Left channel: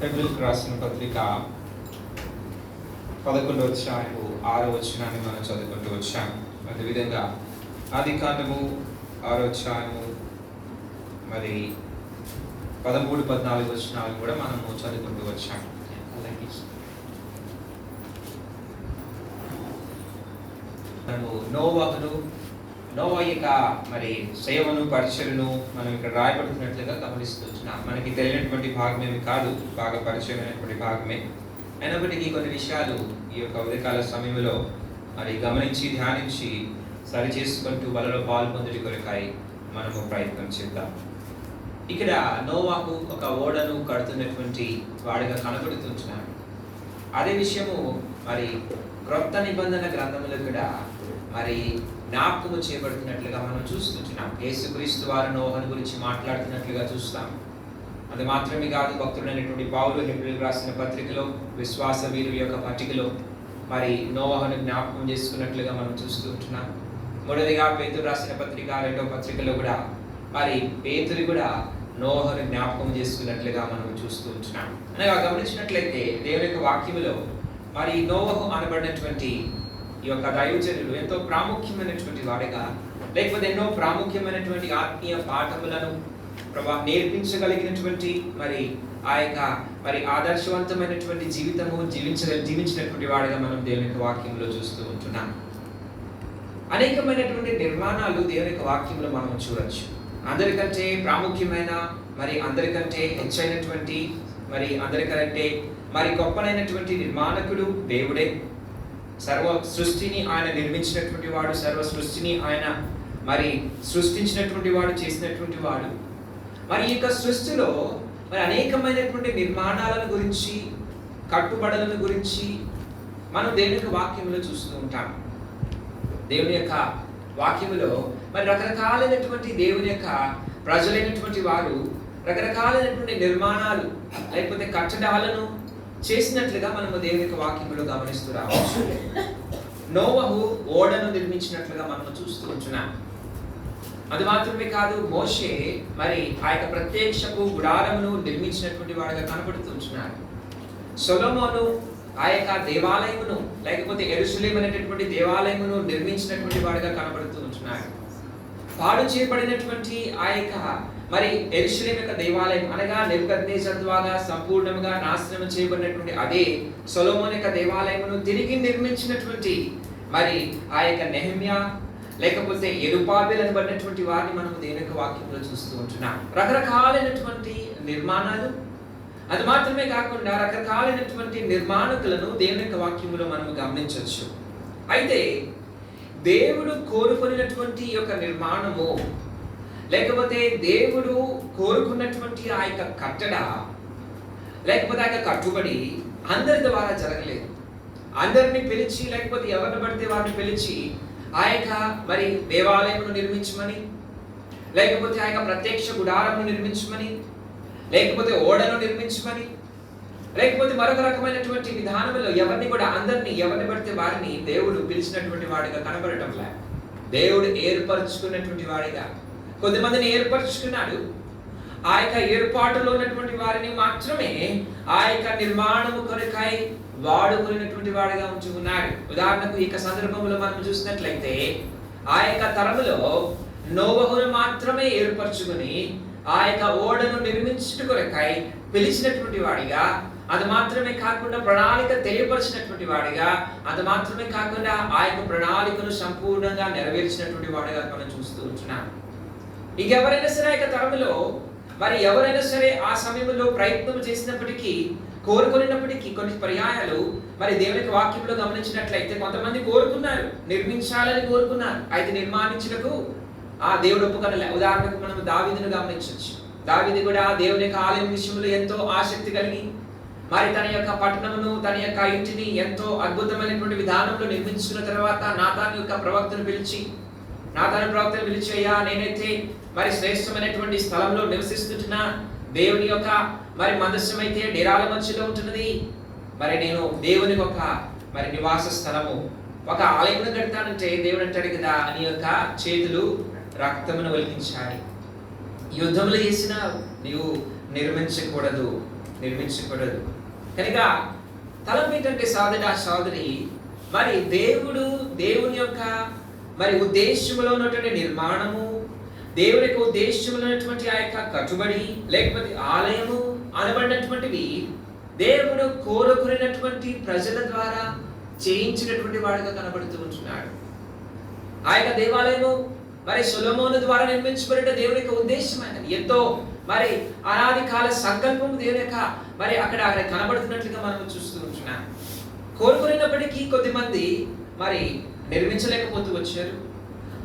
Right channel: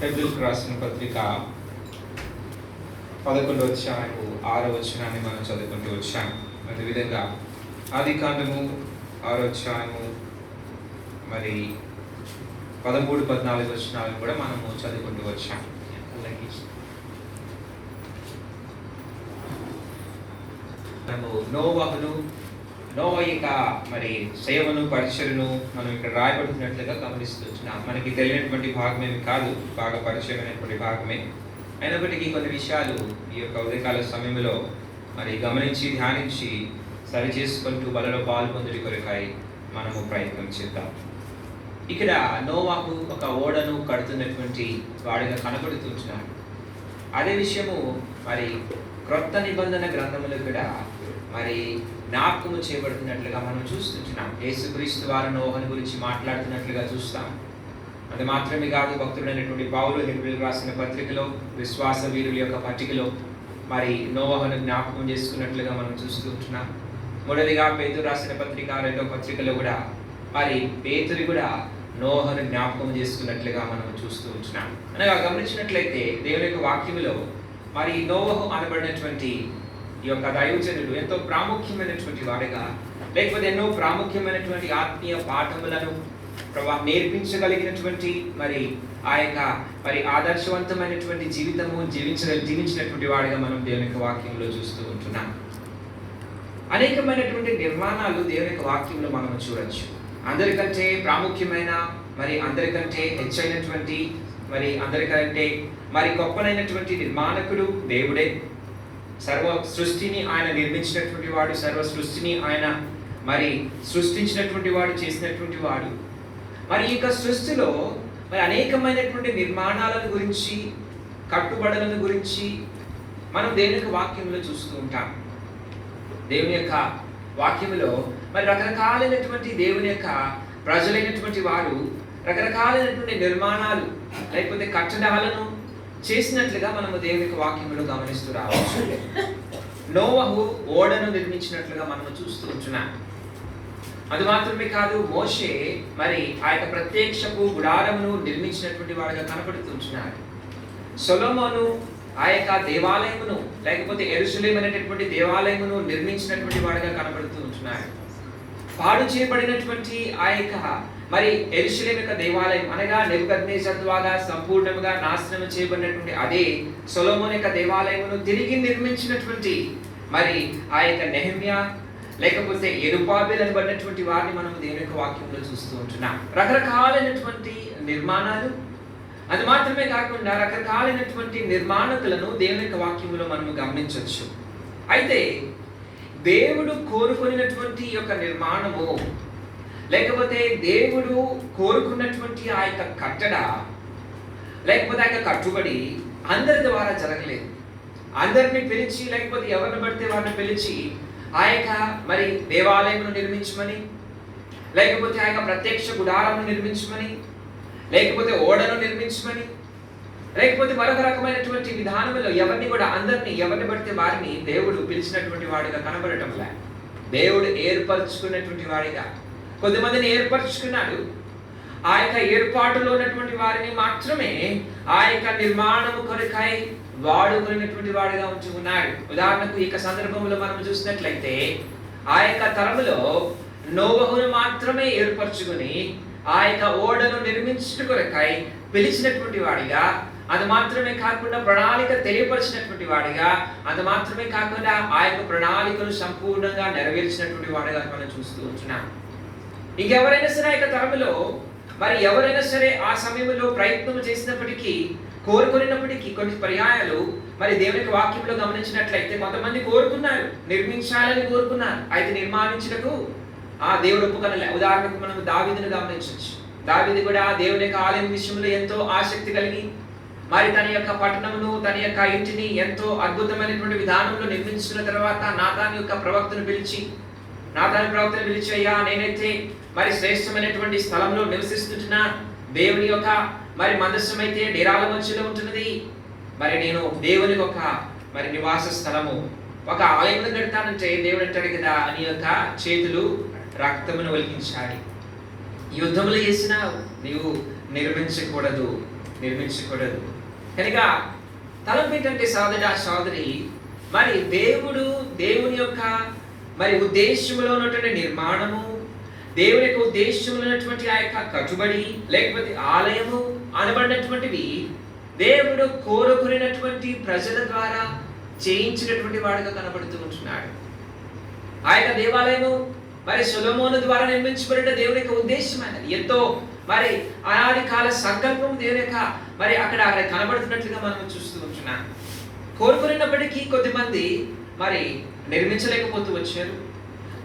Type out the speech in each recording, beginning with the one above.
హెబ్రీయులకు రాసిన పత్రిక 11వ అధ్యాయము 6వ వచనాన్ని మనం చదువుకుంటూ వచ్చాం. అదేవిధంగా ఆదికాండము 6వ అధ్యాయము 13-14 వచనాలు కూడా మనము చదువుకుంటూ వచ్చాం. మనము నోవహు యొక్క సేవను పరిచయను మనం ఇక్కడ రాయబడుతున్నట్లుగా గమనిస్తున్నాం. మనకి తెలియనటువంటి భాగమేమి కాదు, బాగా పరిచయమైనటువంటి భాగమే. అయినప్పటికీ కొన్ని విషయాలు ఈ యొక్క ఉదయకాల సమయంలో గమనించి ధ్యానించి సరి చేసుకుంటూ బలలో పాల్పొందుడి కొరకాయ మనము ప్రయత్నం చేద్దాం. ఇక్కడ నోవాహు ఒక ఓడను కడుతున్నటువంటి వాడిగా కనబడుతున్నాడు. అదే విషయము క్రొత్త నిబంధన గ్రంథములు కూడా జ్ఞాపకము చేయబడుతున్నట్లుగా మనం చూస్తున్నాం. యేసుక్రీస్తు వారు నోవహును గురించి మాట్లాడుతున్నట్లుగా చూస్తాం. అది మాత్రమే కాదు, భక్తుడైనటువంటి పౌలు హెబ్రీయులకు రాసిన పత్రికలో, విశ్వాస వీరుల యొక్క పట్టికలో నోవహును జ్ఞాపకం చేసుకున్నట్లుగా మనం చూస్తూ ఉంటున్నాం. మూడవదిగా పేతురు రాసిన పత్రిక, 2వ పత్రికలో కూడా పేతురు కూడా నోవహును జ్ఞాపకం చేసుకున్నట్లుగా మనం చూస్తూ ఉంటున్నాం. అనగా గమనించినట్లయితే దేవుని యొక్క వాక్యములో నోవహు అనబడినటువంటి ఈ యొక్క దైవజనుడు ఎంతో ప్రాముఖ్యమైనటువంటి వాడిగా, లేకపోతే ఎన్నో ప్రాముఖ్యమైనటువంటి ఆత్మీయ పాఠములను నేర్పించగలిగినటువంటి ఆ యొక్క ఆదర్శవంతమైనటువంటి జీవితము జీవించినటువంటి వాడిగా మనం దేవుని యొక్క వాక్యంలో చూస్తూ ఉంటున్నాం. అనేకమైనటువంటి నిర్మాణాలు దేవుని యొక్క వాక్యంలో మనం చూడొచ్చు. అందరికంటే ప్రాముఖ్యమైన అందరికంటే హెచ్చైనటువంటి అందరికంటే గొప్పనైనటువంటి నిర్మాణకుడు దేవుడే. సర్వ సృష్టిని ఆయన నిర్మించినటువంటి వాడు, సర్వ సృష్టిని ఆయన సృష్టించినటువంటి వాడు, చేసినటువంటి వాడు. ఈ యొక్క సృష్టిలో అనేకమైనటువంటి నిర్మాణాలను గురించి, కట్టుబడులను గురించి మనం దేవుని యొక్క వాక్యంలో చూస్తూ ఉంటాం. దేవుని యొక్క వాక్యంలో రకరకాలైనటువంటి దేవుని యొక్క ప్రజలైనటువంటి వారు రకరకాలైనటువంటి నిర్మాణాలు లేకపోతే కట్టడాలను చేసినట్లుగా మనము దేవుని యొక్క వాక్యంలో గమనిస్తూ రావచ్చు. నోవహు ఓడను నిర్మించినట్లుగా మనము చూస్తూ ఉంటున్నాం. అది మాత్రమే కాదు, మోషే ఆ యొక్క ప్రత్యక్షపు గుడారమును నిర్మించినటువంటి వాడిగా కనబడుతుంటున్నాడు. సొలొమోను ఆ యొక్క దేవాలయమును లేకపోతే యెరూషలేము అనేటటువంటి దేవాలయమును నిర్మించినటువంటి వాడిగా కనబడుతూ ఉంటున్నాడు. పాడు చేయబడినటువంటి ఆ యొక్క యెరూషలేము యొక్క దేవాలయం అనగా నెబుకద్నెజర్ ద్వారా సంపూర్ణంగా నాశనం చేయబడినటువంటి అదే సొలొమోను యొక్క దేవాలయమును తిరిగి నిర్మించినటువంటి ఆ యొక్క నెహెమ్యా లేకపోతే యెరుబాబెలు అనబడినటువంటి వారిని మనం దేవుని యొక్క వాక్యంలో చూస్తూ ఉంటున్నాం. రకరకాలైనటువంటి నిర్మాణాలు, అది మాత్రమే కాకుండా రకరకాలైనటువంటి నిర్మాణకులను దేవుని యొక్క వాక్యంలో మనం గమనించవచ్చు. అయితే దేవుడు కోరుకున్నటువంటి యొక్క నిర్మాణము లేకపోతే దేవుడు కోరుకున్నటువంటి ఆ యొక్క కట్టడ లేకపోతే ఆ యొక్క కట్టుబడి అందరి ద్వారా జరగలేదు. అందరిని పిలిచి లేకపోతే ఎవరిని పడితే వారిని పిలిచి ఆ యొక్క దేవాలయమును నిర్మించమని, లేకపోతే ఆ యొక్క ప్రత్యక్ష గుడారమును నిర్మించమని, లేకపోతే ఓడను నిర్మించమని, లేకపోతే మరొక రకమైనటువంటి విధానంలో ఎవరిని పడితే వారిని దేవుడు పిలిచినటువంటి వాడిగా కనబడటం లే. దేవుడు ఏర్పరచుకున్నటువంటి వాడిగా కొద్దిమందిని ఏర్పరచుకున్నాడు. ఆ యొక్క ఏర్పాటులో ఉన్నటువంటి వారిని మాత్రమే ఆ యొక్క నిర్మాణము కొరకై వాడుకునేటువంటి వాడిగా ఉంచుకున్నాడు. ఉదాహరణకు ఈ సందర్భంలో మనం చూసినట్లయితే ఆ యొక్క తరములో నోవహును మాత్రమే ఏర్పరచుకుని ఆ యొక్క ఓడను నిర్మించుట కొరకై పిలిచినటువంటి వాడిగా, అది మాత్రమే కాకుండా ప్రణాళిక తెలియపరిచినటువంటి వాడిగా, అది మాత్రమే కాకుండా ఆ యొక్క ప్రణాళికను సంపూర్ణంగా నెరవేర్చినటువంటి వాడిగా మనం చూస్తూ ఉంటున్నాం. ఇంకెవరైనా సరే ఆ యొక్క తరములో ఎవరైనా సరే ఆ సమయంలో ప్రయత్నం చేసినప్పటికీ, కోరుకున్నప్పటికీ కొన్ని పర్యాయాలు దేవుని యొక్క వాక్యంలో గమనించినట్లయితే కొంతమంది కోరుకున్నారు, నిర్మించాలని కోరుకున్నారు. అయితే నిర్మాణించుటకు ఆ దేవుడు ఒప్పుకొనలే. ఉదాహరణకు మనం దావీదును గమనించవచ్చు. దావీదు కూడా దేవుని యొక్క ఆలయం విషయంలో ఎంతో ఆసక్తి కలిగి తన యొక్క పట్టణమును, తన యొక్క ఇంటిని ఎంతో అద్భుతమైనటువంటి విధానంలో నిర్మించుకున్న తర్వాత నాతాను ప్రవక్తను పిలిచి అయ్యా, నేనైతే శ్రేష్టమైనటువంటి స్థలంలో నివసిస్తున్నా, దేవుని యొక్క మందస్సం అయితే డేరాల మధ్యలో ఉంటున్నది, నేను దేవుని ఒక నివాస స్థలము ఒక ఆలయం కడతానంటే దేవుడు అంటాడు కదా, నీ యొక్క చేతులు రక్తమును ఒలికించాలి, యుద్ధములు చేసినా నీవు నిర్మించకూడదు, నిర్మించకూడదు. కనుక తలంపు ఏంటంటే సోదరి, మరి దేవుని యొక్క మరి ఉద్దేశంలో ఉన్నటువంటి నిర్మాణము, దేవుని యొక్క ఉద్దేశంలో ఉన్నటువంటి ఆ యొక్క కట్టుబడి లేకపోతే ఆలయము అనబడినటువంటివి దేవుడు కోరుకునేటువంటి ప్రజల ద్వారా చేయించినటువంటి వాడుగా కనబడుతూ ఉంటున్నాడు. ఆ యొక్క దేవాలయము మరి సొలొమోను ద్వారా నిర్మించబడిన దేవుని యొక్క ఉద్దేశం అనేది ఎంతో మరి అనాది కాల సంకల్పం దేవుని యొక్క మరి అక్కడ కనబడుతున్నట్లుగా మనం చూస్తూ ఉంటున్నాం. కోరుకున్నప్పటికీ కొద్దిమంది మరి నిర్మించలేకపోతూ వచ్చారు.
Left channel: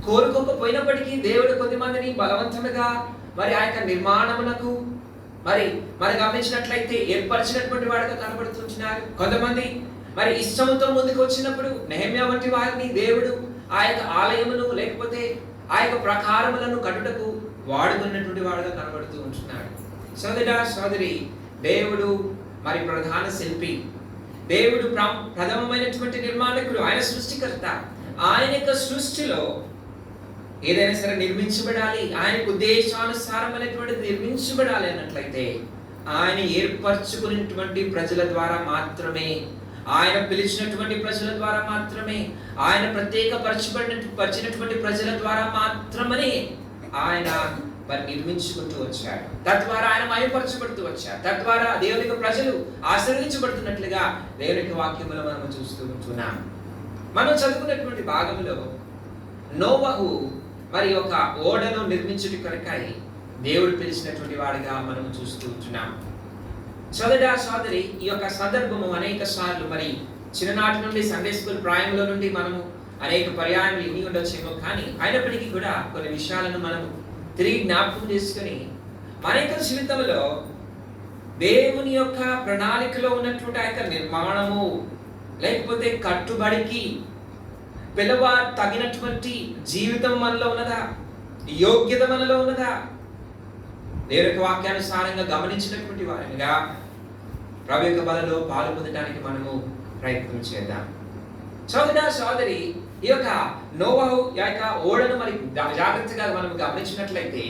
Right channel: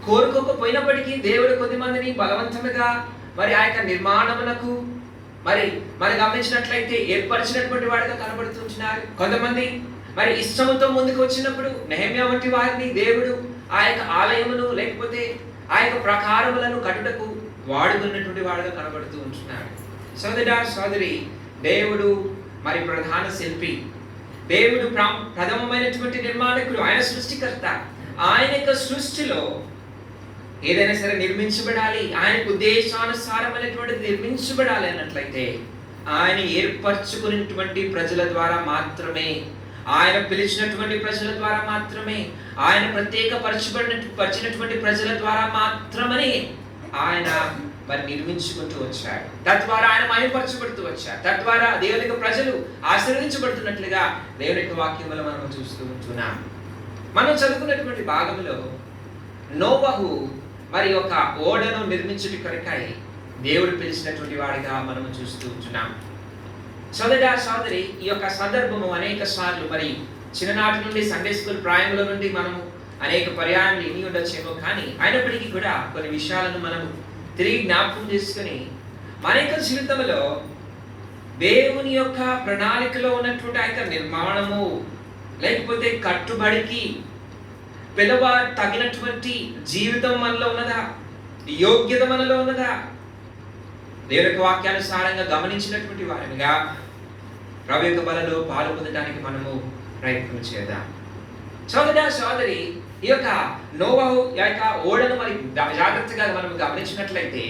కోరుకోకపోయినప్పటికీ దేవుడు కొద్దిమందిని బలవంతంగా మరి ఆ యొక్క నిర్మాణములకు మరి గమనించినట్లయితే ఏర్పరిచినటువంటి వాడిగా కనబడుతుంటున్నారు. కొంతమంది మరి ఇష్టంతో ముందుకు వచ్చినప్పుడు నెహెమ్యా వంటి వారిని దేవుడు ఆ యొక్క ఆలయమును లేకపోతే ఆ యొక్క ప్రకారములను కట్టుటకు వాడుకున్నటువంటి వాడుగా కనబడుతూ ఉంటున్నాడు. సోదరి, దేవుడు మరి ప్రధాన శిల్పి, దేవుడు ప్రథమమైనటువంటి నిర్మాణకుడు, ఆయన సృష్టికర్త. ఆయన యొక్క సృష్టిలో ఏదైనా సరే నిర్మించబడాలి, ఆయనకు ఉద్దేశానుసారమైనటువంటి నిర్మించబడాలి అన్నట్లయితే ఆయన ఏర్పరచుకున్నటువంటి ప్రజల ద్వారా మాత్రమే, ఆయన పిలిచినటువంటి ప్రజల ద్వారా మాత్రమే, ఆయన పరిచినటువంటి ప్రజల ద్వారా మాత్రమే ఆయన మరి నిర్మించుకుంటూ వచ్చాడు. తద్వారా ఆయన మహిమపరచబడుతూ వచ్చాడు. తద్వారా దేవుని యొక్క ప్రజలు ఆశీర్వదించబడుతున్నట్లుగా దేవుని యొక్క వాక్యములు మనం చూస్తూ ఉంటున్నాం. మనం చదువుకున్నటువంటి భాగంలో నోవహు మరి ఒక ఓడను నిర్మించుట కొరకై దేవుడు పిలిచినటువంటి వాడిగా మనం చూస్తూ ఉంటున్నాం. సోదరి, ఈ యొక్క సందర్భము అనేక సార్లు మరి చిన్ననాటి నుండి సండే స్కూల్ ప్రాయంలో నుండి మనము అనేక పర్యాయాలు విని ఉండొచ్చేమో, కానీ అయినప్పటికీ కూడా కొన్ని విషయాలను మనము తిరిగి జ్ఞాపకం చేసుకుని మన యొక్క జీవితంలో దేవుని యొక్క ప్రణాళికలో ఉన్నటువంటి ఆ యొక్క నిర్మాణము లేకపోతే కట్టుబడికి పిలవ తగినటువంటి జీవితం మనలో ఉన్నదా, యోగ్యత మనలో ఉన్నదా, దేవుని యొక్క వాక్యానుసారంగా గమనించినటువంటి వారిగా ప్రభు యొక్క బలలో పాలు పొందడానికి మనము ప్రయత్నం చేద్దాం. సోదరి, ఈ యొక్క నోవహు యొక్క ఓడను మరి జాగ్రత్తగా మనం గమనించినట్లయితే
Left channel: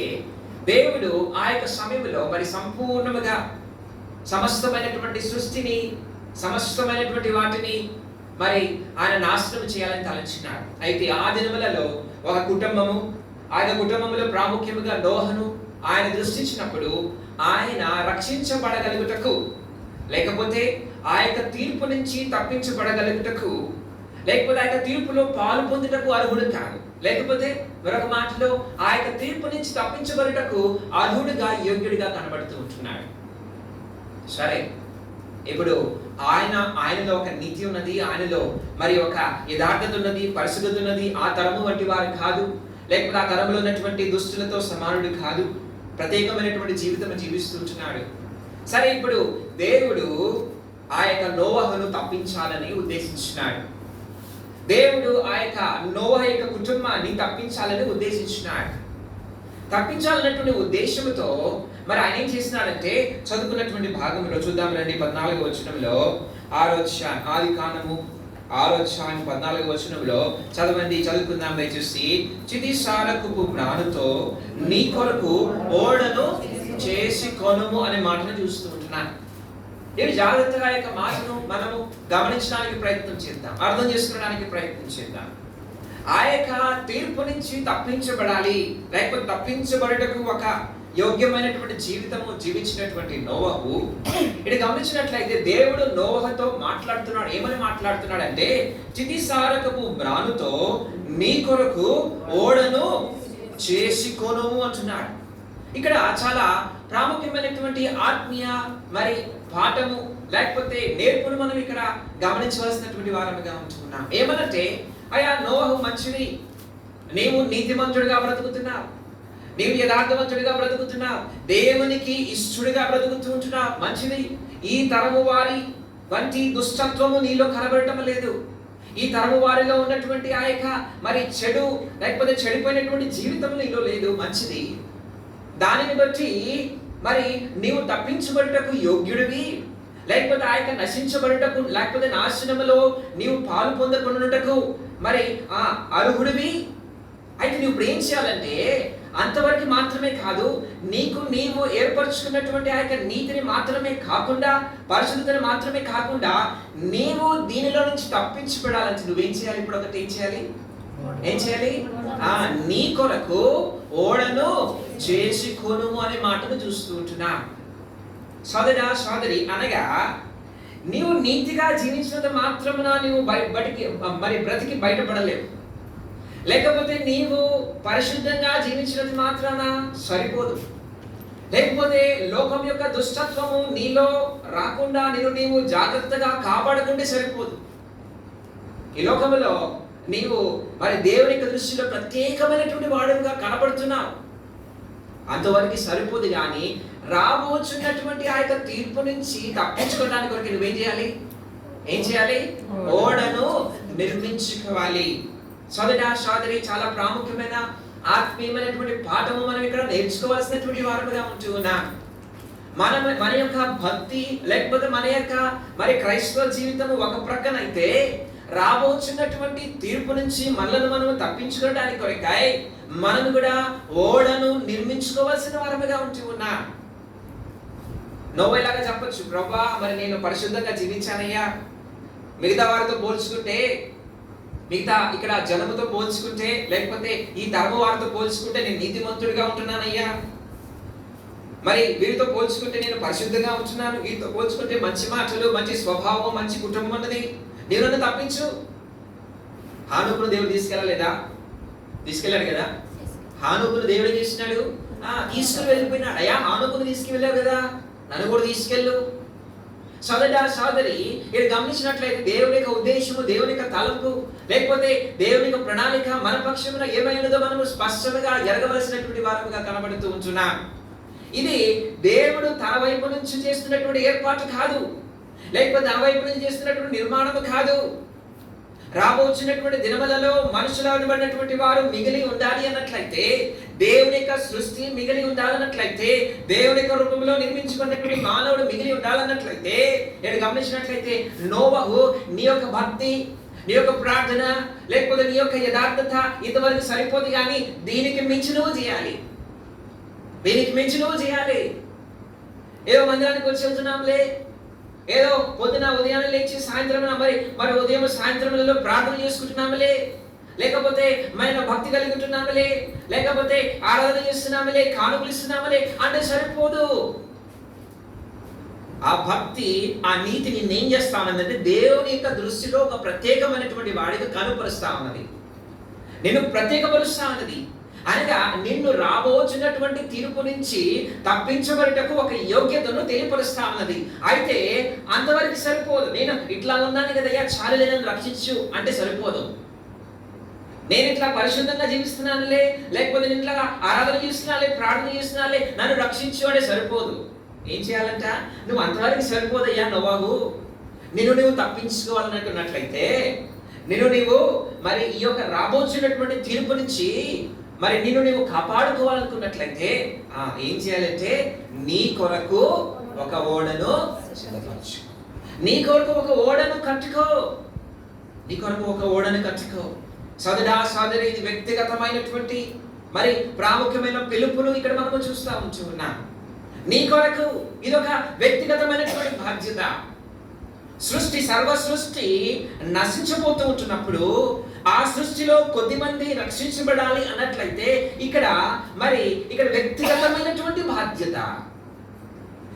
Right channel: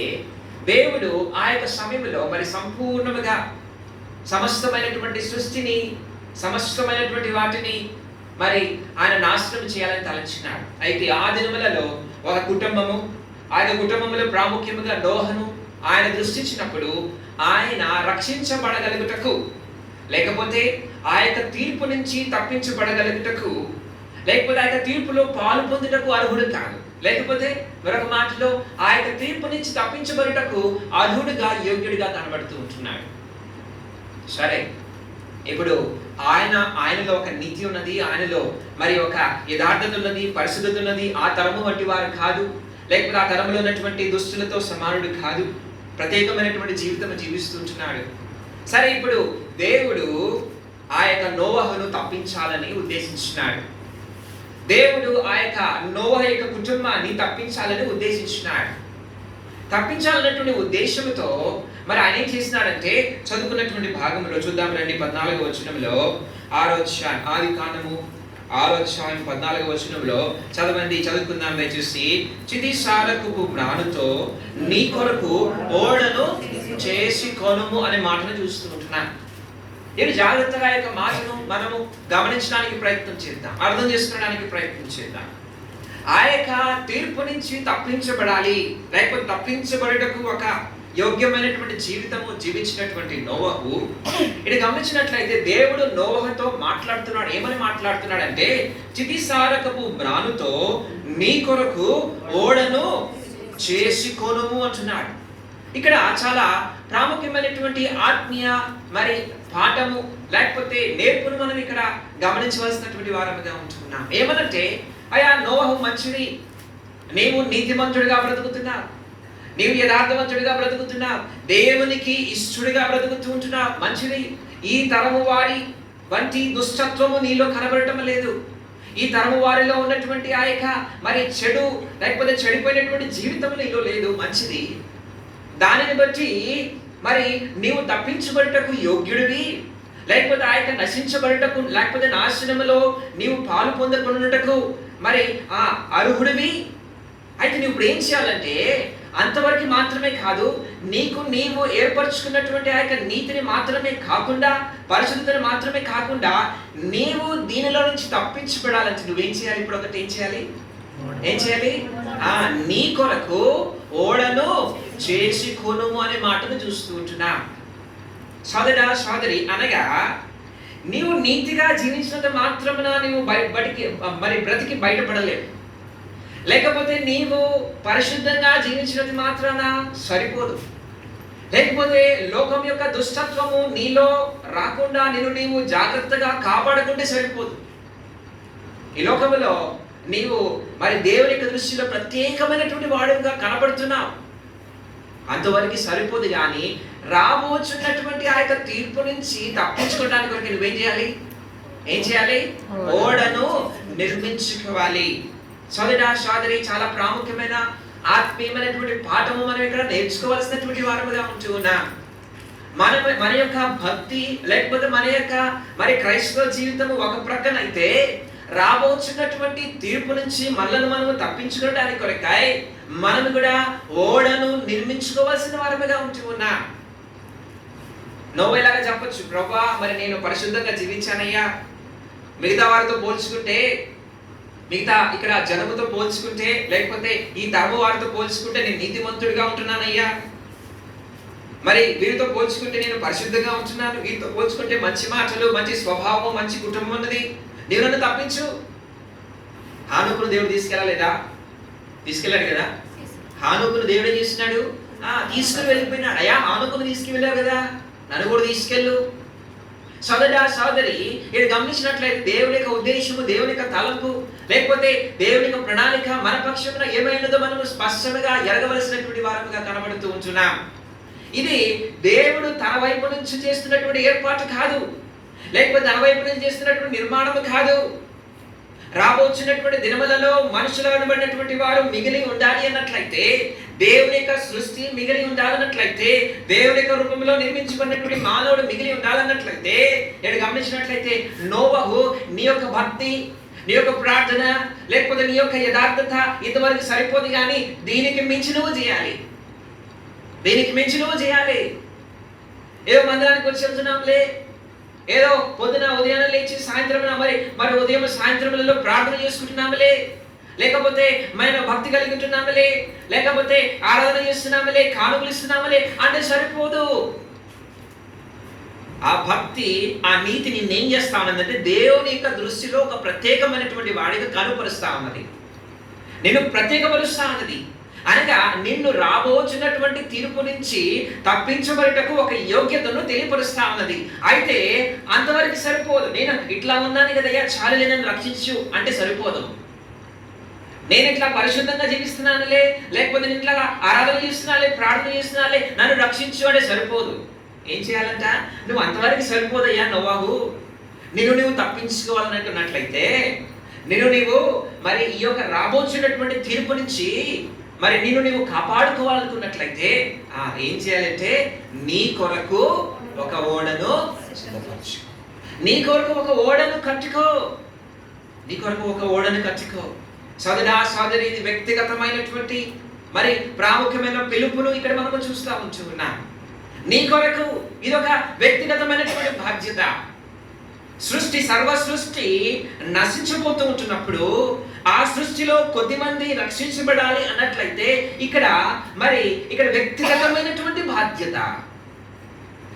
దేవుడు ఆ యొక్క సమయంలో మరి సంపూర్ణముగా సమస్తమైనటువంటి సృష్టిని, సమస్తమైనటువంటి వాటిని మరి ఆయన నాశనం చేయాలని తలంచినాడు. అయితే ఆ దినములలో ఒక కుటుంబము, ఆ యొక్క కుటుంబంలో ప్రాముఖ్యముగా నోహను ఆయన దృష్టించినప్పుడు ఆయన రక్షించబడగలుగుటకు లేకపోతే ఆ యొక్క తీర్పు నుంచి తప్పించబడగలుగుటకు లేకపోతే ఆ యొక్క తీర్పులో పాలు పొందుటకు అర్హుడు కాదు, లేకపోతే మరొక మాటలో ఆ యొక్క తీర్పు నుంచి తప్పించబడుటకు అర్హుడుగా యోగ్యుడిగా కనబడుతూ ఉంటున్నాడు. సరే, ఇప్పుడు ఆయనలో ఒక నీతి ఉన్నది, ఆయనలో మరి ఒక యథార్థత ఉన్నది, పరిశుద్ధత ఉన్నది. ఆ తరము వంటి వారు కాదు, లేకపోతే ఆ తరంలో ఉన్నటువంటి దుస్తులతో సమానుడు కాదు, ప్రత్యేకమైనటువంటి జీవితం జీవిస్తుంటున్నాడు. సరే, ఇప్పుడు దేవుడు ఆ యొక్క నోవహును తప్పించాలని ఉద్దేశించినాడు. దేవుడు ఆ యొక్క నోవహు యొక్క కుటుంబాన్ని తప్పించాలని ఉద్దేశించినాడు. తప్పించాలన్నటువంటి ఉద్దేశంతో మరి ఆయన ఏం చేసినాడంటే చదువుకున్నటువంటి భాగంలో చూద్దాం రండి. 14వ వచనంలో ఆది కాండము 6వ అధ్యాయం 14వ వచనంలో చదువుకుందాం దయచేసి. చితిసారకపు మ్రానుతో నీ కొరకు ఓడను చేసి కొనుము అనే మాటను చూస్తూ ఉంటున్నాను. నేను జాగ్రత్తగా యొక్క మాటను మనము గమనించడానికి ప్రయత్నం చేద్దాం, అర్థం చేసుకోవడానికి ప్రయత్నం చేద్దాం. ఆ యొక్క తీర్పు నుంచి తప్పించబడాలి, లేకపోతే తప్పించబడటకు ఒక యోగ్యమైనటువంటి జీవితము జీవించినటువంటి నోవహు ఇది గమనించినట్లయితే దేవుడు నోవహుతో మాట్లాడుతున్నాడు. ఏమని మాట్లాడుతున్నాడంటే చితిసారకపు మ్రానుతో నీ కొరకు ఓడను చేసి కొనుము అంటున్నాడు. ఇక్కడ చాలా ప్రాముఖ్యమైనటువంటి ఆత్మీయ మరి పాఠము లేకపోతే నేర్పును మనం ఇక్కడ గమనించవలసినటువంటి వారముగా ఉంటున్నాం. ఏమనంటే, అయ్యా నోవహు మంచిది, నీవు నీతిమంతుడిగా బ్రతుకుతున్నావు, నీవు యథార్థవంతుడిగా బ్రతుకుతున్నావు, దేవునికి ఇష్టడిగా బ్రతుకుతూ ఉంటున్నావు, మంచిది. ఈ తరము వారి వంటి దుష్టత్వము నీలో కనబడటం లేదు. ఈ తరము వారిలో ఉన్నటువంటి ఆ యొక్క మరి చెడు లేకపోతే చెడిపోయినటువంటి జీవితం నీలో లేదు, మంచిది. దానిని బట్టి మరి నీవు తప్పించబడటకు యోగ్యుడివి, లేకపోతే ఆ యొక్క నశించబడటకు లేకపోతే నాశనములో నీవు పాలు పొందకుండాటకు మరి అర్హుడివి. అయితే నువ్వు ఇప్పుడు ఏం చేయాలంటే అంతవరకు మాత్రమే కాదు, నీకు నీవు ఏర్పరచుకున్నటువంటి ఆ యొక్క నీతిని మాత్రమే కాకుండా, పరిశుద్ధతను మాత్రమే కాకుండా, నీవు దీనిలో నుంచి తప్పించబడాలంటే నువ్వేం చేయాలి? ఇప్పుడు ఒకటి ఏం చేయాలి? నీ కొరకు ఓడను చేసి కొనుము అనే మాటను చూస్తూ ఉంటున్నా. సోదరా సోదరి, అనగా నీవు నీతిగా జీవించినంత మాత్రమున నీవు బ్రతికి బయటపడలేవు. లేకపోతే నీవు పరిశుద్ధంగా జీవించినంత మాత్రాన సరిపోదు. లేకపోతే లోకం యొక్క దుష్టత్వము నీలో రాకుండా నీవు జాగ్రత్తగా కాపాడుకుంటే సరిపోదు. ఈ లోకములో నీవు దేవుని యొక్క దృష్టిలో ప్రత్యేకమైనటువంటి వాడుగా కనబడుతున్నావు, అంతవరకు సరిపోదు. కానీ రాబోచున్నటువంటి ఆ యొక్క తీర్పు నుంచి తప్పించుకోవడానికి వరకు నువ్వేం చేయాలి? ఓడను నిర్మించుకోవాలి. సోదరా సోదరి, చాలా ప్రాముఖ్యమైన ఆత్మీయమైనటువంటి పాఠము మనం ఇక్కడ నేర్చుకోవాల్సినటువంటి వారముగా ఉంటూ ఉన్నాం. మన యొక్క భక్తి లేకపోతే మన యొక్క క్రైస్తవ జీవితం ఒక ప్రక్కన అయితే, రాబోతున్నటువంటి తీర్పు నుంచి మనం తప్పించుకోవడానికి కొరకై మనం కూడా ఓడను నిర్మించుకోవాల్సిన వారముగా ఉంటూ ఉన్నాం. నోవేలాగా చెప్పొచ్చు, ప్రభా నేను పరిశుద్ధంగా జీవించానయ్యా, మిగతా వారితో పోల్చుకుంటే, మిగతా ఇక్కడ జనముతో పోల్చుకుంటే, లేకపోతే ఈ తరము వారితో పోల్చుకుంటే నేను నీతిమంతుడిగా ఉంటున్నానయ్యా, వీరితో పోల్చుకుంటే నేను పరిశుద్ధంగా ఉంటున్నాను, వీరితో పోల్చుకుంటే మంచి మాటలు, మంచి స్వభావం, మంచి కుటుంబం ఉన్నది, నీవు నన్ను తప్పించు. హానోకును దేవుడు తీసుకెళ్ళాడు కదా. హానోకును దేవుడు ఏం చేస్తున్నాడు? తీసుకుని వెళ్ళిపోయినాడు. అయ్యా, హానోకును తీసుకువెళ్ళావు కదా, నన్ను కూడా తీసుకెళ్ళు. సోదరా సోదరి, ఇది గమనించినట్లయితే దేవుని యొక్క ఉద్దేశము, దేవుని యొక్క తలంపు, లేకపోతే దేవుని యొక్క ప్రణాళిక మన పక్షమున ఏమైనదో మనము స్పష్టంగా ఎరగవలసినటువంటి వారముగా కనబడుతూ ఉంటున్నాం. ఇది దేవుడు తన వైపు నుంచి చేస్తున్నటువంటి ఏర్పాటు కాదు, లేకపోతే తన వైపు నుంచి చేస్తున్నటువంటి నిర్మాణము కాదు. రాబోతున్నటువంటి దినములలో మనుషులు అనబడినటువంటి వారు మిగిలి ఉండాలి అన్నట్లయితే, దేవుని యొక్క సృష్టి మిగిలి ఉండాలన్నట్లయితే, దేవుని యొక్క రూపంలో నిర్మించుకున్నటువంటి మానవుడు మిగిలి ఉండాలన్నట్లయితే, నేను గమనించినట్లయితే నోవహు నీ యొక్క భక్తి, నీ యొక్క ప్రార్థన, లేకపోతే నీ యొక్క యథార్థత ఇంతవరకు సరిపోదు. కానీ దీనికి మించి నువ్వు చేయాలి. ఏదో మందిరానికి వచ్చి వెళ్తున్నాంలే, ఏదో పొద్దున ఉదయాన్నే లేచి సాయంత్రం ఉదయం సాయంత్రంలో ప్రార్థన చేసుకుంటున్నాములే, లేకపోతే భక్తి కలిగి ఉంటున్నాములే, లేకపోతే ఆరాధన చేస్తున్నాములే, కానుకలు ఇస్తున్నాములే అంటే సరిపోదు. ఆ భక్తి, ఆ నీతి నిన్నేం చేస్తా ఉన్నదంటే దేవుని యొక్క దృష్టిలో ఒక ప్రత్యేకమైనటువంటి వాడిగా కనుపరుస్తా ఉన్నది, నేను ప్రత్యేకపరుస్తా ఉన్నది. అనగా నిన్ను రాబోచున్నటువంటి తీర్పు నుంచి తప్పించబడటకు ఒక యోగ్యతను తెలియపరుస్తా ఉన్నది. అయితే అంతవరకు సరిపోదు. నేను ఇట్లా ఉన్నాను కదయ్యా, చాలులే నన్ను రక్షించు అంటే సరిపోదు. నేను ఇట్లా పరిశుద్ధంగా జీవిస్తున్నానులే, లేకపోతే నేను ఇట్లా ఆరాధన చేస్తున్నాలే, ప్రార్థన చేస్తున్నాలే, నన్ను రక్షించు అంటే సరిపోదు. ఏం చేయాలంట? నువ్వు అంతవరకు సరిపోదయ్యా నోవహు. నువ్వు తప్పించుకోవాలనుకున్నట్లయితే, నీవు ఈ యొక్క రాబోచున్నటువంటి తీర్పు నుంచి నీవు కాపాడుకోవాలనుకున్నట్లయితే ఏం చేయాలంటే, నీ కొరకు ఒక ఓడను సిద్ధపరచు, నీ కొరకు ఒక ఓడను కట్టుకో. సోదరా సోదరి, ఇది వ్యక్తిగతమైనటువంటి ప్రాముఖ్యమైన పిలుపును ఇక్కడ మనము చూస్తూ ఉంటున్నాం. నీ కొరకు ఇదొక వ్యక్తిగతమైనటువంటి బాధ్యత. సర్వ సృష్టి నశించబోతూ ఉంటున్నప్పుడు ఆ సృష్టిలో కొద్దిమంది రక్షించబడాలి అన్నట్లయితే ఇక్కడ వ్యక్తిగతమైనటువంటి బాధ్యత,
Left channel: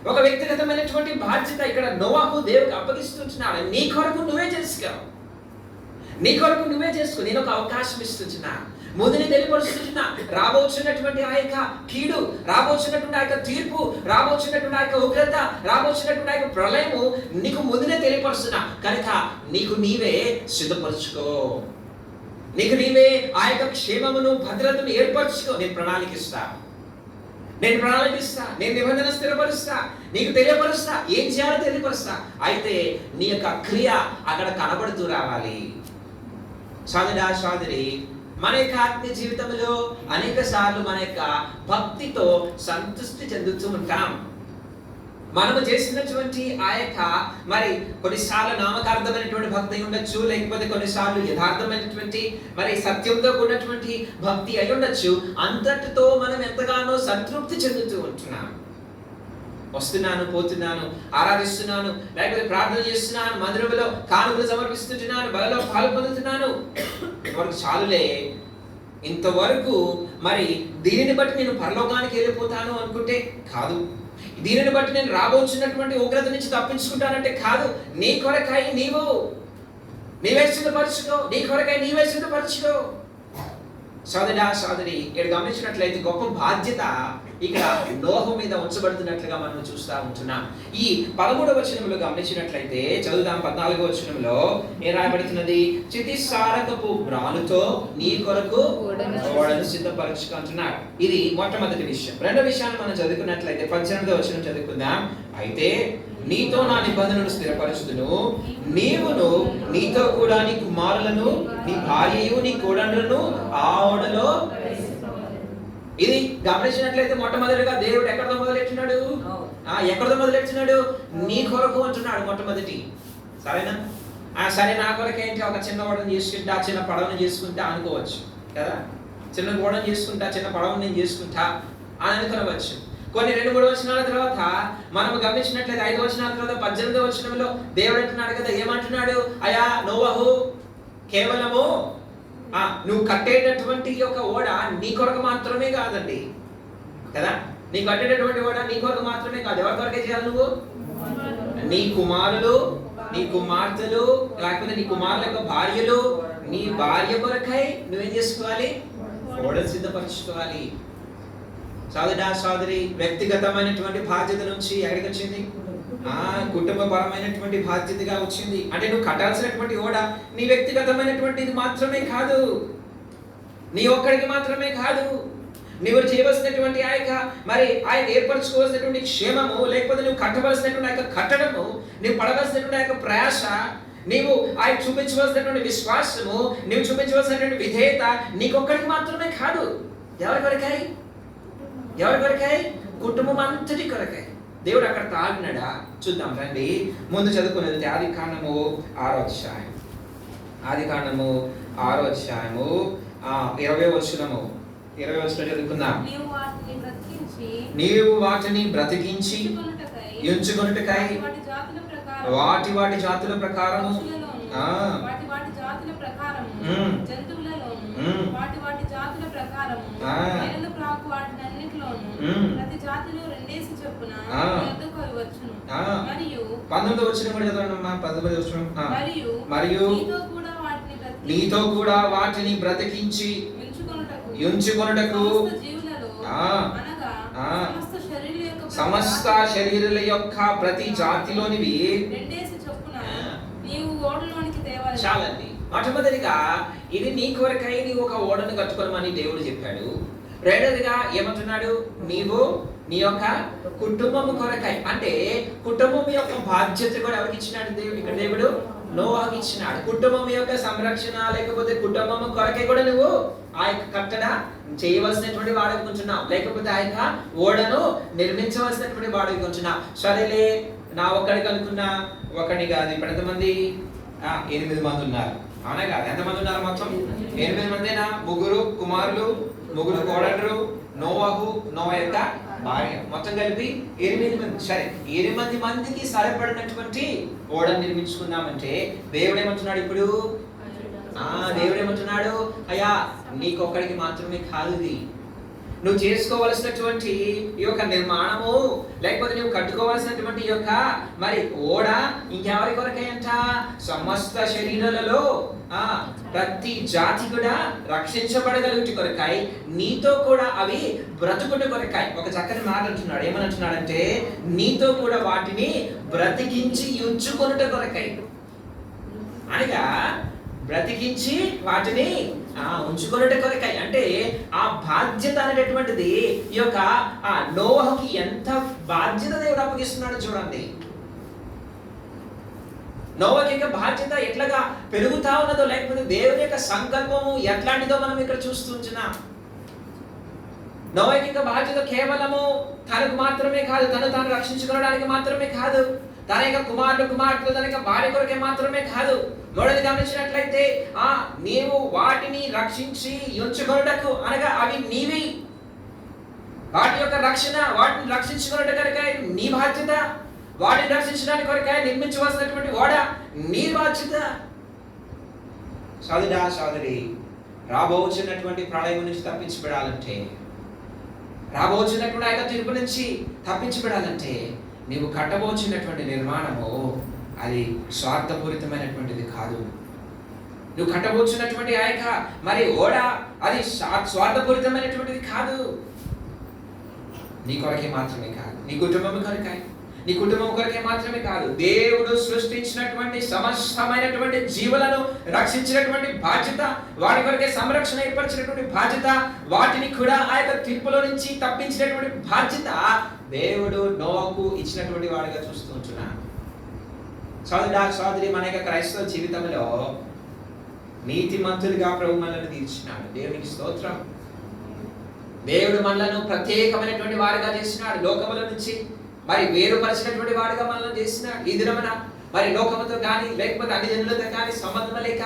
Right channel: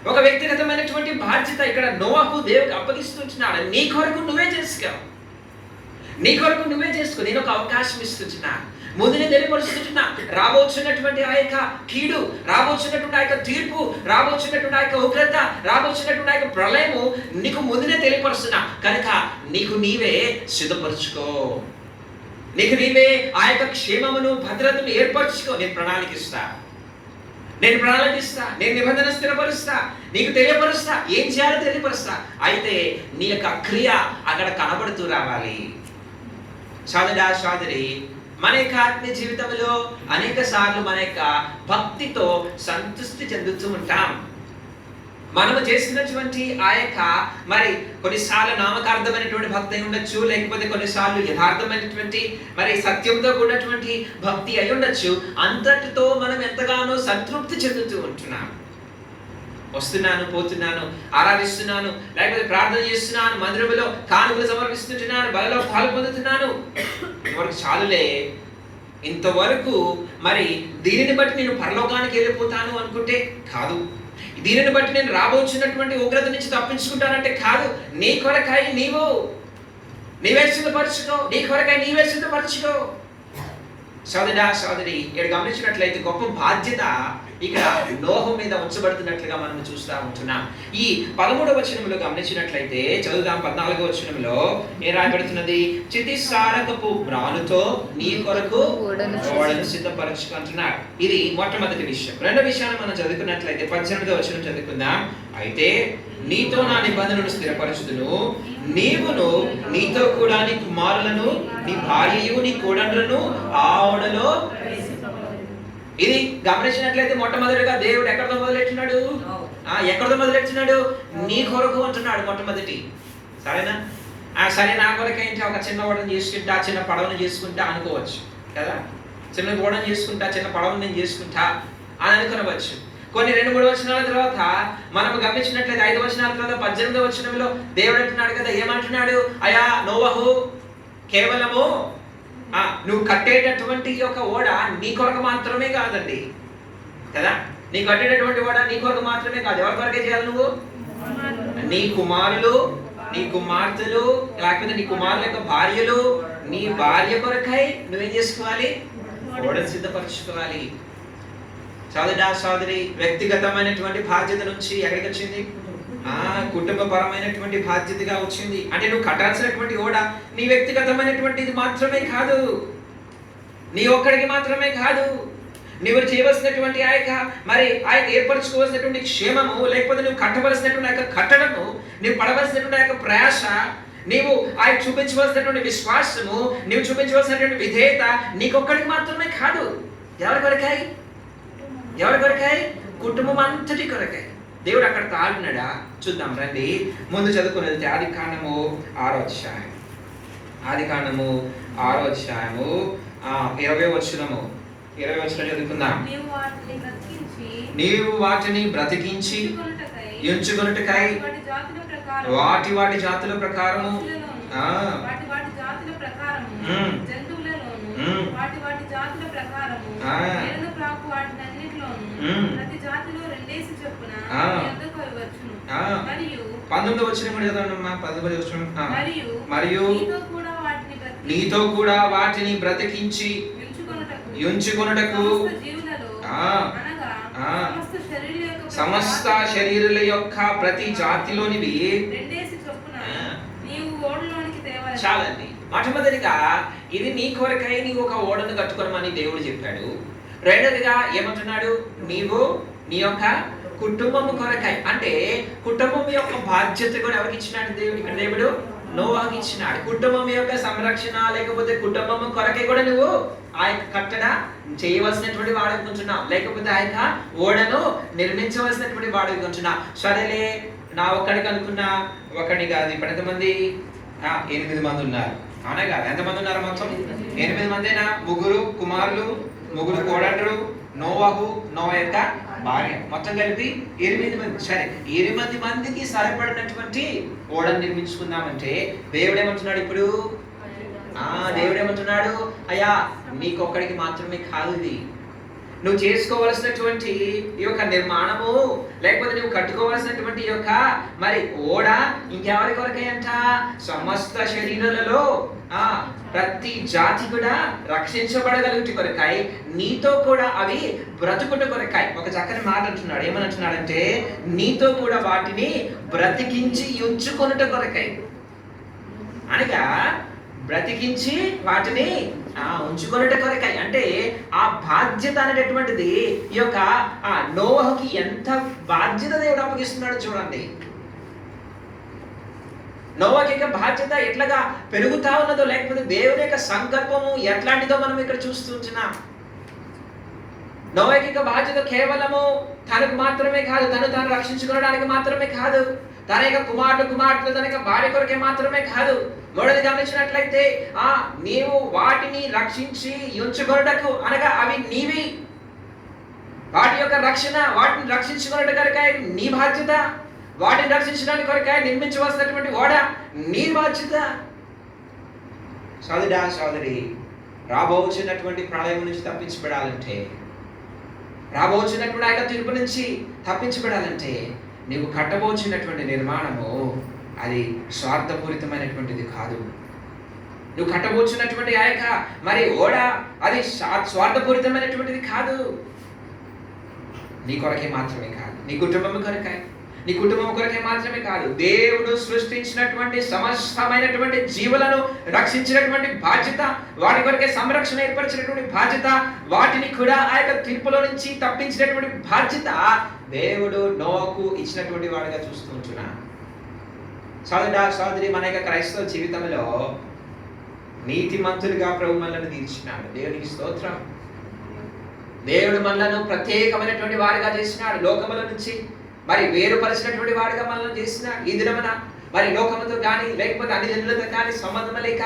ఒక వ్యక్తిగతమైనటువంటి బాధ్యత ఇక్కడ నోవహు దేవుడికి అప్పగిస్తున్నాడు. నీ కొరకు నువ్వే చేసుకో. నేను ఒక అవకాశం ఇస్తున్నా, ముందుని తెలియపరుస్తున్నా. రాబోతున్నటువంటి ఆ యొక్క కీడు, రాబోతున్నటువంటి ఆ యొక్క తీర్పు, రాబోతున్నటువంటి ఆ యొక్క ఉగ్రత, రాబోతున్నటువంటి ఆ యొక్క ప్రళయము నీకు ముందునే తెలియపరుస్తున్నా. కనుక నీవే సిద్ధపరచుకో, నీవే ఆ యొక్క క్షేమమును, భద్రతను ఏర్పరచుకో. నేను ప్రణాళికిస్తా, నేను నిబంధన స్థిరపరుస్తా, నీకు తెలియపరుస్తా, ఏం చేయాలో తెలియపరుస్తా. అయితే నీ యొక్క క్రియ అక్కడ కనబడుతూ రావాలి. సోదరా సోదరి, మన యొక్క ఆత్మీయ జీవితంలో అనేక సార్లు మన యొక్క భక్తితో సంతృష్టి చెందుతూ ఉంటాం. మనము చేసినటువంటి ఆ యొక్క మరి కొన్నిసార్లు నామకార్థమైనటువంటి భక్తి అయి ఉండొచ్చు, లేకపోతే కొన్నిసార్లు యథార్థమైనటువంటి మరి సత్యంతో కూడినటువంటి భక్తి అయి ఉండొచ్చు. అంతటితో మనం ఎంతగానో సంతృప్తి చెందుతూ ఉంటున్నాం. వస్తున్నాను, పోతున్నాను, ఆరాధిస్తున్నాను, లేకపోతే ప్రార్థన చేస్తున్నాను, మందిరంలో కానుకలు సమర్పిస్తుంటున్నాను, బలలో పాలు పొందుతున్నాను, ఇంతవరకు చాలులే, ఇంతవరకు మరి దీనిని బట్టి నేను పరలోకానికి వెళ్ళిపోతాను అనుకుంటే కాదు. దీనిని బట్టి నేను రాబోచున్నటువంటి ఉగ్రత నుంచి తప్పించుకుంటానంటే కాదు. నీ కొరకై నీవే సిద్ధపరచుకో, నీ కొరకై నీవే సిద్ధపరచుకో. సోదరా సోదరి, ఇక్కడ గమనించినట్లయితే గొప్ప బాధ్యత ఇక్కడ నోహు మీద ఉంచబడుతున్నట్లుగా మనం చూస్తూ ఉంటున్నాం. ఈ 13వ వచనంలో గమనించినట్లయితే చదువుదాం. 14వ వచనంలో ఏం రాయబడుతున్నది? చితిసారకపు మ్రానుతో నీ కొరకు ఓడను సిద్ధపరచుకుంటున్నాడు. ఇది మొట్టమొదటి విషయం. రెండో విషయాన్ని మనం చదువుకున్నట్లయితే 18వ వచనం చదువుకుందాం. అయితే నీతో నా నిబంధనను స్థిరపరచుదును, నీవును నీతో కూడా నీ కుమారులను, నీ భార్యయు, నీ కోడండ్రులను ఆ ఓడలో. ఇది గమనించినట్లయితే మొట్టమొదటిగా దేవుడు ఎక్కడితో మొదలెట్టినాడు? ఎక్కడితో మొదలెట్టినాడు? నీ కొరకు అంటున్నాడు మొట్టమొదటి. సరేనా? సరే, నా కొరకు ఏంటి, ఒక చిన్న ఓడను చేసుకుంటా, చిన్న పడవను చేసుకుంటా అనుకోవచ్చు కదా. చిన్న ఓడను చేసుకుంటా, చిన్న పడవను నేను చేసుకుంటా అని అనుకోవచ్చు. కొన్ని 2-3 వచనాల తర్వాత మనం గమనించినట్లయితే 5 వచనాల తర్వాత 18వ వచనంలో దేవుడు అంటున్నాడు కదా, ఏమంటున్నాడు? అయా నోవహు, కేవలము నువ్వు కట్టేటటువంటి యొక్క ఓడ నీ కొరకు మాత్రమే కాదండి కదా. నీ కట్టేటటువంటి ఓడ నీ కొరకు మాత్రమే కాదు. ఎవరి కొరకే చేయాలి? నువ్వు, నీ కుమారులు, నీ కుమార్తెలు, లేకపోతే నీ కుమారుల యొక్క భార్యలు, నీ భార్య కొరకై నువ్వేం చేసుకోవాలి? ఓడను సిద్ధపరచుకోవాలి. సోదరా సోదరి, వ్యక్తిగతమైనటువంటి బాధ్యత నుంచి ఎక్కడికి వచ్చింది? కుటుంబపరమైనటువంటి బాధ్యతగా వచ్చింది. అంటే నువ్వు కట్టాల్సినటువంటి ఓడ నీ వ్యక్తిగతమైనటువంటిది మాత్రమే కాదు, నీ ఒక్కడికి మాత్రమే కాదు. నువ్వు చేయవలసినటువంటి ఆ యొక్క మరి ఆయన ఏర్పరచుకోవాల్సినటువంటి క్షేమము, లేకపోతే నువ్వు కట్టవలసినటువంటి ఆ యొక్క కట్టడము, నువ్వు పడవలసినటువంటి ఆ యొక్క ప్రయాస, నీవు ఆయన చూపించవలసినటువంటి విశ్వాసము, నువ్వు చూపించవలసినటువంటి విధేయత నీకొక్కడికి మాత్రమే కాదు. ఎవరి కొరకాయి? ఎవరి కొరకాయి? కుటుంబం అంతటి కొరకాయి. దేవుడు అక్కడ తాగినాడా? చూద్దాం రండి. ముందు చదువుకుని వెళ్తే ఆదికాండము 6వ అధ్యాయం. ఆదికాండము 6వ అధ్యాయము 20వ వచనము. 20వ వచనం చదువుకుందాం. నీవు వాటిని బ్రతికించి ఎంచుకొనుటకై వాటి జాతుల ప్రకారము ప్రతి జాతిలో 2 చొప్పున మరియు 19వ వచనం కూడా చదవండమ్మా. 19వ వచనం. మరియు నీతో కూడా వాటిని బ్రతికించి ఉంచుకొనుటకు సమస్త శరీరుల యొక్క ప్రతి జాతిలోనివి 2 చొప్పున నీవు ఓడలోనికి తేవాలి. చాలండి. మొట్టమొదటిగా ఇది నీ కొరకై నీవు ఒక ఓడను కట్టుకోమని దేవుడు చెప్పాడు. రెండోదిగా ఏమంటున్నాడు? నీవు నీ యొక్క కుటుంబం కొరకై, అంటే కుటుంబం యొక్క బాధ్యత కూడా ఎవరికి ఇచ్చినాడు దేవుడు? ఇక్కడ దేవుడు నోవాకి ఇచ్చినాడు. కుటుంబం యొక్క సంరక్షణ, లేకపోతే కుటుంబం కొరకై కూడా నువ్వు ఆ యొక్క కట్టడ చేయవలసినటువంటి వాడికి ఉంటున్నావు, లేకపోతే ఆ యొక్క ఓడను నిర్మించవలసినటువంటి వాడికి ఉంటున్నావు. సరేలే, నా ఒక్కడికి అనుకున్నా, ఒకడిని కాదు. ఇప్పుడు ఎంతమంది? 8 మంది ఉన్నారు. అవునా కాదు? ఎంతమంది ఉన్నారు మొత్తం? 8 మందేనా? 3 కుమారులు, 3 కోడళ్ళు, నోవాహు, నోవా యొక్క భార్య, మొత్తం కలిపి 8 మంది. సరే, 8 మందికి సరిపడినటువంటి ఓడను నిర్మించుకుందామంటే దేవుడు ఏమంటున్నాడు ఇప్పుడు? దేవుడు ఏమంటున్నాడు? అయ్యా నీకొక్కడికి మాత్రమే కాదు ఇది. నువ్వు చేసుకోవలసినటువంటి ఈ యొక్క నిర్మాణము, లేకపోతే నువ్వు కట్టుకోవాల్సినటువంటి ఈ యొక్క మరి ఓడ ఇంకెవరి కొరకై అంట? సమస్త శరీరాలలో ప్రతి జాతి కూడా రక్షించబడగలుగుటి కొరకై, నీతో కూడా అవి బ్రతుకుట కొరకై. ఒక చక్కని మాట అంటున్నాడు. ఏమనంటున్నాడంటే, నీతో కూడా వాటిని బ్రతికించి ఉంచుకొనుట కొరకై. అనగా బ్రతికించి వాటిని ఉంచుకొనుట కొరకై. అంటే ఆ బాధ్యత అనేటటువంటిది ఈ యొక్క నోవహుకి ఎంత బాధ్యత దేవుడు అప్పగిస్తున్నాడు చూడండి. నోవాహు యొక్క బాధ్యత ఎట్లాగా పెరుగుతా ఉన్నదో, లేకపోతే దేవుని యొక్క సంకల్పము ఎట్లాంటిదో మనం ఇక్కడ చూస్తుంటున్నాం. నోవాకి ఇక బాధ్యత కేవలము తనకు మాత్రమే కాదు, తను తాను రక్షించుకోవడానికి మాత్రమే కాదు, తన యొక్క కుమార్తెలు తన యొక్క భార్య కొరకే మాత్రమే కాదు. మూడోది గమనించినట్లయితే నీవు వాటిని రక్షించి ఉంచుకొనుటకు, అనగా అవి నీవి, వాటి యొక్క రక్షణ, వాటిని రక్షించుకోవడం కనుక నీ బాధ్యత, వాటిని రక్షించడానికి కొరక నిర్మించవలసినటువంటి ఓడ నీ బాధ్యత. సోదరా సోదరి, రాబోతున్నటువంటి ప్రళయం నుంచి తప్పించబడాలంటే, రాబోతున్నటువంటి ఆయన తీర్పు నుంచి తప్పించబడాలంటే నీవు కట్టబోతున్నటువంటి నిర్మాణము అది స్వార్థపూరితమైనటువంటిది కాదు. నువ్వు కట్టబోతున్నటువంటి ఆ యొక్క మరి ఓడ అది స్వార్థపూరితమైనటువంటిది కాదు. నీ కొరకే మాత్రమే కాదు, నీ కుటుంబం కొరకే మాత్రమే కాదు, దేవుడు సృష్టించినటువంటి సమస్తమైనటువంటి జీవులను రక్షించినటువంటి బాధ్యత, వాటి కొరకే సంరక్షణ ఏర్పరిచినటువంటి బాధ్యత, వాటిని కూడా ఆ యొక్క తీర్పులో నుంచి తప్పించినటువంటి బాధ్యత దేవుడు నోవాకు ఇచ్చినటువంటి వాడిగా చూస్తూ ఉంటున్నాను. సోదరి, మన యొక్క క్రైస్తవ జీవితంలో నీతిమంతులుగా ప్రభు మనల్ని తీర్చినాడు. దేవునికి స్తోత్రం. దేవుడు మనలను ప్రత్యేకమైనటువంటి వారిగా చేసినాడు. లోకముల నుంచి మరి వేరుపరిచినటువంటి వాడిగా మనల్ని చేసినాడు. ఈ దినమున మరి లోకముతో కానీ, లేకపోతే అన్ని జనులతో కానీ సంబంధం లేక,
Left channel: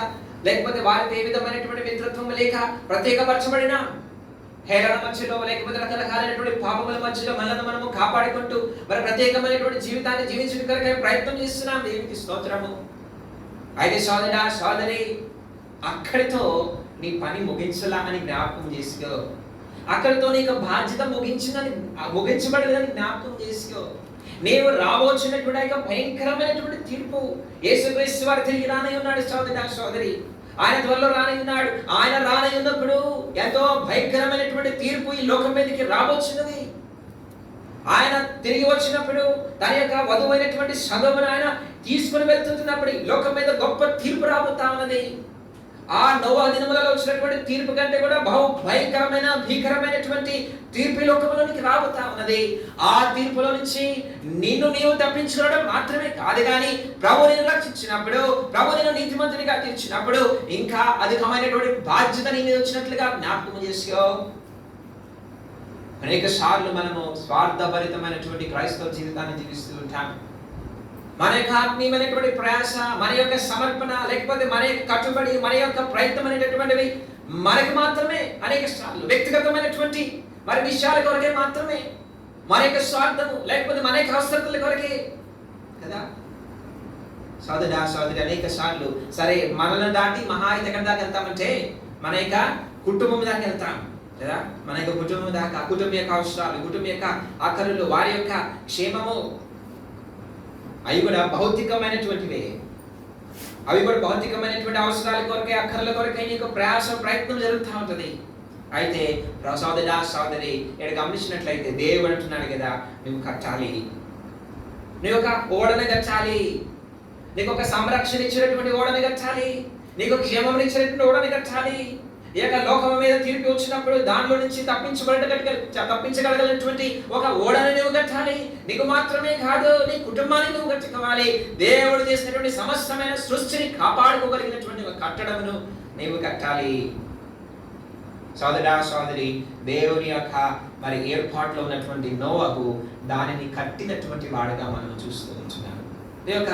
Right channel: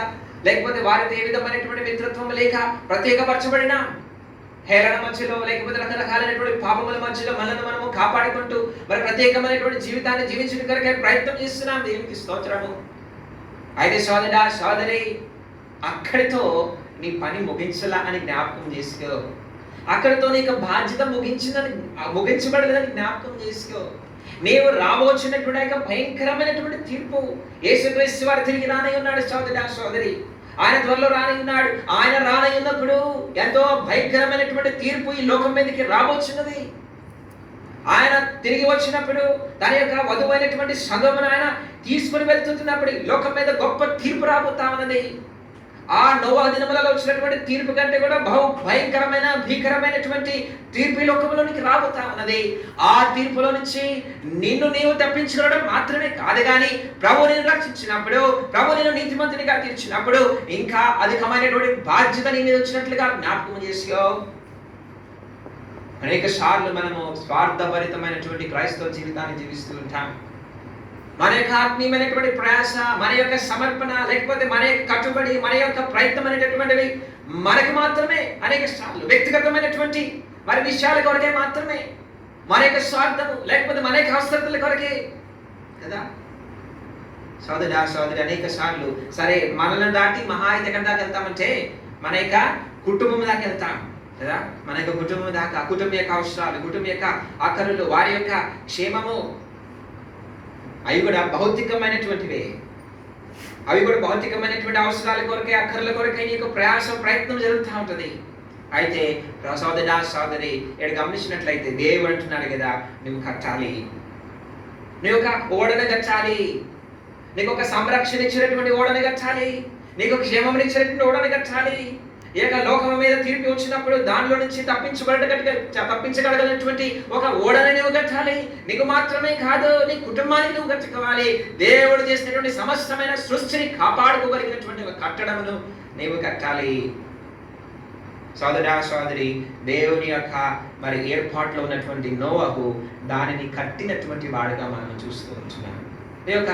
లేకపోతే వారితో ఏ విధమైనటువంటి మిత్రత్వం లేక ప్రత్యేకపరచబడిన హేళన మధ్యలో, లేకపోతే రకరకాలైనటువంటి పాపముల మధ్యలో మనల్ని మనము కాపాడుకుంటూ మరి ప్రత్యేకమైనటువంటి జీవితాన్ని జీవించడం కొరకే ప్రయత్నం చేస్తున్నాం. దేవునికి స్తోత్రము. అయితే సోదరి, అక్కడితో నీ పని ముగించలా అని జ్ఞాపకం చేసుకో. అక్కడితో నీకు బాధ్యత ముగించబడలేదని జ్ఞాపకం చేసుకో. నీవు రాబోతున్నటువంటి భయంకరమైనటువంటి తీర్పు, యేసుక్రీస్తు వారు తిరిగి రానై ఉన్నాడు. సోదరి, ఆయన త్వరలో రానై ఉన్నాడు. ఆయన రానై ఉన్నప్పుడు ఎంతో భయంకరమైనటువంటి తీర్పు ఈ లోకం మీదకి రాబోతున్నది. ఆయన తిరిగి వచ్చినప్పుడు తన యొక్క వధువైనటువంటి సంఘమును ఆయన తీసుకుని వెళ్తున్నప్పుడు ఈ లోకం మీద గొప్ప తీర్పు రాబోతా ఉన్నది. ఆ నోవా దినములలో వచ్చినటువంటి తీర్పు కంటే కూడా బహు భయంకరమైన భీకరమైనటువంటి తీర్పు లోకంలోనికి రాబోతా ఉన్నది. ఆ తీర్పులో నుంచి నీవు తప్పించుకోవడం మాత్రమే కాదు, కానీ ప్రభు నిన్ను రక్షించినప్పుడు, ప్రభు నిన్ను నీతిమంతునిగా తీర్చినప్పుడు ఇంకా అధికమైనటువంటి బాధ్యత నేను వచ్చినట్లుగా జ్ఞాపకం చేసుకో. అనేక సార్లు మనము స్వార్థభరితమైనటువంటి క్రైస్తవ జీవితాన్ని జీవిస్తూ ఉంటాం. మన యొక్క ఆత్మీయమైనటువంటి ప్రయాస, మన యొక్క సమర్పణ, లేకపోతే మన యొక్క కట్టుబడి, మన యొక్క ప్రయత్నం అనేటటువంటివి మనకు మాత్రమే అనేక సార్లు వ్యక్తిగతమైనటువంటి మరి విషయాల కొరకే మాత్రమే, మన యొక్క స్వార్థము, లేకపోతే మన యొక్క అవసరతల కొరకే కదా. సోదరి, అనేక సార్లు సరే మనల్ని దాటి మహా ఎక్కడి దాకా వెళ్తామంటే మన యొక్క కుటుంబం దాకా వెళ్తాం కదా. మన యొక్క కుటుంబం దాకా, కుటుంబం యొక్క అవసరాలు, కుటుంబం యొక్క అక్కరులు, వారి యొక్క క్షేమము, అవి కూడా భౌతికమైనటువంటివే. అవి కూడా భౌతికమైనటువంటి అవసరాల కొరకే, అక్కర్ల కొరకే నీకు ప్రయత్నం జరుగుతూ ఉంటుంది. అయితే సోదరి, ఇక్కడ గమనించినట్లయితే దేవుడు అంటున్నాడు కదా, నువ్వు కట్టాలి, నువ్వు ఒక ఓడను కట్టాలి, నీకు ఒక సంరక్షణ ఇచ్చినటువంటి ఓడని కట్టాలి, నీకు క్షేమం ఇచ్చినటువంటి ఓడని కట్టాలి. ఈ యొక్క లోకం మీద తీర్పు వచ్చినప్పుడు దానిలో నుంచి తప్పించగలగలిగినటువంటి ఒక ఓడని నువ్వు కట్టాలి. నీకు మాత్రమే కాదు, నీ కుటుంబానికి నువ్వు కట్టుకోవాలి. దేవుడు చేసినటువంటి సమస్తమైన సృష్టిని కాపాడుకోగలిగినటువంటి ఒక కట్టడమును నీవు కట్టాలి. సోదరి, దేవుని యొక్క మరి ఏర్పాట్లో ఉన్నటువంటి నోవహు దానిని కట్టినటువంటి వాడుగా మనం చూస్తూ ఉంటున్నాం. ఈ యొక్క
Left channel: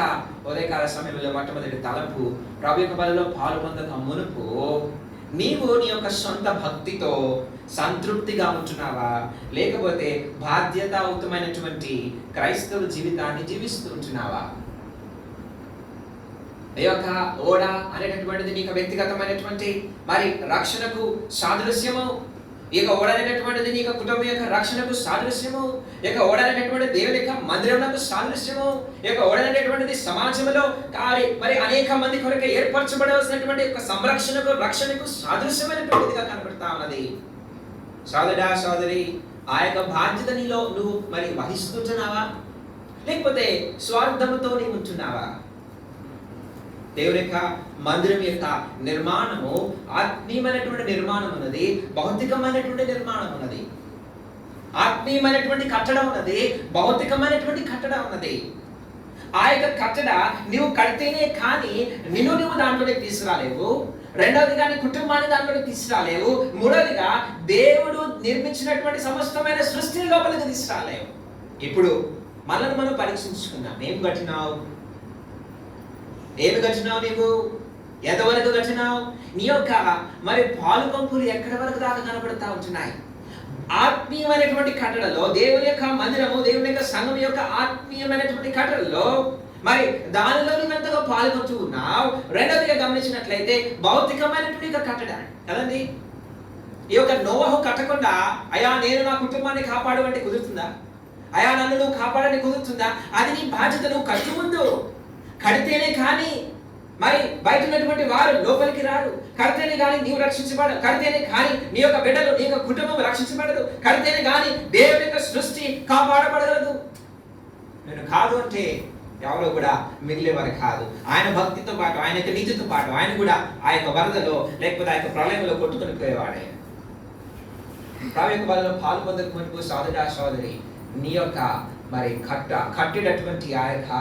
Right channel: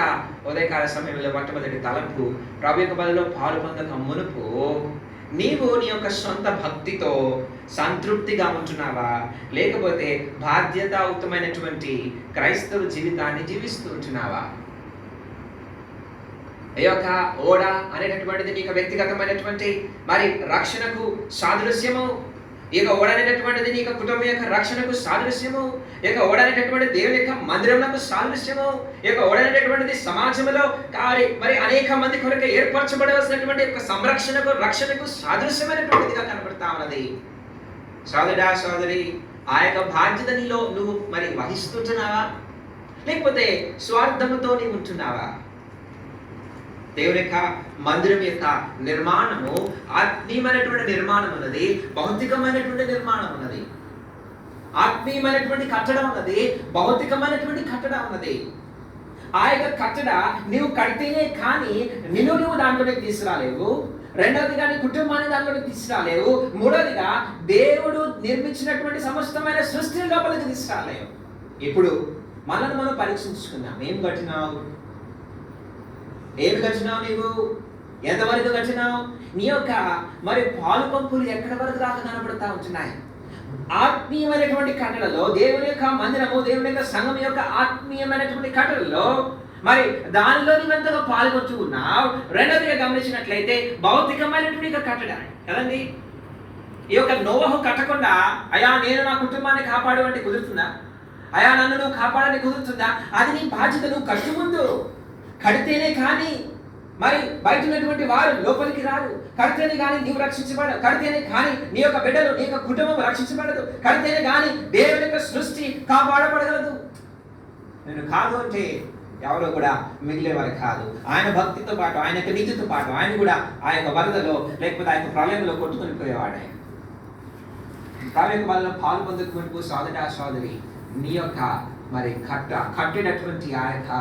ఉదయకాల సమయంలో మొట్టమొదటి తలంపు, ప్రభు యొక్క బలిలో పాల్గొనక మునుపు నీవు నీ యొక్క సొంత భక్తితో సంతృప్తిగా ఉంటున్నావా, లేకపోతే బాధ్యతాయుతమైనటువంటి క్రైస్తవ జీవితాన్ని జీవిస్తూ ఉంటున్నావా? ఈ యొక్క ఓడ అనేటటువంటిది నీకు వ్యక్తిగతమైనటువంటి మరి రక్షణకు సాదృశ్యము. ఈ యొక్క ఓడ అనేటటువంటిది నీకు కుటుంబం యొక్క రక్షణకు సాదృశ్యము. ఈ యొక్క ఓడ అనేటటువంటి దేవుని యొక్క మందిరమునకు సాదృశ్యము. ఈ యొక్క ఓడ అనేటటువంటిది సమాజంలో మరి అనేక మంది కొరకు ఏర్పరచబడవలసినటువంటి యొక్క సంరక్షణకు, రక్షణకు సాదృశ్యమైనటువంటిదిగా కనబడతా ఉన్నది. సోదరి, ఆ యొక్క బాధ్యత నీలో నువ్వు మరి వహిస్తుంటున్నావా, లేకపోతే స్వార్థముతో నీవు ఉంటున్నావా? దేవుని యొక్క మందిరం యొక్క నిర్మాణము ఆత్మీయమైనటువంటి నిర్మాణం ఉన్నది, భౌతికమైనటువంటి నిర్మాణం ఉన్నది. ఆత్మీయమైనటువంటి కట్టడం ఉన్నది, భౌతికమైనటువంటి కట్టడం ఉన్నది. ఆ యొక్క కట్టడ నువ్వు కడితేనే కానీ నువ్వు దాంట్లోనే తీసుకురాలేవు. రెండవదిగా నీ కుటుంబాన్ని దానిలోకి తీసుకురాలేవు. మూడవదిగా దేవుడు నిర్మించినటువంటి సమస్తమైన సృష్టిని లోపలికి తీసుకురాలేవు. ఇప్పుడు మనల్ని మనం పరీక్షించుకున్నాం. ఏం కట్టినావు? నీవు ఎంతవరకు కట్టినావు? నీ యొక్క మరి పాలు పంపులు ఎక్కడి వరకు దాకా కనబడతా ఉంటున్నాయి? ఆత్మీయమైనటువంటి కట్టడలో దేవుని యొక్క మందిరము, దేవుని యొక్క సంఘం యొక్క ఆత్మీయమైనటువంటి కట్టడలో మరి దానిలో నువ్వెంతగా పాల్గొంటూ ఉన్నావు. రెండవదిగా గమనించినట్లయితే భౌతికమైనటువంటి కట్టడ కదండి. ఈ యొక్క నోవహు కట్టకుండా అయా నేను నా కుటుంబాన్ని కాపాడు అంటే కుదురుతుందా? అయా నన్ను నువ్వు కాపాడని కుదురుతుందా? అది నీ బాధ్యత. నువ్వు కట్టు ముందు కడితేనే కానీ మరి బయట ఉన్నటువంటి వారు లోపలికి రారు. కడితేనే కానీ నీవు రక్షించబడదు. కడితేనే కానీ నీ యొక్క బిడ్డలు, నీ యొక్క కుటుంబం రక్షించబడదు. కడితేనే కానీ దేవుని యొక్క సృష్టి కాపాడబడగలదు. నేను కాదు అంటే ఎవరో కూడా మిగిలేవారు కాదు. ఆయన భక్తితో పాటు, ఆయన యొక్క నీతితో పాటు ఆయన కూడా ఆ యొక్క వరదలో లేకపోతే ఆ యొక్క ప్రళయంలో కొట్టుకుని పోయేవాడే. ఆ యొక్క వరదలో పాలు పొందకు సోదరి నీ యొక్క మరి కట్టేటటువంటి ఆ యొక్క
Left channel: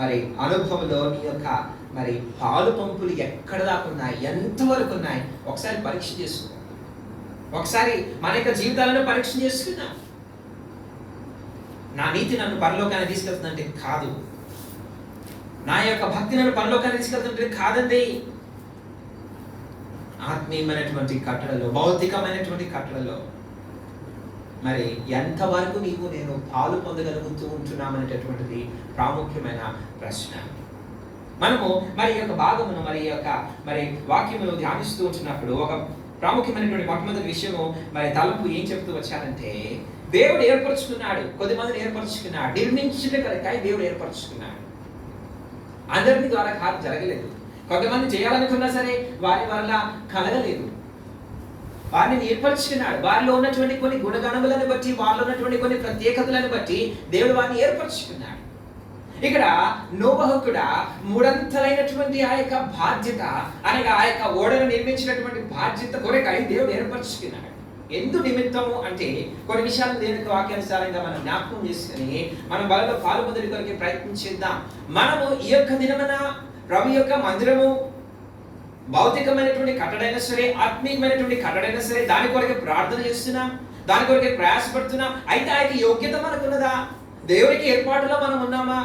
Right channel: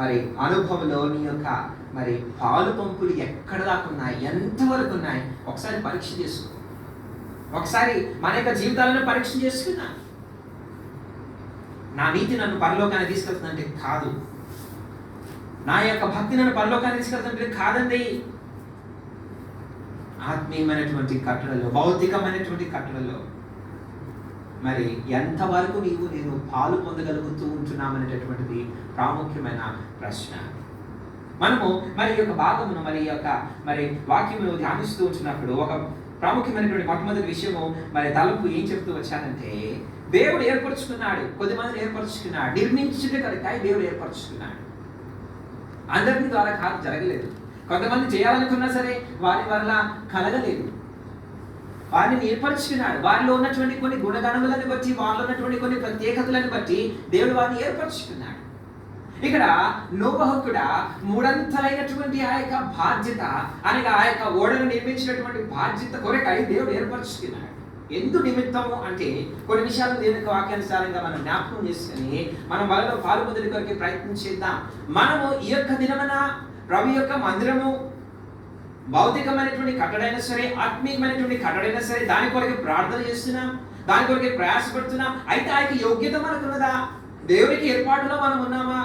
మరి అనుభవంలో నీ యొక్క మరి పాలు పంపులు ఎక్కడ దాకా ఉన్నాయి, ఎంతవరకు ఉన్నాయి ఒకసారి పరీక్ష చేసుకో. ఒకసారి మన యొక్క జీవితాలను పరీక్ష చేసుకున్నా. నా నీతి నన్ను పరలోకాన్ని తీసుకెళ్తుందంటే కాదు. నా యొక్క భక్తి నన్ను పరలోకాన్ని తీసుకెళ్తుంటే కాదండి. ఆత్మీయమైనటువంటి కట్టడలో, భౌతికమైనటువంటి కట్టడలో మరి ఎంతవరకు నీవు నేను పాలు పొందగలుగుతూ ఉంటున్నామనేటటువంటిది ప్రాముఖ్యమైన ప్రశ్న. మనము మరి యొక్క భాగమును మరి యొక్క మరి వాక్యమును ధ్యానిస్తూ ఉంటున్నప్పుడు ఒక ప్రాముఖ్యమైనటువంటి మొట్టమొదటి విషయము మరి తలంపు ఏం చెప్తూ వచ్చానంటే, దేవుడు ఏర్పరచుకున్నాడు, కొద్దిమందిని ఏర్పరచుకున్నాడు, నిర్మించుట కొరకై దేవుడు ఏర్పరచుకున్నాడు. అందరినీ ద్వారా కాదు, జరగలేదు. కొంతమంది చేయాలనుకున్నా సరే వారి వల్ల కలగలేదు. వారిని ఏర్పరచుకున్నాడు. వారిలో ఉన్నటువంటి కొన్ని గుణగణములను బట్టి, వారిలో ఉన్నటువంటి కొన్ని ప్రత్యేకతలను బట్టి దేవుడు వారిని ఏర్పరచుకున్నాడు. ఇక్కడ నోవహు కూడా మూడంతలైనటువంటి ఆ యొక్క బాధ్యత అనగా ఆ యొక్క ఓడను నిర్మించినటువంటి బాధ్యత కొరకై దేవుడు ఏర్పరచుకున్నాడు. ఎందు నిమిత్తము అంటే కొన్ని విషయాలను దేవునికి వాక్యానుసారంగా మనం జ్ఞాపకం చేసుకుని మనం వాళ్ళలో పాల్పొందడి కొరకు ప్రయత్నించేద్దాం. మనము ఈ యొక్క దినమున ప్రభు యొక్క మందిరము భౌతికమైనటువంటి కట్టడైనా సరే, ఆత్మీయమైనటువంటి కట్టడైనా సరే దాని కొరకే ప్రార్థన చేస్తున్నాం, దాని కొరకే ప్రయాసపడుతున్నాం. అయితే ఆ యొక్క యోగ్యత మనకున్నదా? దేవుడికి ఏర్పాటులో మనం ఉన్నామా?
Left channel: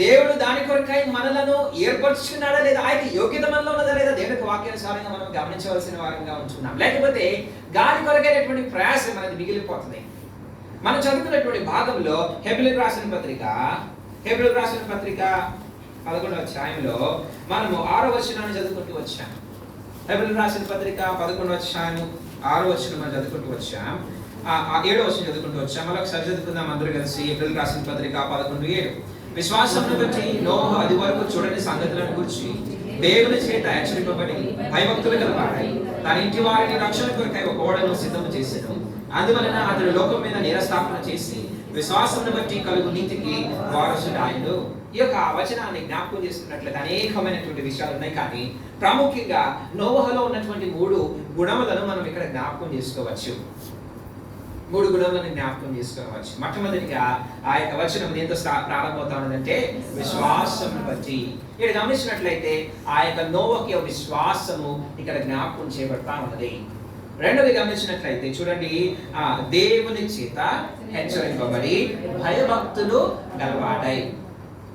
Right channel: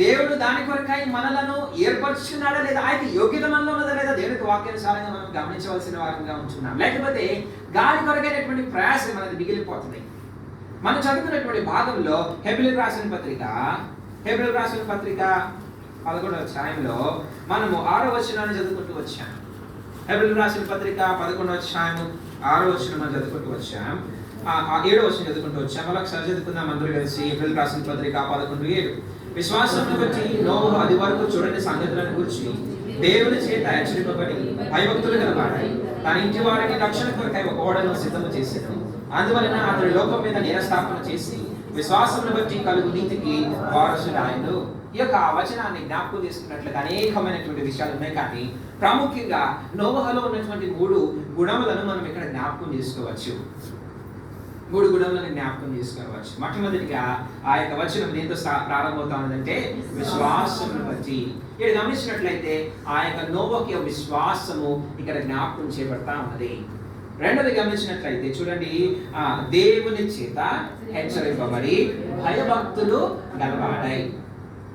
దేవుడు దాని కొరకై మనలను ఏర్పరచుకున్నాడా లేదా? ఆ యొక్క యోగ్యత మనలో ఉన్నదా లేదా? దేవునికి వాక్యానుసారంగా మనం గమనించవలసిన వారంగా ఉంటున్నాం. లేకపోతే గాలి కొరకైనటువంటి ప్రయాసం మనది మిగిలిపోతుంది. మనం చదువుకున్నటువంటి భాగంలో హెబ్రీయులకు రాసిన పత్రిక 11వ అధ్యాయంలో మనము 6వ వచనాన్ని చదువుకుంటూ వచ్చాం. హెబ్రీయులకు రాసిన పత్రిక 11వ అధ్యాయం 6వ వచనం చదువుకుంటూ వచ్చాం. 7వ వచనం చదువుకుంటూ వచ్చాం. మళ్ళీ ఒకసారి చదువుకుందాం అందరూ కలిసి. హెబ్రీయులకు రాసిన పత్రిక 11:7. విశ్వాసమును బట్టి నోవహు అది వరకు చూడని సంగతులను గురించి దేవుని చేత హెచ్చరింపబడి భయభక్తులు కలవాడై తన ఇంటి వారిని రక్షణ కొరకై ఒక ఓడను సిద్ధము చేసెను. అందువలన అతడు లోకం మీద నిరస్థాపన చేసి విశ్వాసమును బట్టి కలుగు నీతికి వారసుడాయను. ఈ యొక్క వచనాన్ని జ్ఞాపకం చేసుకున్నట్లయితే అనేకమైనటువంటి విషయాలు ఉన్నాయి. కానీ ప్రాముఖ్యంగా నోవహులో ఉన్నటువంటి 3 గుణములను మనం ఇక్కడ జ్ఞాపకం చేసుకోవచ్చు. 3 గుణములను జ్ఞాపకం చేసుకోవచ్చు. మొట్టమొదటిగా ఆ యొక్క వచనం దేంతో ప్రారంభమవుతా ఉన్నదంటే విశ్వాసమును బట్టి. ఇక్కడ గమనించినట్లయితే ఆ యొక్క నోవహు విశ్వాసము ఇక్కడ జ్ఞాపకం చేయబడతా ఉన్నది. రెండవది గమనించినట్లయితే చూడండి, దేవుని చేత హెచ్చరింపబడి భయభక్తులు గలవాడై.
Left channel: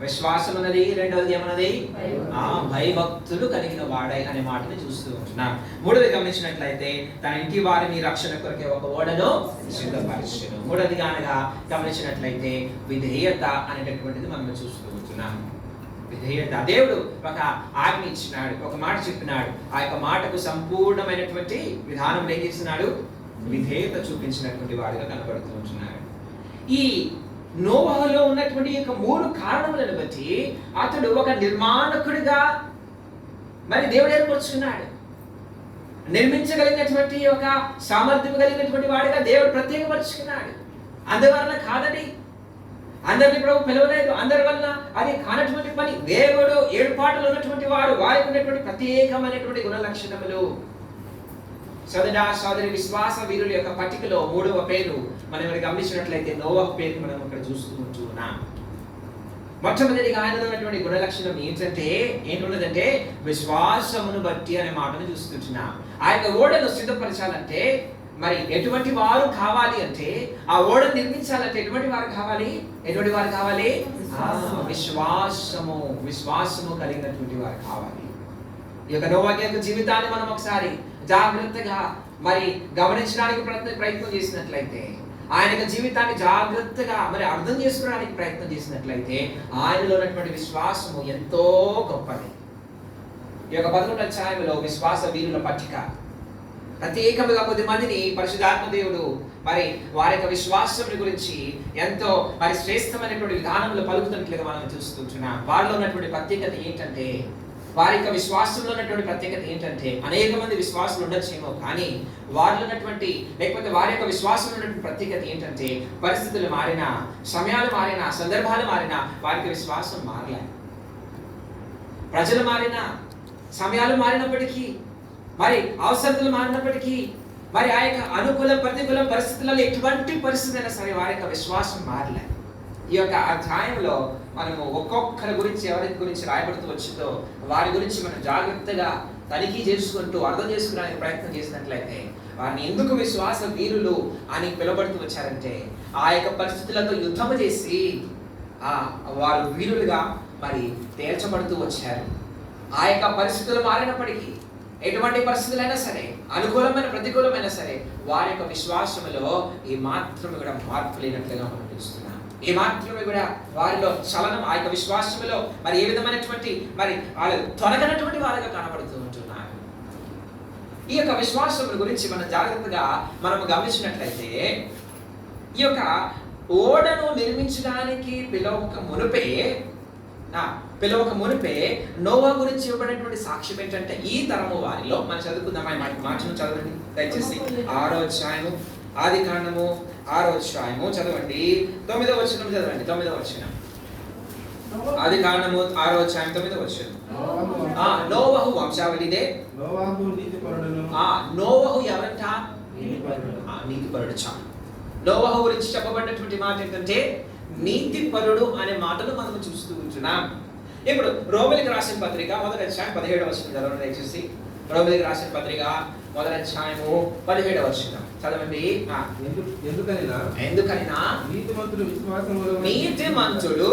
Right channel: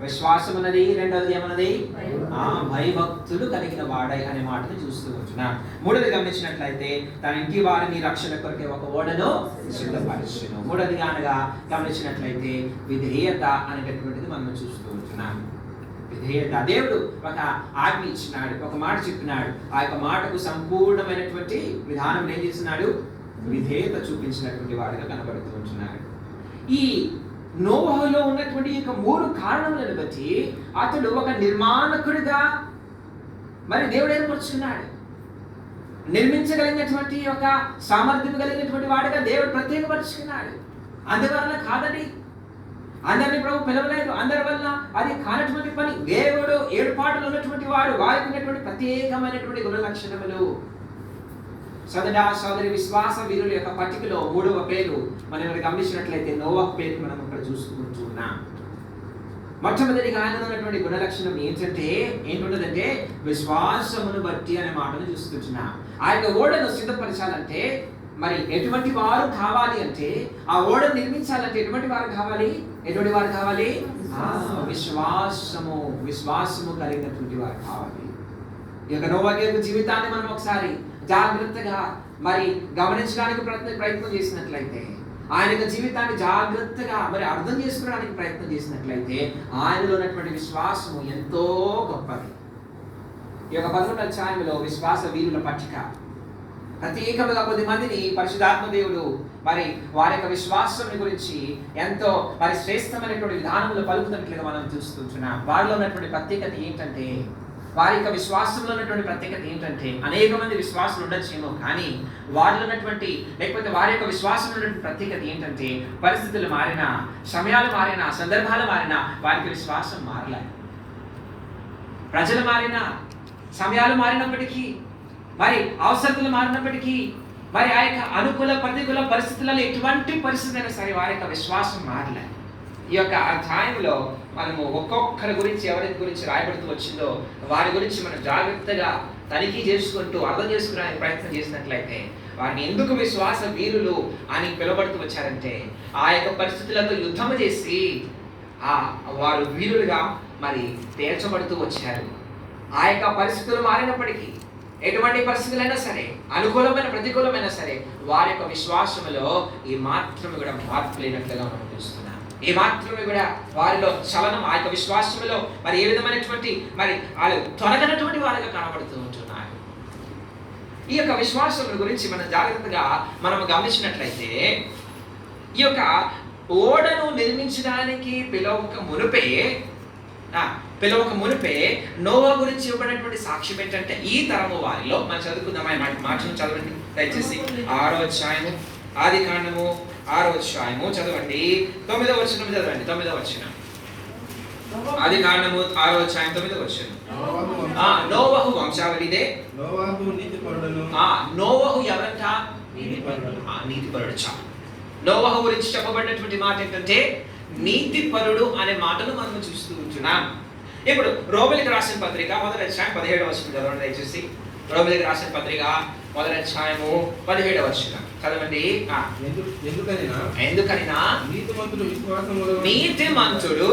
విశ్వాసం ఉన్నది, రెండవది ఏమన్నది? భయభక్తులు కలిగిన వాడై అనే మాటని చూస్తూ ఉంటున్నాం. మూడవది గమనించినట్లయితే తన ఇంటి వారిని రక్షణ కొరకే ఒక ఓడను సిద్ధపరిచెను. మూడవదిగా అనగా గమనించినట్లయితే విధేయత అనేటటువంటిది మనం చూస్తూ ఉంటున్నాం. విధేయత. దేవుడు ఒక ఆజ్ఞ ఇచ్చినాడు, ఒక మాట చెప్పినాడు. ఆ యొక్క మాటకు సంపూర్ణమైనటువంటి విధానం ఏం చేస్తున్నాడు? విధేయత చూపించినటువంటి వాడిగా కనబడుతూ ఉంటున్నాడు. ఈ నోవహులో ఉన్నటువంటి యొక్క 3 కారణములను బట్టి అతడు ఒక నిర్మాణకుడిగా మరి దేవుడు ఏర్పరచుకున్నాడు. నిర్మించగలిగినటువంటి ఒక సామర్థ్యం కలిగినటువంటి వాడిగా దేవుడు ప్రత్యేకపరుచుకున్నాడు. అందువలన కాదండి, అందరినీ ప్రభు పిలవలేదు, అందరి వల్ల అది కానటువంటి పని. దేవుడు ఏర్పాటులో ఉన్నటువంటి వారు వారికి ఉన్నటువంటి ప్రత్యేకమైనటువంటి గుణ లక్షణములు. సోదరి విశ్వాస వీరుల యొక్క పట్టికలో 3వ పేరు మనం గమనించినట్లయితే నోవహు పేరు మనం ఇక్కడ చూస్తూ ఉంటున్నాం. మొట్టమొదటిగా ఆయనలో ఉన్నటువంటి గుణలక్షణం ఏంటున్నదంటే విశ్వాసమును బట్టి అనే మాటను చూస్తుంటున్నాం. ఆ యొక్క ఓడను సిద్ధపరచాలంటే మరి ఎటువంటి వారు కావాలి అంటే, ఆ ఓడను నిర్మించాలంటే ఎటువంటి వారు కావాలి? విశ్వాసము కలిగినటువంటి వారు కావాలి. ఈ యొక్క నోవా యొక్క జీవితాన్ని మనం ఒకసారి జాగ్రత్తగా మరి గమనించడానికి ప్రయత్నం చేసినట్లయితే, ఆయన యొక్క జీవితాన్ని జాగ్రత్తగా మరి అర్థం చేసుకోవడానికి ప్రయత్నం చేసినట్లయితే, ఆయనలో ఉన్నటువంటి విశ్వాసము ఎంతో గొప్పది. ఈ యొక్క 11వ అధ్యాయంలో విశ్వాస వీరుల పట్టిక ప్రత్యేకంగా 10 మందిని పరిశుద్ధాత్మ దేవుడు మరి వారి యొక్క విశ్వాసం గురించి ఎంతో మరి శ్రేష్టమైనటువంటి విధానంలో పలుకుతున్నట్లుగా మనం చూస్తున్నాం. వారిలో ఉన్నటువంటి ప్రత్యేకత ఏంటంటే, వారి యొక్క విశ్వాసంలో ఉన్నటువంటి ప్రత్యేకత ఏంటంటే, అనేక మంది విశ్వాసులు ఉండొచ్చేమో కానీ వారిలో ఉన్నటువంటి లేకపోతే వారి యొక్క విశ్వాసంలో ఉన్నటువంటి ప్రత్యేకత ఏంటంటే, పరిస్థితులు మారినా, సమయాలు మారినా, సందర్భాలు మారినా వారికి విశ్వాసం మారలే. ప్రజలు మారినా, సమయాలు మారినప్పటికీ, మరి అవసరతలు మారినప్పటికీ, మరి ఆ యొక్క అనుకూల ప్రతికూల పరిస్థితులలో ఎటువంటి పరిస్థితి అయినా సరే వారి యొక్క విశ్వాసం మారలే. ఈ యొక్క అధ్యాయంలో మనము ఒక్కొక్కరి గురించి ఎవరి గురించి రాయబడుతూ వచ్చిందో వారి గురించి మనం జాగ్రత్తగా తనిఖీ చేసుకుంటూ అర్థం చేసుకోవడానికి ప్రయత్నం చేసినట్లయితే, వారిని ఎందుకు విశ్వాస వీరులు అని పిలువబడుతూ వచ్చారంటే, ఆ యొక్క పరిస్థితులతో యుద్ధం చేసి వారు వీరులుగా మరి తేల్చబడుతూ వచ్చారు. ఆ యొక్క పరిస్థితులు మారినప్పటికీ, ఎటువంటి పరిస్థితులైనా సరే, అనుకూలమైన ప్రతికూలమైనా సరే, వారి యొక్క విశ్వాసములో ఈ మాత్రమే కూడా మార్పు లేనట్లుగా మనం చూస్తున్నాం. ఈ మాత్రమే కూడా వారిలో చలనం, ఆ యొక్క విశ్వాసములో మరి ఏ విధమైనటువంటి మరి వాళ్ళు తొలగనటువంటి వారిగా కనబడుతూ ఉంటున్నారు. ఈ యొక్క విశ్వాసం గురించి మనం జాగ్రత్తగా మనం గమనించినట్లయితే, ఈ యొక్క ఓడను నిర్మించడానికి పిలవక మునిపే నోవా గురించి ఇవ్వబడినటువంటి సాక్ష్యం ఏంటంటే, ఈ తరము వారిలో మనం చదువుకుందాం. ఆయన మాటను చదవండి దయచేసి. 6వ అధ్యాయము ఆదికాండము 6వ అధ్యాయము చదవండి. 9వ వచనం చదవండి. 9వ వచనం ఆదికాండము 6వ అధ్యాయం 9వ వచనం. నోవహు వంశావళిదే. నోవహు ఎవరంట? నీతిపరుడు. నోవహు గురించి చెప్పబడినటువంటి మాట ఏంటంటే నీతిపరుడు అనే మాటను మనం చూస్తూ ఉంటున్నాం. ఇప్పుడు రోమిలికి రాసిన పత్రిక 1వ అధ్యాయం 17వ వచనం చదవండి దయచేసి. రోమిలికి రాసిన పత్రిక 1వ అధ్యాయము 17వ వచనం చదవండి. ఎందుకనినా నీతిమంతుడు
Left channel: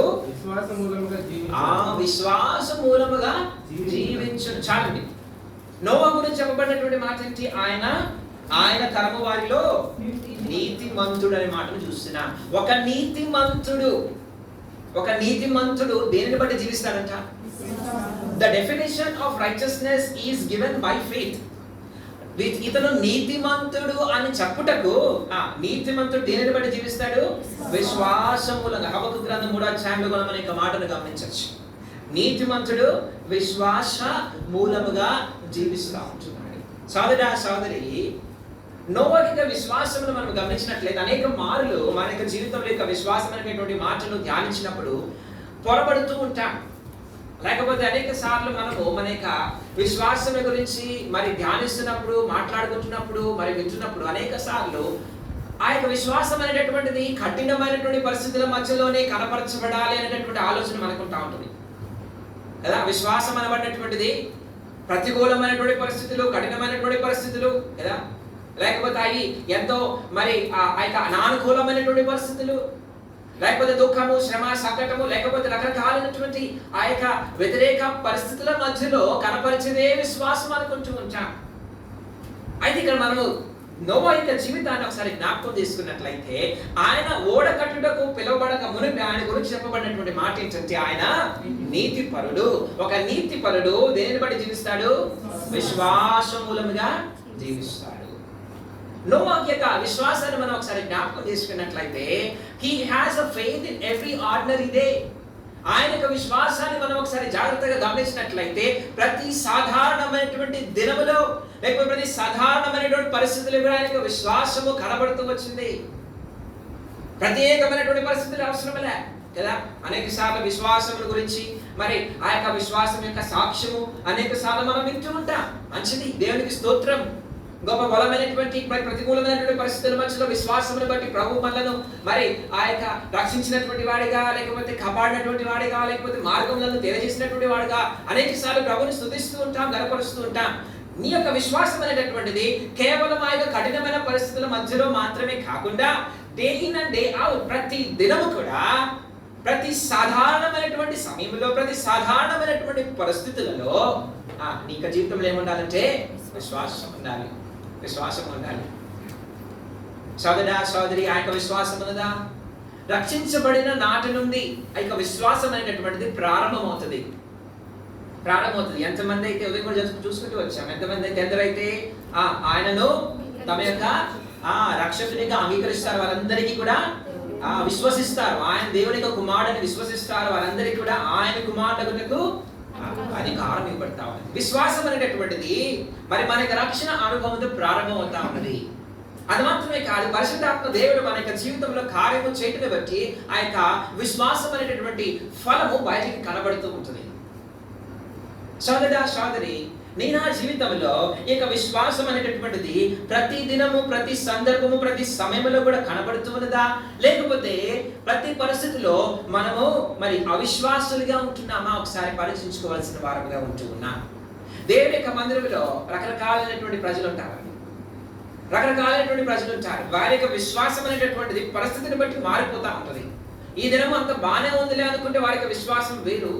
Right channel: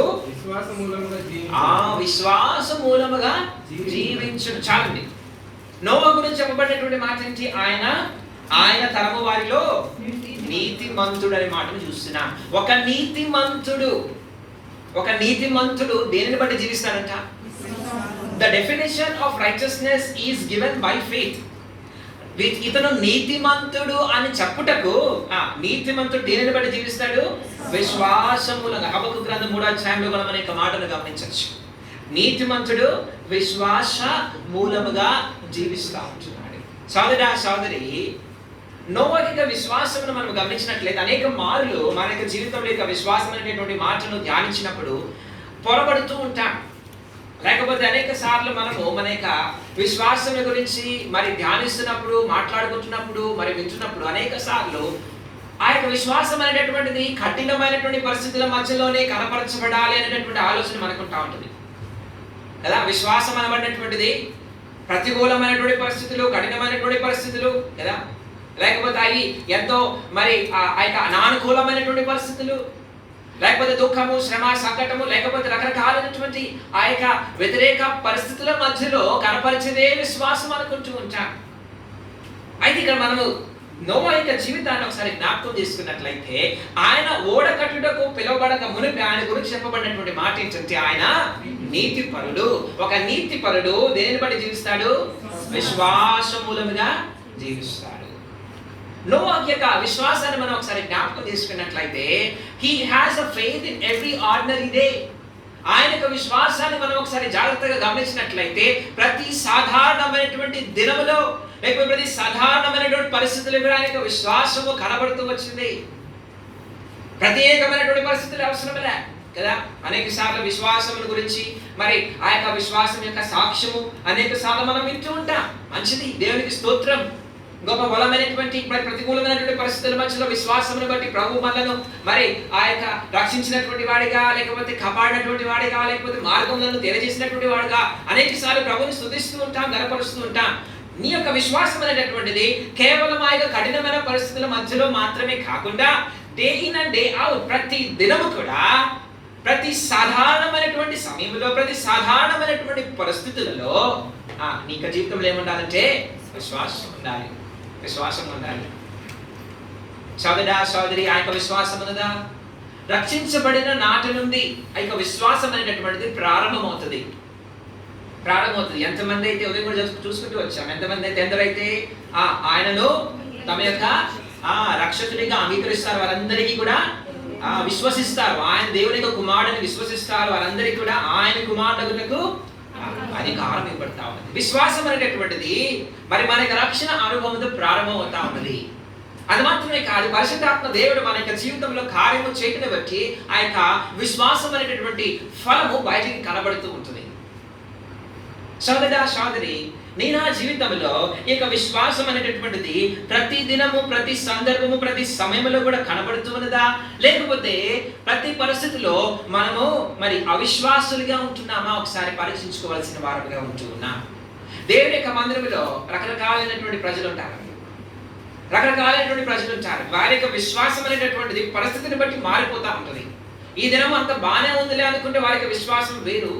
విశ్వాస మూలముగా జీవించును. చాలండి. నోవా గురించి చెప్పబడినటువంటి మాట ఏంటి? ఆయన తరము వారిలో నీతిమంతుడు అనే మాటను చూస్తున్నాం. ఒక నీతిమంతుడు దేనిని బట్టి జీవిస్తాడంట? The definition of righteousness is given by faith. ఇతను నీతిమంతుడు అని చెప్పుటకు నీతిమంతుడు దేనిని బట్టి జీవిస్తాడు? విశ్వాసం మూలంగా. హబక్కూకు గ్రంథం 3వ అధ్యాయంలో కూడా మనం ఈ మాటను గమనించవచ్చు. నీతిమంతుడు విశ్వాస మూలముగా జీవిస్తూ ఉంటున్నాడు. సోదరి, నోవా విశ్వాసమును మనం గమనించినట్లయితే అనేక మార్లు మన యొక్క జీవితంలో యొక్క విశ్వాసం అనేటువంటి మాటను ధ్యానించినప్పుడు పొరబడుతూ ఉంటాం. లేకపోతే అనేక సార్లు మనము మన యొక్క విశ్వాసం గురించి మరి ధ్యానిస్తున్నప్పుడు, మాట్లాడుకుంటున్నప్పుడు, మరి వింటున్నప్పుడు అనేక సార్లు ఆ యొక్క విశ్వాసం అనేటటువంటిది కఠినమైనటువంటి పరిస్థితుల మధ్యలోనే కనపరచబడాలి అనేటటువంటి ఆలోచన మనకుంటా ఉంటుంది కదా. విశ్వాసం అనబడినటువంటిది ప్రతికూలమైనటువంటి పరిస్థితులు, కఠినమైనటువంటి పరిస్థితులు కదా, లేకపోతే అవి ఎంతో మరి ఆ యొక్క అనానుకూలమైనటువంటి పరిస్థితులు, లేకపోతే దుఃఖము, శ్రమ, సంకటము, లేకపోతే రకరకాలైనటువంటి ఆ యొక్క వ్యతిరేక పరిస్థితుల మధ్యలో కనపరిచేదే విశ్వాసం అనుకుంటూ ఉంటాం. అయితే ఇక్కడ మనము నోవా యొక్క జీవితాన్ని ఒకసారి జ్ఞాపకం చేసుకున్నట్లయితే, ఆయన ఓడ కట్టుటకు పిలువబడక మునిపి ఆయన గురించి చెప్పబడినటువంటి మాట ఏంటంటే, ఆయన నీతిపరుడు. ఒక నీతిపరుడు దేనిని బట్టి జీవిస్తాడు? విశ్వాస మూలముగా జీవిస్తాడు. నోవా యొక్క విశ్వాసాన్ని మనం ఒకసారి జ్ఞాపకం చేసుకున్నట్లయితే, he has a faith in every ordinary day. ఆయన యొక్క విశ్వాసాన్ని మనం ఒకసారి జాగ్రత్తగా గమనించినట్లయితే, ప్రతి సాధారణమైనటువంటి దినములో లేకపోతే ప్రతి సాధారణమైనటువంటి పరిస్థితుల్లో కూడా ఆయన యొక్క విశ్వాసము కనబడుతూ వచ్చింది. ప్రత్యేకమైనటువంటి పరిస్థితులు అవసరం లే కదా. అనేక సార్లు విశ్వాసం గురించి మరి ఆ యొక్క విశ్వాసం యొక్క సాక్ష్యము అనేక సార్లు మనం వింటూ ఉంటాం. మంచిది, దేవునికి స్తోత్రం. గొప్ప బలమైనటువంటి ప్రతికూలమైనటువంటి పరిస్థితుల మధ్యలో విశ్వాసమును బట్టి ప్రభు మనలను మరి ఆ యొక్క రక్షించినటువంటి వాడిగా, లేకపోతే కాపాడినటువంటి వాడిగా, లేకపోతే మార్గములను తెలియజేసినటువంటి వాడిగా అనేక సార్లు ప్రభుని స్తుతిస్తూ ఉంటాం, గనపరుస్తూ ఉంటాం. నీ యొక్క విశ్వాసం అనేటటువంటిది కేవలం ఆ యొక్క కఠినమైన పరిస్థితుల మధ్యలో మాత్రమే కాకుండా day in and day out ప్రతి దినము కూడా, ప్రతి సాధారణమైనటువంటి సమయంలో, ప్రతి సాధారణమైనటువంటి పరిస్థితులలో నీ జీవితంలో ఏముండాలంటే విశ్వాసం ఉండాలి. విశ్వాసం ఉండాలి. సోదరా సోదరి, ఆ యొక్క విశ్వాసం ఉన్నదా? రక్షించబడిన నాటి నుండి ఆ యొక్క విశ్వాసం అనేటటువంటిది ప్రారంభమవుతుంది. ఎంతమంది అయితే ఉదయం కూడా చూసుకుంటూ వచ్చాం, ఎంతమంది అయితే ఎందరైతే ఆయనను తమ యొక్క రక్షకునిగా అంగీకరిస్తారు, వారందరికీ కూడా విశ్వసిస్తారు, ఆయన దేవుని యొక్క కుమారుడిని విశ్వసిస్తారు, వారందరికీ కూడా ఆయన కుమారులకు అధికారం ఇవ్వబడతా ఉన్నది. విశ్వాసం అనేటటువంటిది మరి మన యొక్క రక్షణ అనుభవంతో ప్రారంభం అవుతా ఉన్నది. అది మాత్రమే కాదు, పరిశుద్ధాత్మ దేవుడు మన యొక్క జీవితంలో కార్యము చేయటం బట్టి ఆ యొక్క విశ్వాసం అనేటటువంటి ఫలము బయటికి కనబడుతూ ఉంటుంది. సోదరా సోదరి, నీ నా జీవితంలో ఈ యొక్క విశ్వాసం అనేటటువంటిది ప్రతి దినము, ప్రతి సందర్భము, ప్రతి సమయంలో కూడా కనబడుతూ ఉన్నదా? లేకపోతే ప్రతి పరిస్థితిలో మనము మరి అవిశ్వాసులుగా ఉంటున్నామా? ఒకసారి పరీక్షించుకోవాల్సిన వారుగా ఉంటూ ఉన్నాం. దేవుని యొక్క మందిరంలో రకరకాలైనటువంటి ప్రజలు ఉంటారు. వారి యొక్క విశ్వాసం అనేటటువంటిది పరిస్థితిని బట్టి మారిపోతా ఉంటుంది. ఈ దినం అంత బాగానే ఉందిలే అనుకుంటే వారి యొక్క విశ్వాసం వేరు.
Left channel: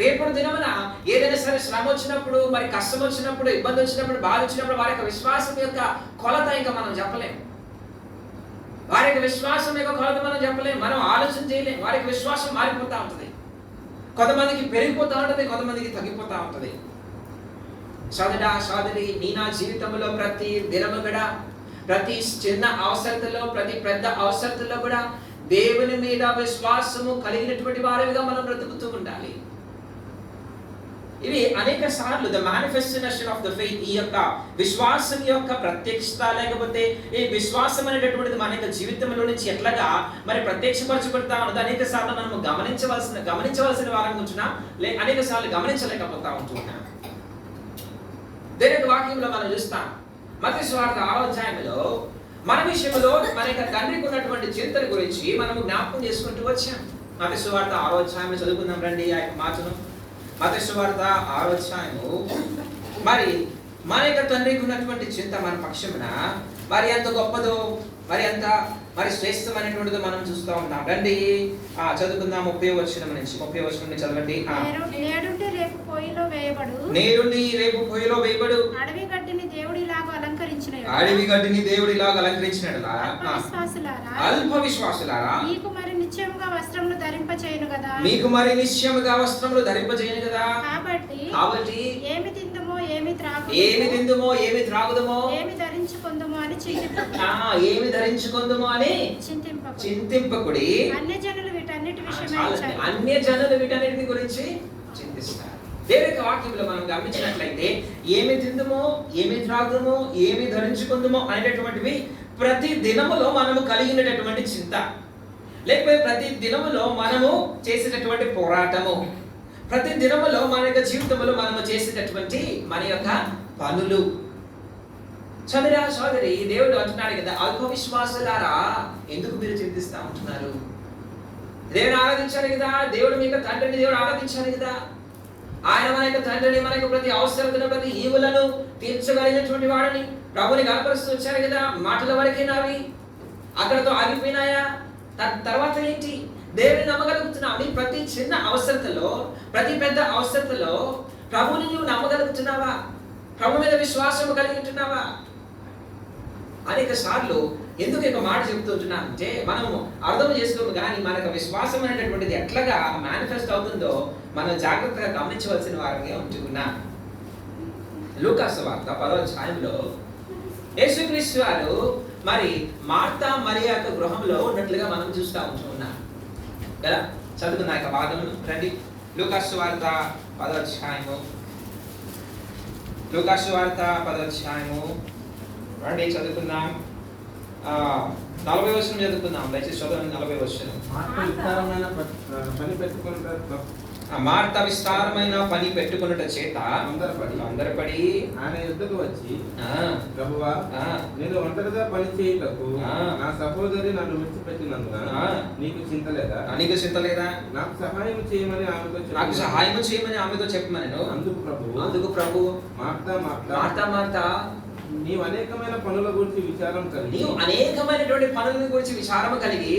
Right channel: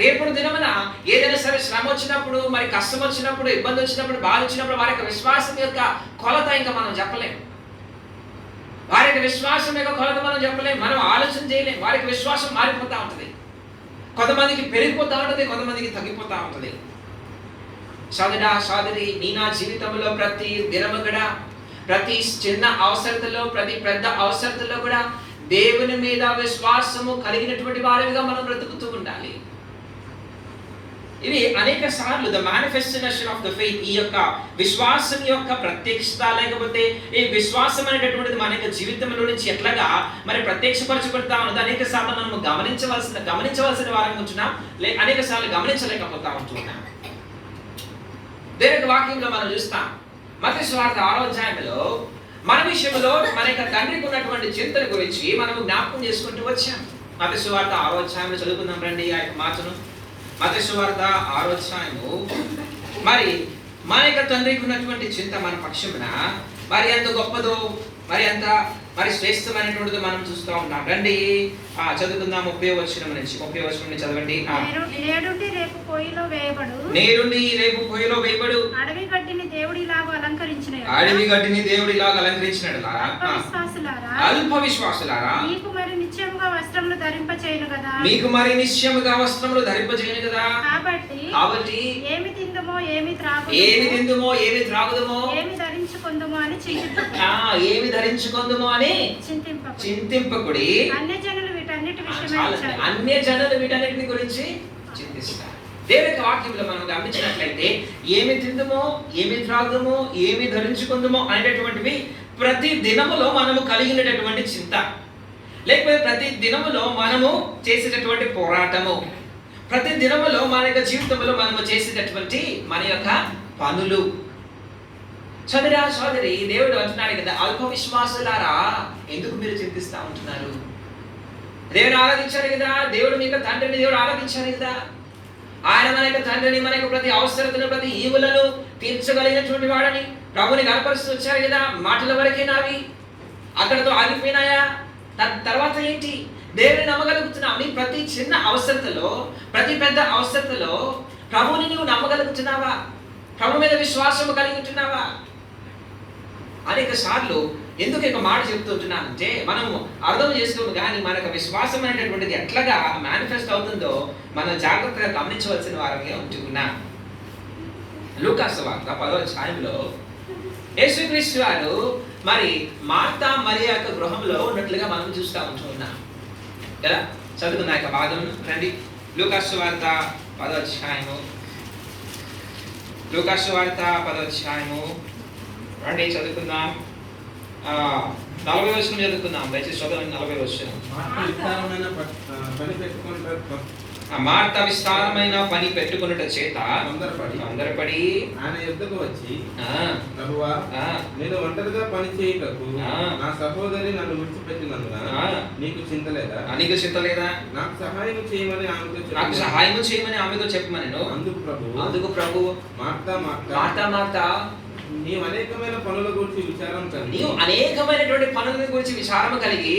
రేపు దినమున ఏదైనా సరే శ్రమ వచ్చినప్పుడు, మరి కష్టం వచ్చినప్పుడు, ఇబ్బంది వచ్చినప్పుడు, బాధ వచ్చినప్పుడు వారి యొక్క విశ్వాసం యొక్క కొలత ఇంకా మనం చెప్పలేం. వారి యొక్క విశ్వాసం యొక్క కొలత మనం చెప్పలేం, మనం ఆలోచన చేయలేం. వారికి విశ్వాసం మారిపోతా ఉంటుంది. కొంతమందికి పెరిగిపోతా ఉంటుంది, కొంతమందికి తగ్గిపోతా ఉంటుంది. సోదరా సోదరి, నీ నా జీవితంలో ప్రతి దినము కూడా, ప్రతి చిన్న అవసరతలో, ప్రతి పెద్ద అవసరతలో కూడా దేవుని మీద విశ్వాసము కలిగినటువంటి వారిగా మనం బ్రతుకుతూ ఉండాలి. ఇవి అనేక సార్లు the manifestation of the faith, ఈ యొక్క విశ్వాసం యొక్క ప్రత్యక్షత, లేకపోతే ఈ విశ్వాసం అనేటటువంటిది మన యొక్క జీవితంలో నుంచి ఎట్లాగా మరి ప్రత్యక్షపరచబడతా ఉన్నది అనేక సార్లు మనం గమనించవలసిన వారం ఉంటున్నాం, అనేక సార్లు గమనించలేకపోతా ఉంటున్నాం. దేవుని వాక్యంలో మనం చూస్తాం, మత్తయి సువార్త 6వ అధ్యాయంలో మన విషయంలో మన యొక్క తండ్రికి ఉన్నటువంటి చింతన గురించి మనము జ్ఞాపకం చేసుకుంటూ వచ్చాం. మత్తయి సువార్త 6వ అధ్యాయంలో చదువుకుందాం రండి ఆ యొక్క మాటను. మత్తయి సువార్త 6వ అధ్యాయము, మరి మన యొక్క తండ్రికి ఉన్నటువంటి చింత మన పక్షమున మరి ఎంత గొప్పదో, మరి శ్రేష్టమైనటువంటిదో మనం చూస్తూ ఉంటాం. రండి చదువుకుందాం. 30వ వచనం నుంచి చదవండి. నేడుండి రేపు పొయ్యిలో వేయబడు అడవి గడ్డిని దేవుడి లాగా అలంకరించినట్లా అల్ప విశ్వాసులారా, మీకు మరి నిశ్చయముగా వస్త్రములు ధరింపచేయును కదా. కాబట్టి ఏమి తిందుమో ఏమి త్రాగుదమో ఏమి ధరించుకొందుమో అని చింతింపకుడి. అన్యజనులు వీటన్నిటి గురించి చింతిస్తారు. దేవుని వాక్యంలో మనం గమనించినట్లయితే ఏమి తిందుమో, ఏమి త్రాగుదమో, ఏమి ధరించుకుందుమో అనేటటువంటివి ప్రతి దినములో మనము కలిగినటువంటి చింత, లేకపోతే ప్రతి దినములో మనము చేసేటటువంటి పోరాటము, ప్రతి దినములో మన యొక్క జీవితంలో మనము చేసేటటువంటి మన యొక్క పనులు. సోదరా సోదరి, దేవుడు అంటున్నాడు కదా, అల్ప విశ్వాసులారా ఎందుకు మీరు చింతిస్తా ఉంటున్నారు? దేవుని ఆరాధించారు కదా, దేవుడు మీ యొక్క తండ్రిని దేవుడు ఆరాధించారు కదా. ఆయన మన యొక్క తండ్రిని, మన యొక్క ప్రతి అవసరతను, ప్రతి ఈవులను తీర్చగలిగినటువంటి వాడని ప్రభుని కనపరుస్తూ వచ్చారు కదా. మాటల వరకే నావి అక్కడతో ఆగిపోయినాయా? తర్వాత ఏంటి? దేవుని నమ్మగలుగుతున్నావు. నీ ప్రతి చిన్న అవసరతలో, ప్రతి పెద్ద అవసరతలో ప్రభుని నీవు నమ్మగలుగుతున్నావా? ప్రభు మీద విశ్వాసం కలిగి ఉంటున్నావా? అనేక సార్లు ఎందుకు ఒక మాట చెప్తుంటున్నానంటే, మనం అర్థం చేసుకోము కానీ మన యొక్క విశ్వాసం అనేటటువంటిది ఎట్లాగా మేనిఫెస్ట్ అవుతుందో మనం జాగ్రత్తగా గమనించవలసిన వారంగా ఉంటున్నాం. లూకా సువార్త 10వ అధ్యాయంలో యేసుక్రీస్తు వారు మరి మార్తా మరియ యొక్క గృహంలో ఉన్నట్లుగా మనం చూస్తూ ఉంటున్నాం కదా. చదువుకున్న యొక్క భాగం రండి. లూకా సువార్త 10వ అధ్యాయము, రండి చదువుకుందాం. 40వ వచనం చదువుకుందాం. దయచేసి చదవండి 40వ వచనం. ఆ మార్త విస్తారమైన పని పెట్టుకున్నట చేత తొందరపడి ఆయన యుద్ధకు వచ్చి, ఆ, ప్రభువా, ఆ, నేను ఒంటరిగా పని చేయుటకు ఆ, నా సహోదరి నన్ను విడిచిపెట్టినందున ఆ, నీకు చింత లేదా? నీకు చింత లేదా? నాకు సహాయం చేయమని ఆమెతో నాకు చెప్పాను. సహాయం చేయమని ఆమెతో చెప్పమని. అందుకు ప్రభు, మార్తా మార్తా, మార్తా, నీవు అనేకమైన పనుల గురించి విచారం కలిగి నీవు అనేకమైనటువంటి పనుల గురించి విచారము కలిగి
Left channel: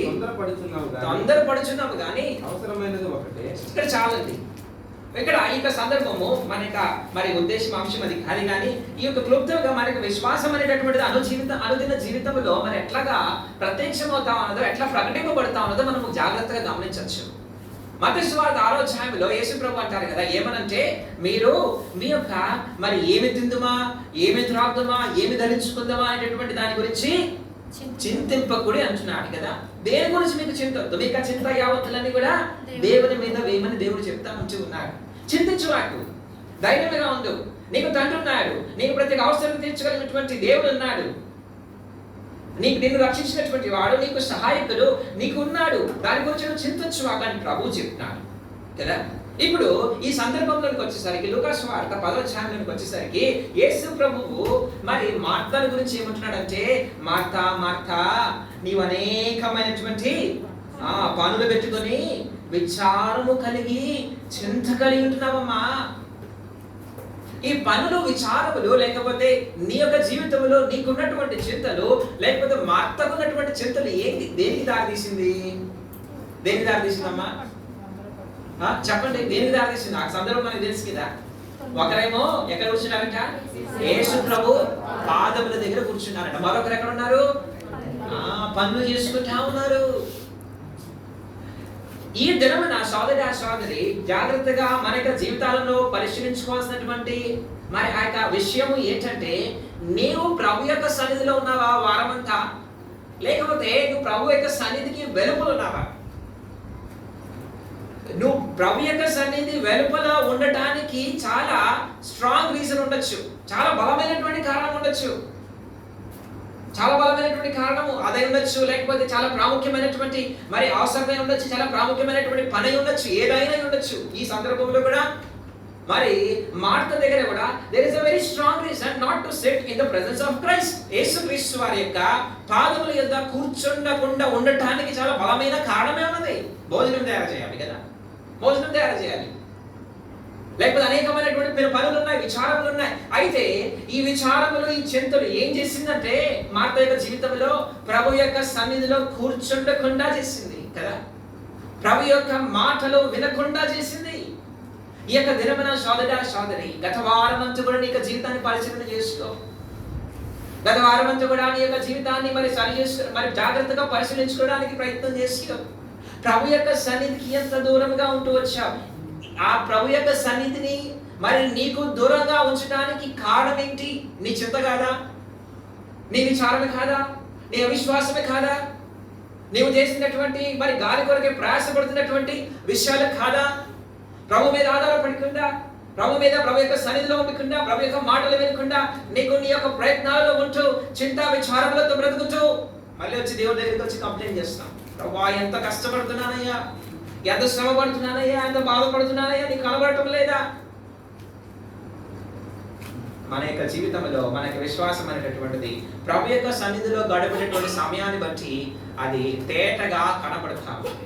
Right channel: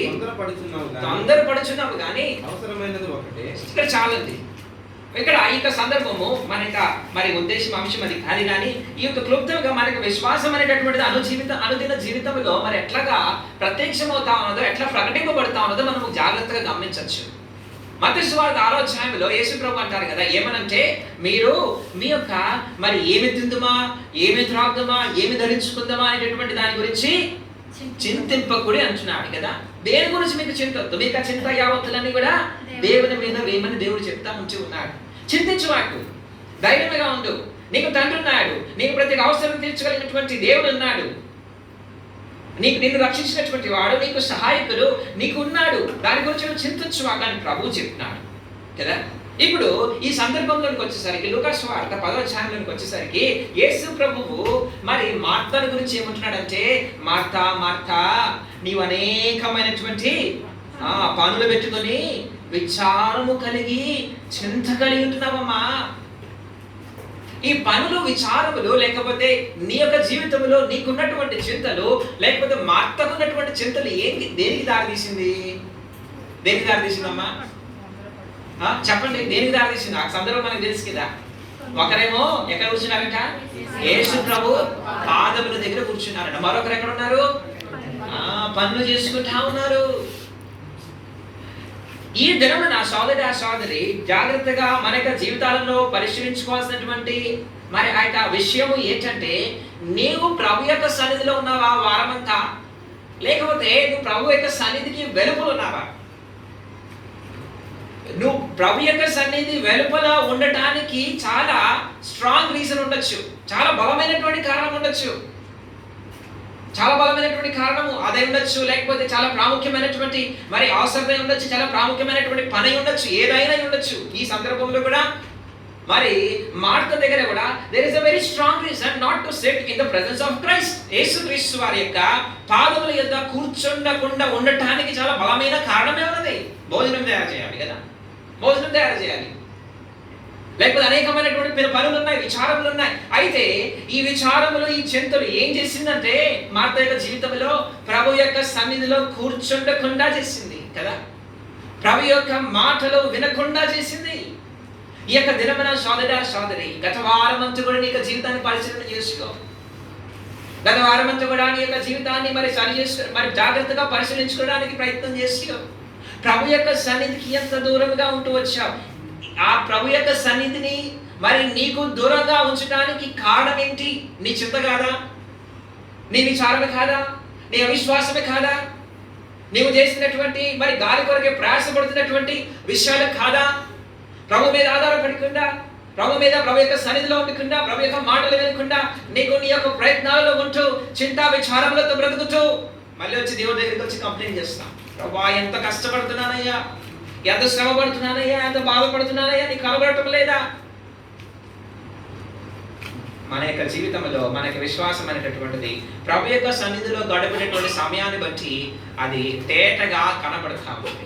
తొందరపడుచున్నావు కానీ అవసరమైనది ఒకటే. ఇక్కడ చాలండి. ఇక్కడ ఈ యొక్క సందర్భము మన యొక్క మరి ఉద్దేశం అంశం అది కాదు. కానీ ఈ యొక్క క్లుప్తంగా మనకు విశ్వాసం అనేటటువంటిది అనుదిన జీవితంలో మరి ఎట్లాగా ప్రత్యక్షమవుతా ఉన్నదో, ఎట్లా ప్రకటింపబడతా ఉన్నదో మనము జాగ్రత్తగా గమనించవచ్చు. మత్తయి సువార్త 6వ అధ్యాయంలో యేసు ప్రభు అంటారు కదా, ఏమనంటే మీరు మీ యొక్క మరి ఏమి తిందుమా, ఏమి త్రాగుదామా, ఏమి ధరించుకుందామా అనేటటువంటి దాని గురించి చింతింపకుడి అంటున్నాడు కదా. దేని గురించి మీకు చింతొద్దు, మీకు ఆ చింత యావత్తులన్నీ కూడా దేవుని మీద వేయమని దేవుడు చెప్తా ఉంచి ఉన్నాడు. చింతించువాడు, ధైర్యంగా ఉండు, నీకు తండ్రి ఉన్నాడు, నీకు ప్రతి అవసరం తీర్చగలిగినటువంటి దేవుడు ఉన్నాడు, నిన్ను రక్షించినటువంటి వాడు, నీకు సహాయకుడు నీకు ఉన్నాడు, దాని గురించి నువ్వు చింతించువాడు అని ప్రభువు చెప్తున్నాడు కదా. ఇప్పుడు ఈ సందర్భంలోకి వచ్చేసరికి లూకా సువార్త 10వ అధ్యాయంలోకి వచ్చేసరికి యేసు ప్రభువు మరి మార్తా గురించి ఏమంటున్నాడంటే, మార్తా మార్తా, నీవు అనేకమైనటువంటి పనులు పెట్టుకొని విచారము కలిగి చింత కలిగి ఉంటున్నావమ్మా. ఈ పనులు, విచారములు, లేకపోతే నీ యొక్క జీవితంలో నీకున్నటువంటి చింతలు, లేకపోతే మార్తకున్నటువంటి చింతలు దేనికి దారితీసింది? దేనికి దారితీసిందమ్మా? చెప్పండి, దేనికి దారితీసింది? ఆ సందర్భం మనకు తెలుసు కదా. ఒకరేమో ఎక్కడ కూర్చున్నారంట? యేసు ప్రభు పాదముల దగ్గర కూర్చున్నారంట. మరొకరు ఎక్కడ ఉన్నారు? పనులు చేసుకుంటా ఉన్నారు. ఈ దినమున సోదరి జాగ్రత్తగా మన యొక్క జీవితాలలో పరిశీలించుకోవాల్సినటువంటి మరి ఆ యొక్క విషయం ఏంటంటే, నీవు ప్రభు యొక్క సన్నిధిలో ఉన్నావా వారమంతా, లేకపోతే నువ్వు ప్రభు యొక్క సన్నిధికి వెలుపల ఉన్నావా? నువ్వు ప్రభు యొక్క సన్నిధి వెలుపల ఉండటానికి చాలా స్ట్రాంగ్ రీజన్ ఉండొచ్చు, చాలా బలమైనటువంటి కారణం ఉండొచ్చు, చాలా బలమైనటువంటి కారణము అదే ఉండొచ్చు, లేకపోతే చాలా ప్రాముఖ్యమైనటువంటి మరి అవసరం ఉండొచ్చు, చాలా ప్రాముఖ్యమైనటువంటి పని ఉండొచ్చు, ఏదైనా ఉండొచ్చు. ఈ సందర్భంలో కూడా మరి మార్త దగ్గర కూడా there is a very strong reason not to sit in the presence of Christ. యేసుక్రీస్తు వారి యొక్క పాదముల యొద్ద కూర్చుండకుండా ఉండటానికి చాలా బలమైన కారణమే ఉన్నది. భోజనం తయారు చేయాలి కదా, భోజనం తయారు చేయాలి, లేకపోతే అనేకమైనటువంటి పనులు ఉన్నాయి, విచారములు ఉన్నాయి. అయితే ఈ విచారములు, ఈ చింతలు ఏం చేసిందంటే మార్త యొక్క జీవితంలో ప్రభు యొక్క సన్నిధిలో కూర్చుండకుండా చేసింది కదా, ప్రభు యొక్క మాటలు వినకుండా చేసింది. ఈ యొక్క దినమున సోదరి గత వారమంతా కూడా నీ యొక్క జీవితాన్ని పరిశీలన చేసుకో. గత వారమంతా కూడా నీ యొక్క జీవితాన్ని మరి సరి చేసుకో, మరి జాగ్రత్తగా పరిశీలించుకోవడానికి ప్రయత్నం చేసుకో. ప్రభు యొక్క సన్నిధికి ఎంత దూరంగా ఉంటూ వచ్చావు? ఆ ప్రభు యొక్క సన్నిధిని మరి నీకు దూరంగా ఉంచడానికి కారణం ఏంటి? నీ చింత కాదా? నీ విచారమే కాదా? నీ అవిశ్వాసమే కాదా? నీవు చేసినటువంటి మరి గాలి కొరకే ప్రయాసపడుతున్నటువంటి విషయాలు కాదా? ప్రభు మీద ఆధారపడకుండా, ప్రభు మీద, ప్రభు యొక్క సన్నిధిలో ఉండకుండా, ప్రభు యొక్క మాటలు వినకుండా నీకు నీ యొక్క ప్రయత్నాలలో ఉంటూ చింతా విచారములతో బ్రతుకుతూ మళ్ళీ వచ్చి దేవుడి దగ్గరికి వచ్చి కంప్లైంట్ చేస్తున్నాం, ప్రభా ఎంత కష్టపడుతున్నానయ్యా, ఎంత శ్రమ పడుతున్నానయ్యా, ఎంత బాధపడుతున్నానయ్యా, నీకు కనబడటం లేదా? మన యొక్క జీవితంలో మన యొక్క విశ్వాసం అనేటటువంటిది ప్రభు యొక్క సన్నిధిలో గడిపినటువంటి సమయాన్ని బట్టి అది తేటగా కనబడతా ఉంది.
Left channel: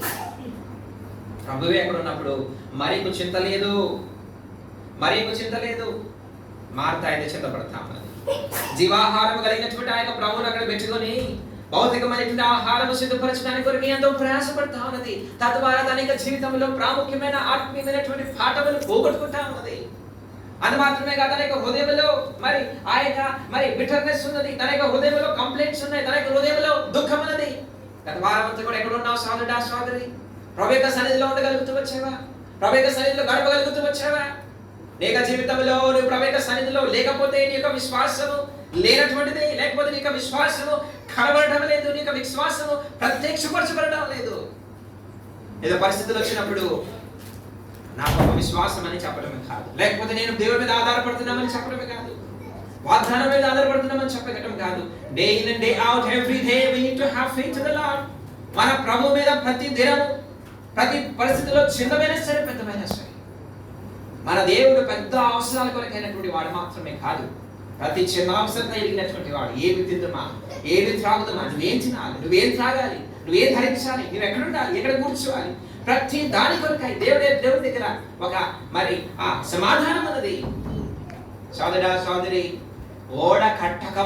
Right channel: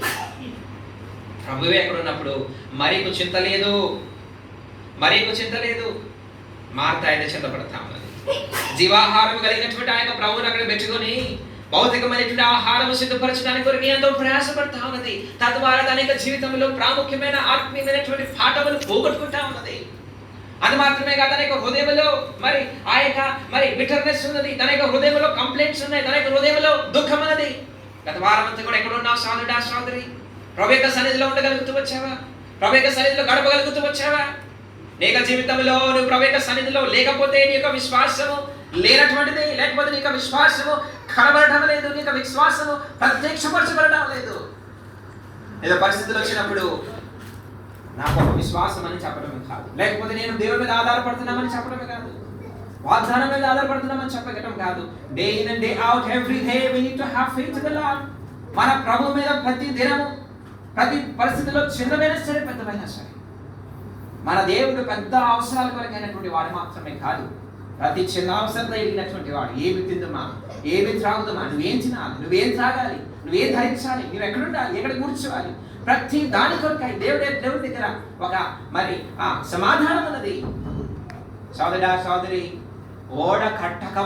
ప్రభువే ఎక్కడ ఉన్నప్పుడు మరీకు చింత లేదు, మార్త అయితే చింతపడతా ఉన్నది. జీవాహారం కలిగినటువంటి ఆయన ప్రభువుని అక్కడ పెట్టుకొని భౌతికమైనటువంటి ఆహారము సిద్ధపరచడానికి కొరకు ఎంతో ప్రయాసపడతా ఉన్నది. తద్వారా తన యొక్క జీవితంలో ప్రాముఖ్యమైన ఆత్మీయమైనటువంటి పాఠములు పోగొట్టుకుంటా ఉన్నది. అది మాత్రమే కాదు, తన యొక్క హృదయంలో మరి ఆ యొక్క మరి బిటర్నెస్ ఉన్నది, తన యొక్క హృదయంలో కంప్లైంట్స్ ఉన్నాయి, తన యొక్క హృదయంలో దుఃఖం ఉన్నది. గత వారం అంతా కూడా ఎక్కడ ఉన్నావు సోదరి? ప్రభు యొక్క సన్నిధిలో ఉండగలుగుతూ వచ్చావా? ప్రభు యొక్క సన్నిధిలో గడపగలుగుతూ వచ్చావా? నీ యొక్క జీవితంలో నువ్వు ప్రభు యొక్క సన్నిధిలో లేకపోతే నీ యొక్క విశ్వాసము లేనటువంటిది, లేకపోతే నీ యొక్క విశ్వాసము కనబడటం లేదు, నీ యొక్క విశ్వాసము ప్రత్యక్షపరచబడటం లేదు. ఏదో పరిస్థితులు వచ్చినప్పుడు నా గొప్ప విశ్వాసం అని చెప్పడమే కాదు, లేకపోతే నేను దేవుడి మీద ఆధారపడుతున్నామని చెప్పడమే కాదు, వాగ్దానం మీద ఆధారపడుతున్నామని చెప్పడం కాదు. Day in and day out every day we need to have faith in the Lord. మన ప్రభు మీద ప్రతి దినము, ప్రతి పరిస్థితిలో చిన్నమైనా సరే పెద్దమైనా సరే మన దేవుడు పెద్ద అవసరాల కొరకైనటువంటి వాడు మాత్రమే కాదు, ప్రతి చిన్న అవసరంతో ఎదిగినటువంటి వాడు. ఏమి తిందుమా, ఏమి త్రాగుదమా, నువ్వేం తినాలి, నువ్వేం త్రాగాలి, నువ్వేం ధరించాలి, నువ్వు ఎక్కడ ఉండాలి, ఎక్కడ కూర్చోవాలి, ప్రతి దాని కొరకై దేవుడి దగ్గర ఒక మరి సమాధానం ఉన్నది. సోదరి, ఓడ కట్టక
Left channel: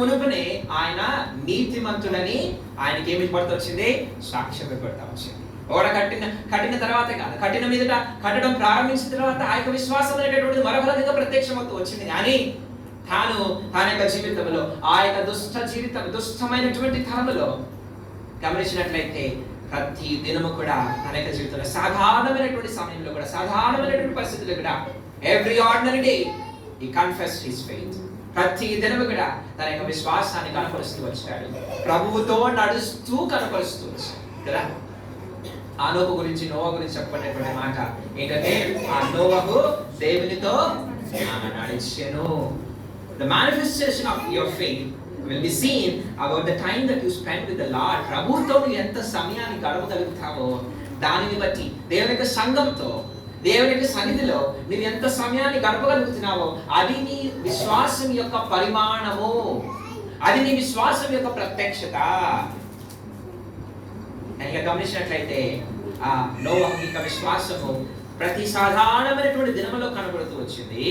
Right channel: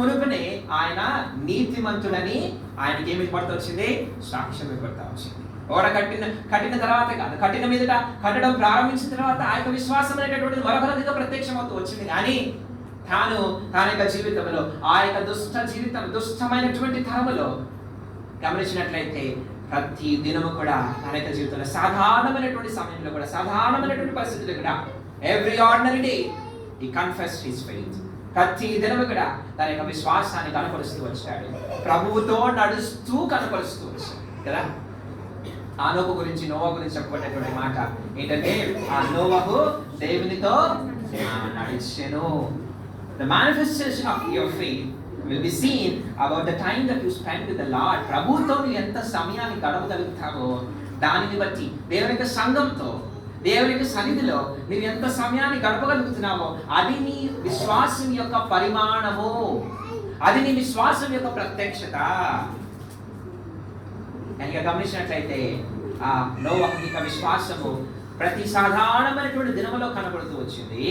మునుపునే ఆయన నీతిమంతుడని ఆయనకి ఏమి పడుతూ వచ్చింది, సాక్ష్యం పడుతూ వచ్చింది. ఓడ కట్టిన తర్వాత కాదు, కట్టడం ప్రారంభించిన తర్వాత ఆ యొక్క విశ్వాసం అనేటటువంటిది మరొకరిగా ప్రత్యక్షమవుతూ వచ్చింది. కానీ తన యొక్క జీవితంలో ఆ యొక్క దుష్టమైనటువంటి తరములో గమనించినట్లయితే ప్రతి దినము కూడా తన యొక్క జీవితంలో సాధారణమైనటువంటి సమయంలో కూడా, సాధారణమైనటువంటి పరిస్థితుల్లో కూడా, every ordinary day he confessed his faith. ప్రతి దినము కూడా తన యొక్క విశ్వాసాన్ని కనపరుస్తూ వచ్చాడు, ప్రభువుతో నడుస్తూ కనపరుస్తూ వచ్చాడు కదా. నోవహు గురించి చెప్పబడినటువంటి మాట ఏంటంటే, ఆ నోవహు దేవునితో నడిచెను. The manifestation of your faith will be seen about the time that you spend with the Lord. ప్రభువుతో నువ్వు ఎంత సమయాన్ని గడపగలుగుతావో దానిని బట్టి, దేవుని యొక్క సంఘంతో, దేవుని యొక్క సన్నిధిలో నువ్వు ఎంత సమయాన్ని గడపగలుగుతున్నావో అది నీ విశ్వాసం యొక్క పరిమాణము, అది నీ విశ్వాసం యొక్క ప్రత్యక్షత. కనుక గమనించినట్లయితే ఆ నోవహు యొక్క విశ్వాసము ప్రతి సాధారణమైనటువంటి దినములో కనబడుతూ వచ్చింది.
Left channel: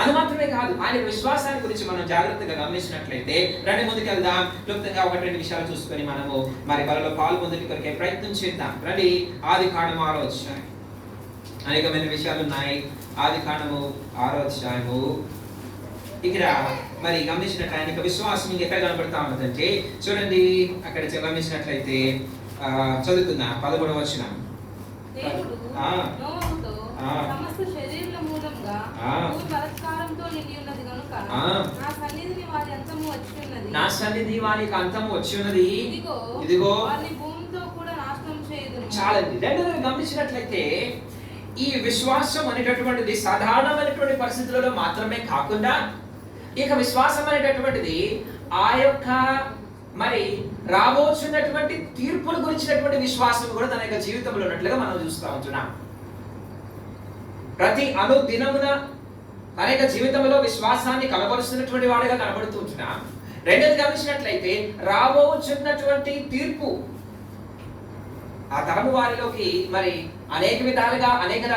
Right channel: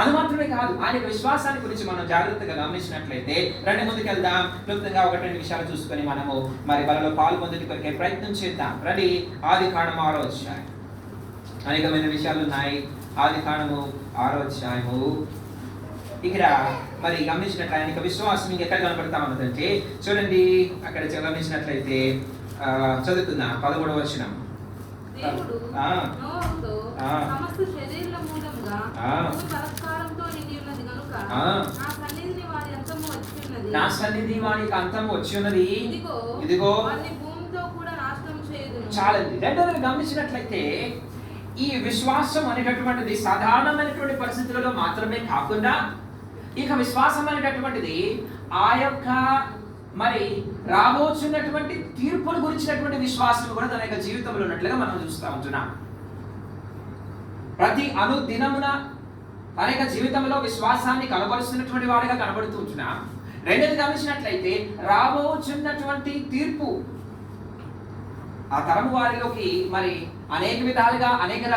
అది మాత్రమే కాదు, ఆయన యొక్క విశ్వాసాన్ని గురించి మనం జాగ్రత్తగా గమనించినట్లయితే రండి ముందుకెళ్దాం. క్లుప్తంగా 1-2 విషయాలు చూసుకొని మనము మరి బలలో పాల్పొందుటి కొరికే ప్రయత్నం చేద్దాం. రండి ఆదికాండము 6వ అధ్యాయం. అనేకమైన విషయాలు ఉన్నాయి. ఆదికాండము 6వ అధ్యాయము. ఇక్కడ మరి గమనించినట్లయితే ఆయన యొక్క విశ్వాసం ఇంకెక్కడ కనబడతా ఉన్నదంటే చూడండి, అక్కడ గమనించినట్లయితే చదువుకుందాం 13వ వచనం. దేవుడు నోవహుతో సమస్త శరీరుల మూలంగా భూమి బలత్కారంతో నిండి ఉన్నది గనుక నా సన్నిధిని వారి అంతము వచ్చి ఉన్నది. ఇదిగో వారిని భూమితో కూడా నాశనం చేయదును. చాలండి. రెండోది గమనించినట్లయితే ఈ విశ్వాసం అనేటటువంటిది సాధారణమైనటువంటి పరిస్థితులలో మాత్రమే కాకుండా, ఈ యొక్క విశ్వాసం అనేటటువంటిది ఆ యొక్క మరి రాబోతున్నటువంటి తీర్పుల గురించినటువంటి విశ్వాసం కూడా తన యొక్క జీవితంలో ఉన్నట్లుగా మనం చూస్తూ ఉంటున్నాం. ప్రతి అనుదినమున తన యొక్క జీవితంలో విశ్వాసాన్ని కనబరుస్తున్నటువంటి వాడిగా కనబడుతూ ఉంటున్నాం. రెండోది గమనించినట్లయితే రాబోతున్నటువంటి తీర్పు ఆ తరము వారిలోకి మరి అనేక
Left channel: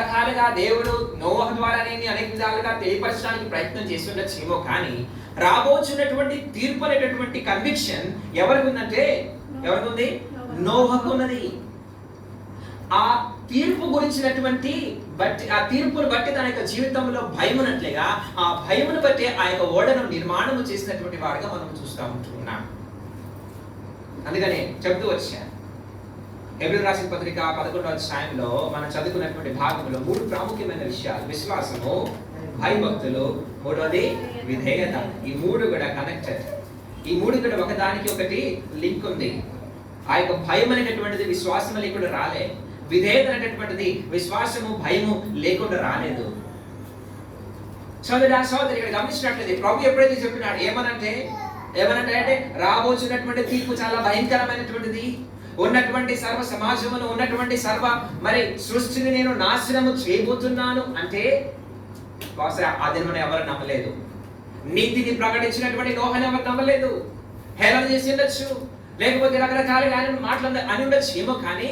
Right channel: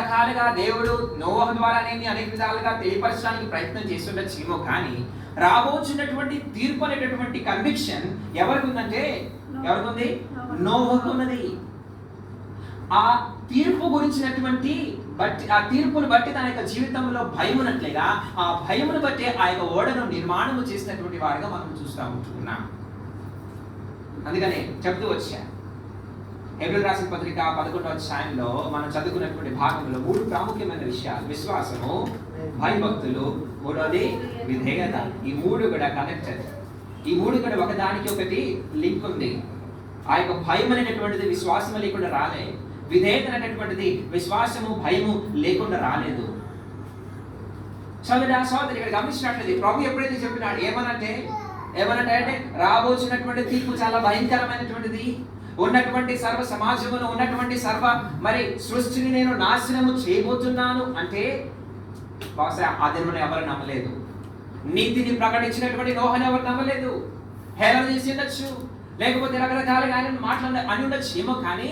రకాలుగా దేవుడు నోవహు ద్వారానే అనేక విధాలుగా తెలియపరచడానికి ప్రయత్నం చేస్తుండొచ్చేమో, కానీ రాబోతున్నటువంటి తీర్పు అనేటటువంటి కన్విక్షన్ ఎవరికి ఉందంటే, ఎవరికి ఉంది? నోవహుకు ఉన్నది. ఆ తీర్పు గురించినటువంటి ఆ తీర్పును బట్టి తన యొక్క జీవితంలో భయమునట్లుగా, ఆ భయమును బట్టి ఆ యొక్క ఓడను నిర్మాణము చేసినటువంటి వాడిగా మనం చూస్తూ ఉంటున్నాం. అందుకనే చెప్తూ వచ్చా, హెబ్రీయులకు రాసిన పత్రిక 11వ అధ్యాయంలో మనం చదువుకున్నటువంటి భాగంలో 3 ప్రాముఖ్యమైన విషయాలు: విశ్వాసము, భయభక్తులు, మూడోది విధేయత. ఈ 3 కూడా కనెక్టెడ్. ఈ 3 కూడా ఒకదానికి ఒకటి లింక్ ఉంది. ఆ యొక్క భయం అనేటటువంటిది విశ్వాసం లేకుండా రాలే, విధేయత అనేటటువంటిది విశ్వాసము భయము లేకుండా రాలేదు. సోదరి ఇక్కడ గమనించినట్లయితే ప్రభు ఎప్పుడైతే చెప్పినాడు ఏమనంటే రాబోతున్నటువంటి తీర్పు చాలా భయంకరమైనటువంటిది, ఉన్నటువంటి సర్వ సమాజమును, ఉన్నటువంటి సర్వ మరి సృష్టిని నేను నాశనము చేయబోతున్నాను అంటే బహుశా ఆ దినమున ఎవరు నమ్మలేదు. నీతిని ప్రకటించినటువంటి నోహను ఎవరు నమ్మలేదు. హేళన చేసి ఉండొచ్చు, లేకపోతే రకరకాలుగా ఆయన మాటలు అని ఉండొచ్చు ఏమో, కానీ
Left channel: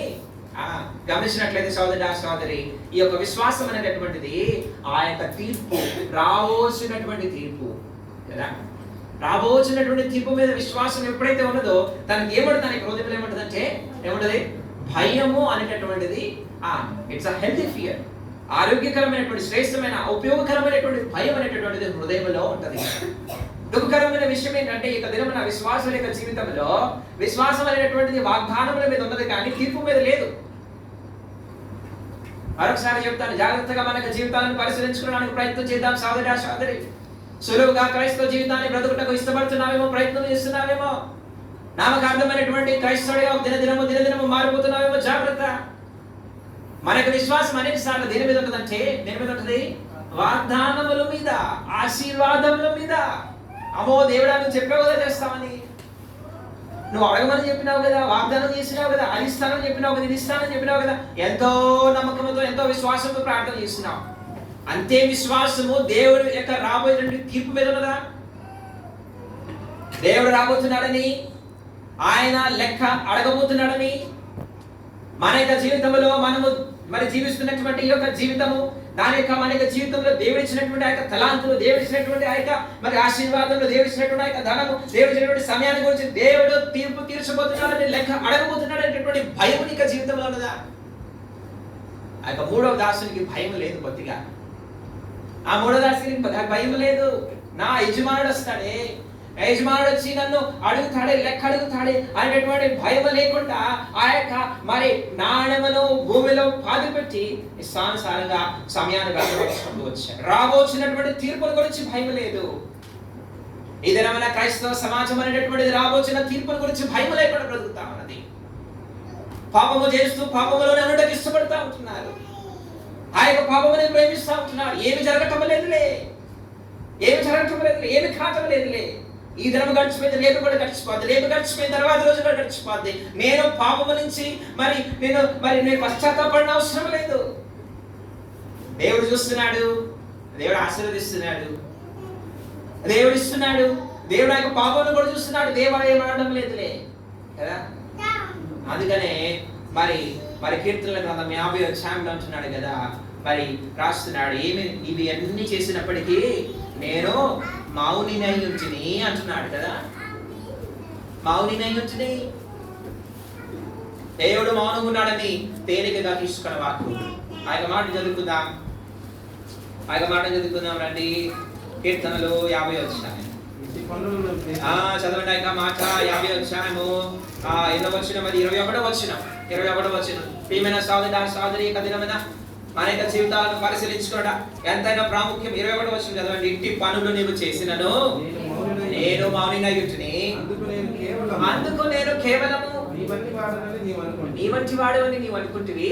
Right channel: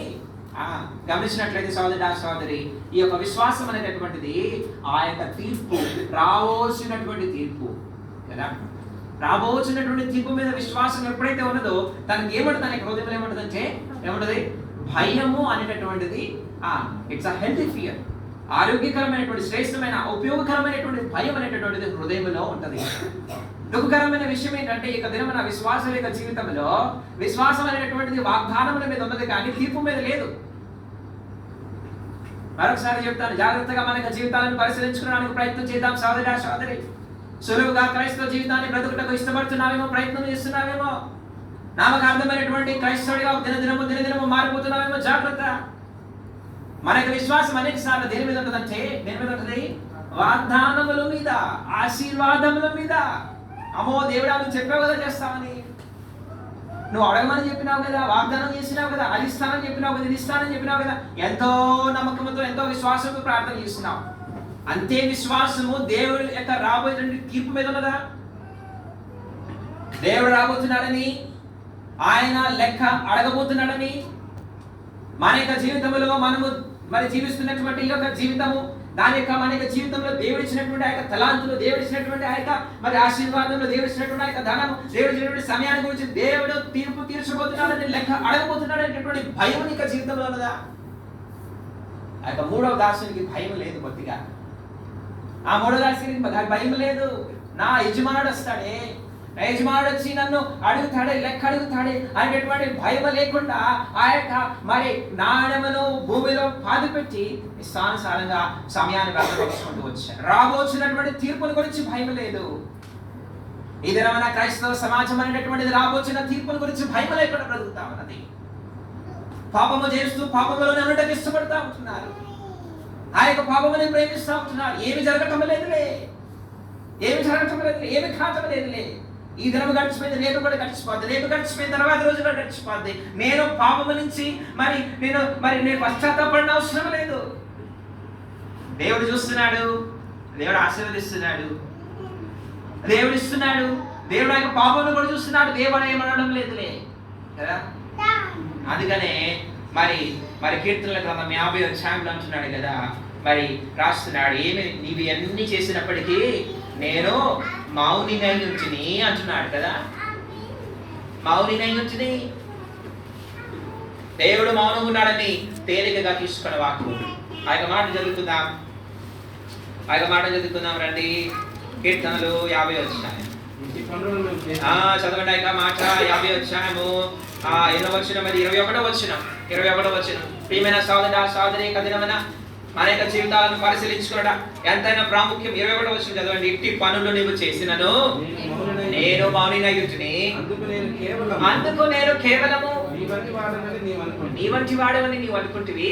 గమనించినట్లయితే సోదరి ఈ యొక్క విశ్వాసం అనేటటువంటిది ఆ యొక్క తీర్పు, రాబోతున్నటువంటి తీర్పు కదా, రాబోతున్నటువంటి తీర్పు మీద విశ్వాసం ఎప్పుడైతే ఉన్నదో తనకి ఏమంటుంది, తనకి హృదయంలో ఏమంటుంది అంటే ఏమంటుంది, భయము అనేటటువంటిది ఇట్స్ అ హెల్తీ ఫియర్, ఆరోగ్యకరమైనటువంటి శ్రేష్టమైన ఉపయోగకరమైనటువంటి భయం అనేటటువంటిది హృదయంలో ఉంటుంది. దుఃఖకరమైన విషయం ఏంటంటే ఇక దినమున విశ్వాసం యొక్క జీవితంలో విశ్వాసం అనేటటువంటిది వాగ్దానముల మీద ఉన్నది కానీ తీర్పు మీద లేదు. మరొకసారి చెప్తాను, జాగ్రత్తగా మన యొక్క జీవితాలను పరిశీలించుకోవడానికి ప్రయత్నం చేద్దాం. సోదరి సులువుగా క్రైస్తవ జీవితాన్ని బ్రతుకుటకు ఇష్టపడుతున్నావేమో, ప్రయత్నం చేస్తున్నావేమో, నామకార్థమైనటువంటి క్రైస్తవుడిగా దినదినము మారిపోతున్నావేమో. జాగ్రత్త. మన యొక్క విశ్వాసం అనేక సార్లు దేని మీద ఉంటుందంటే, దేని మీద ఉంటుంది? వాగ్దానముల మీద, ఆశీర్వాదముల మీద. అమ్మో దేవుడా నువ్వు చెప్పే కదా చేస్తామని. నువ్వు అడగమని చెప్పినావు కదా, వాగ్దానం చేసినావు కదా, అది ఇస్తానని చెప్పినావు కదా, ఇది ఇస్తానని చెప్పినావు కదా, ఎంతో నమ్మకంతో ఎంతో విశ్వాసంతో ప్రార్థన చేస్తున్నావు. అంతే విశ్వాసము దేవుడి యొక్క రాబోయే తీర్పు మీద ఉన్నదా? దేవుడు రాబోతున్నాడని, ఆయన లెక్క అడగబోతున్నాడని, మన యొక్క జీవితంలో మనము మరి జీవిస్తున్నటువంటి ఈ యొక్క జీవితము, దాని యొక్క మన యొక్క జీవితంలో దేవుడు ఇచ్చినటువంటి ఆ యొక్క తలాంతులు, దేవుడు ఇచ్చినటువంటి ఆ యొక్క మరి ఆశీర్వాదంలో, దేవుడు ఇచ్చినటువంటి ఆ యొక్క ధనము, దేవుడు ఇచ్చినటువంటి సమయాన్ని గురించి దేవుడు తీర్పు తీర్చబోతున్నాడని, లెక్క అడగబోతున్నాడు అనేటటువంటి భయం నీకు జీవితంలో ఉన్నదా? ఆ యొక్క మూడవ దాసునికి భయం లేదు కొద్దిగా. ఆ మూడవ దాసునికి భయం లేదు. నా యజమానుడు వస్తాడే, యజమానుడు వచ్చి నన్ను అడుగుతాడే, లెక్క అడుగుతాడే అనేటువంటి భయం లేకుండా ఆ యొక్క మరి నాణ్యమును భూమిలో పాతిపెట్టి ఇష్టానుసారంగా సమయాన్ని భద్రపరుచుకుంటూ వచ్చాడు. రాబోతున్నటువంటి తీర్పుల గురించి భయం లేదు. ఈ దినమైన క్రైస్తవ సమాజం అనేటటువంటిది రాబోతున్న తీర్పుల గురించి భయం లేకుండా బ్రతుకుతా ఉన్నది. పాపము చేస్తూ పాపములోనే ఉండటం ఇష్టపడతా ఉంటున్నారు. ఆ యొక్క పాపముని ప్రేమిస్తూ ఉంటున్నారు. ఏమి జరగటం లేదులే, ఏమి జరగటం లేదులే, ఏమి కాటం లేదులే. ఈ దినం గడిచిపోయింది, రేపు కూడా గడిచిపోద్ది, రేపు గడిచిపోయిన తర్వాత రోజు కూడా గడిచిపోద్ది. నేను పాపము నుంచి నేను పశ్చాత్తాపడిన అవసరం లేదు. దేవుడు చూస్తున్నాడు, దేవుడు ఆశీర్వదిస్తున్నాడు, దేవుడు ఇస్తున్నాడు, దేవుడు యొక్క పాపమును కూడా చూస్తున్నాడు. దేవుడు ఏమనడం లేదులే కదా. అందుకనే మరి కీర్తనల గ్రంథం 50వ అధ్యాయంలో అంటున్నాడు కదా, మరి రాస్తున్నాడు, ఏమి నీవి అన్ని చేసినప్పటికీ నేను మౌనినై ఉంచిని అంటున్నాడు కదా. మౌనినై ఉంచిని, దేవుడు మౌనంగా ఉన్నాడని తేలికగా తీసుకున్న వాక్కు. ఆ యొక్క మాట చదువుకుందాం రండి. కీర్తనలు 50వ అధ్యాయం చదవండి. ఆ మాట 50వ అధ్యాయము 8వ వచనం, మరి 21వ వచనం. ప్రియమైన సోదరి కదినమైన మన యొక్క జీవితాలను పరిశీలించుకోవడం ఎంతైనా ప్రాముఖ్యం. 21వ వచనం చదవండి. ఇంటి పనులు నీవు చేసినను నేను మౌనినై ఉంటిని, అందుకు నేను కేవలము నీ వంటి వాడవని నీవు అనుకుంటివి.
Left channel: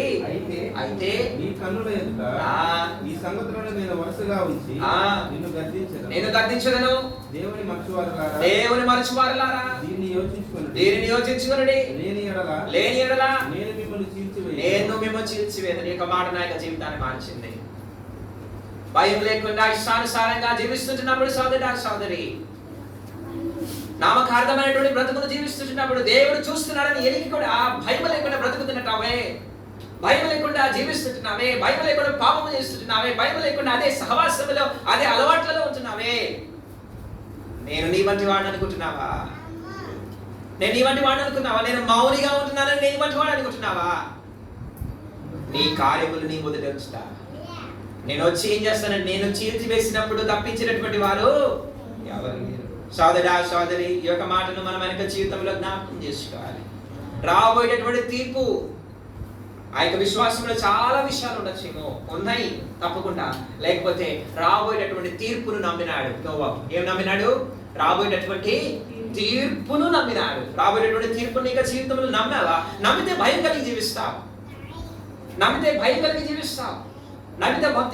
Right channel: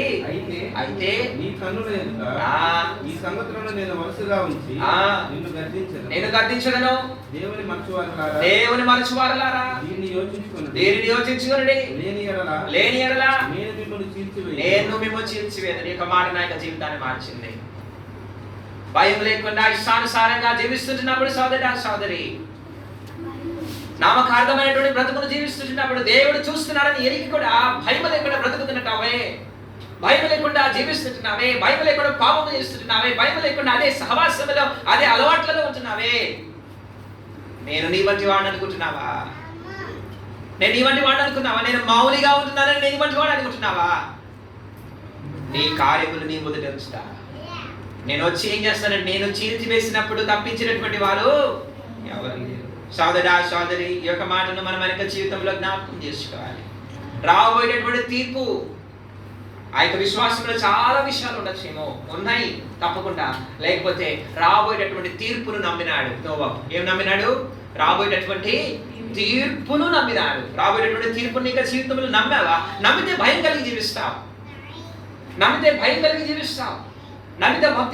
అయితే నీ కన్నుల ఎదుట ఈ సంగతులను నేను వరుసగా ఉంచి నేను గద్దించదను. దేవుని మరచువారలారా దీన్ని యోచించుకొనుడి. లేని ఎడల నేను మిమ్మల్ని చీల్చివేదని యొక్క మాట నా యొక్క జీవితాన్ని మార్చింది. భయం లేకుండా ఇష్టానుసారంగా జీవిస్తుంటున్నప్పుడు సోదరి నామకార్థమైనటువంటి బ్రతుకును జీవిస్తున్నప్పుడు దేవుడు చూస్తున్నాడని ఎరిగి కూడా భయం లేకుండా బ్రతుకుతున్నట్టావే, భయం లేకుండా జీవిస్తుంటున్నావే, భయం లేకుండా పాపం చేస్తుంటున్నావే, భయం లేకుండా అదే సహవాసంలో అదే అలవాట్లలో ఉంటున్నావే. నేను నీ వంటి వాడిని అనుకుంటున్నావా? నేను నీ వంటి వాడిని అనుకున్నావా? నేను మౌనిగా ఉంటున్నానని నేను వంటి వాడు అనుకుంటున్నావా? నీ కార్యములు నీ మొదట ఉంచుతా. నేను వచ్చి ఏం చేస్తానంటే, నేను చీల్చి వేసినప్పుడు తప్పించినటువంటి వారు ఎవరు లేరు. సోదరి, ఈ యొక్క మాటను మనం మన జీవితంలో జ్ఞాపకం చేసుకోవాలి. రాబోయేటటువంటి తీర్పు, ఆ యొక్క విశ్వాసంలో చాలా విషయాలు ఉండొచ్చేమో, ఉన్నాయి తప్పకుండా. లేకపోతే రాబోయేటటువంటి తీర్పును నమ్మినాడు నోవహు. ఏం నమ్మినాడు? రాబోయేటటువంటి తీర్పును నమ్మినాడు. రాబోయేటటువంటి తీర్పుని ఇంకా జీవితంలో నమ్మావా? నమ్మితే భయం కలిగి జీవిస్తావు, నమ్మితే భక్తి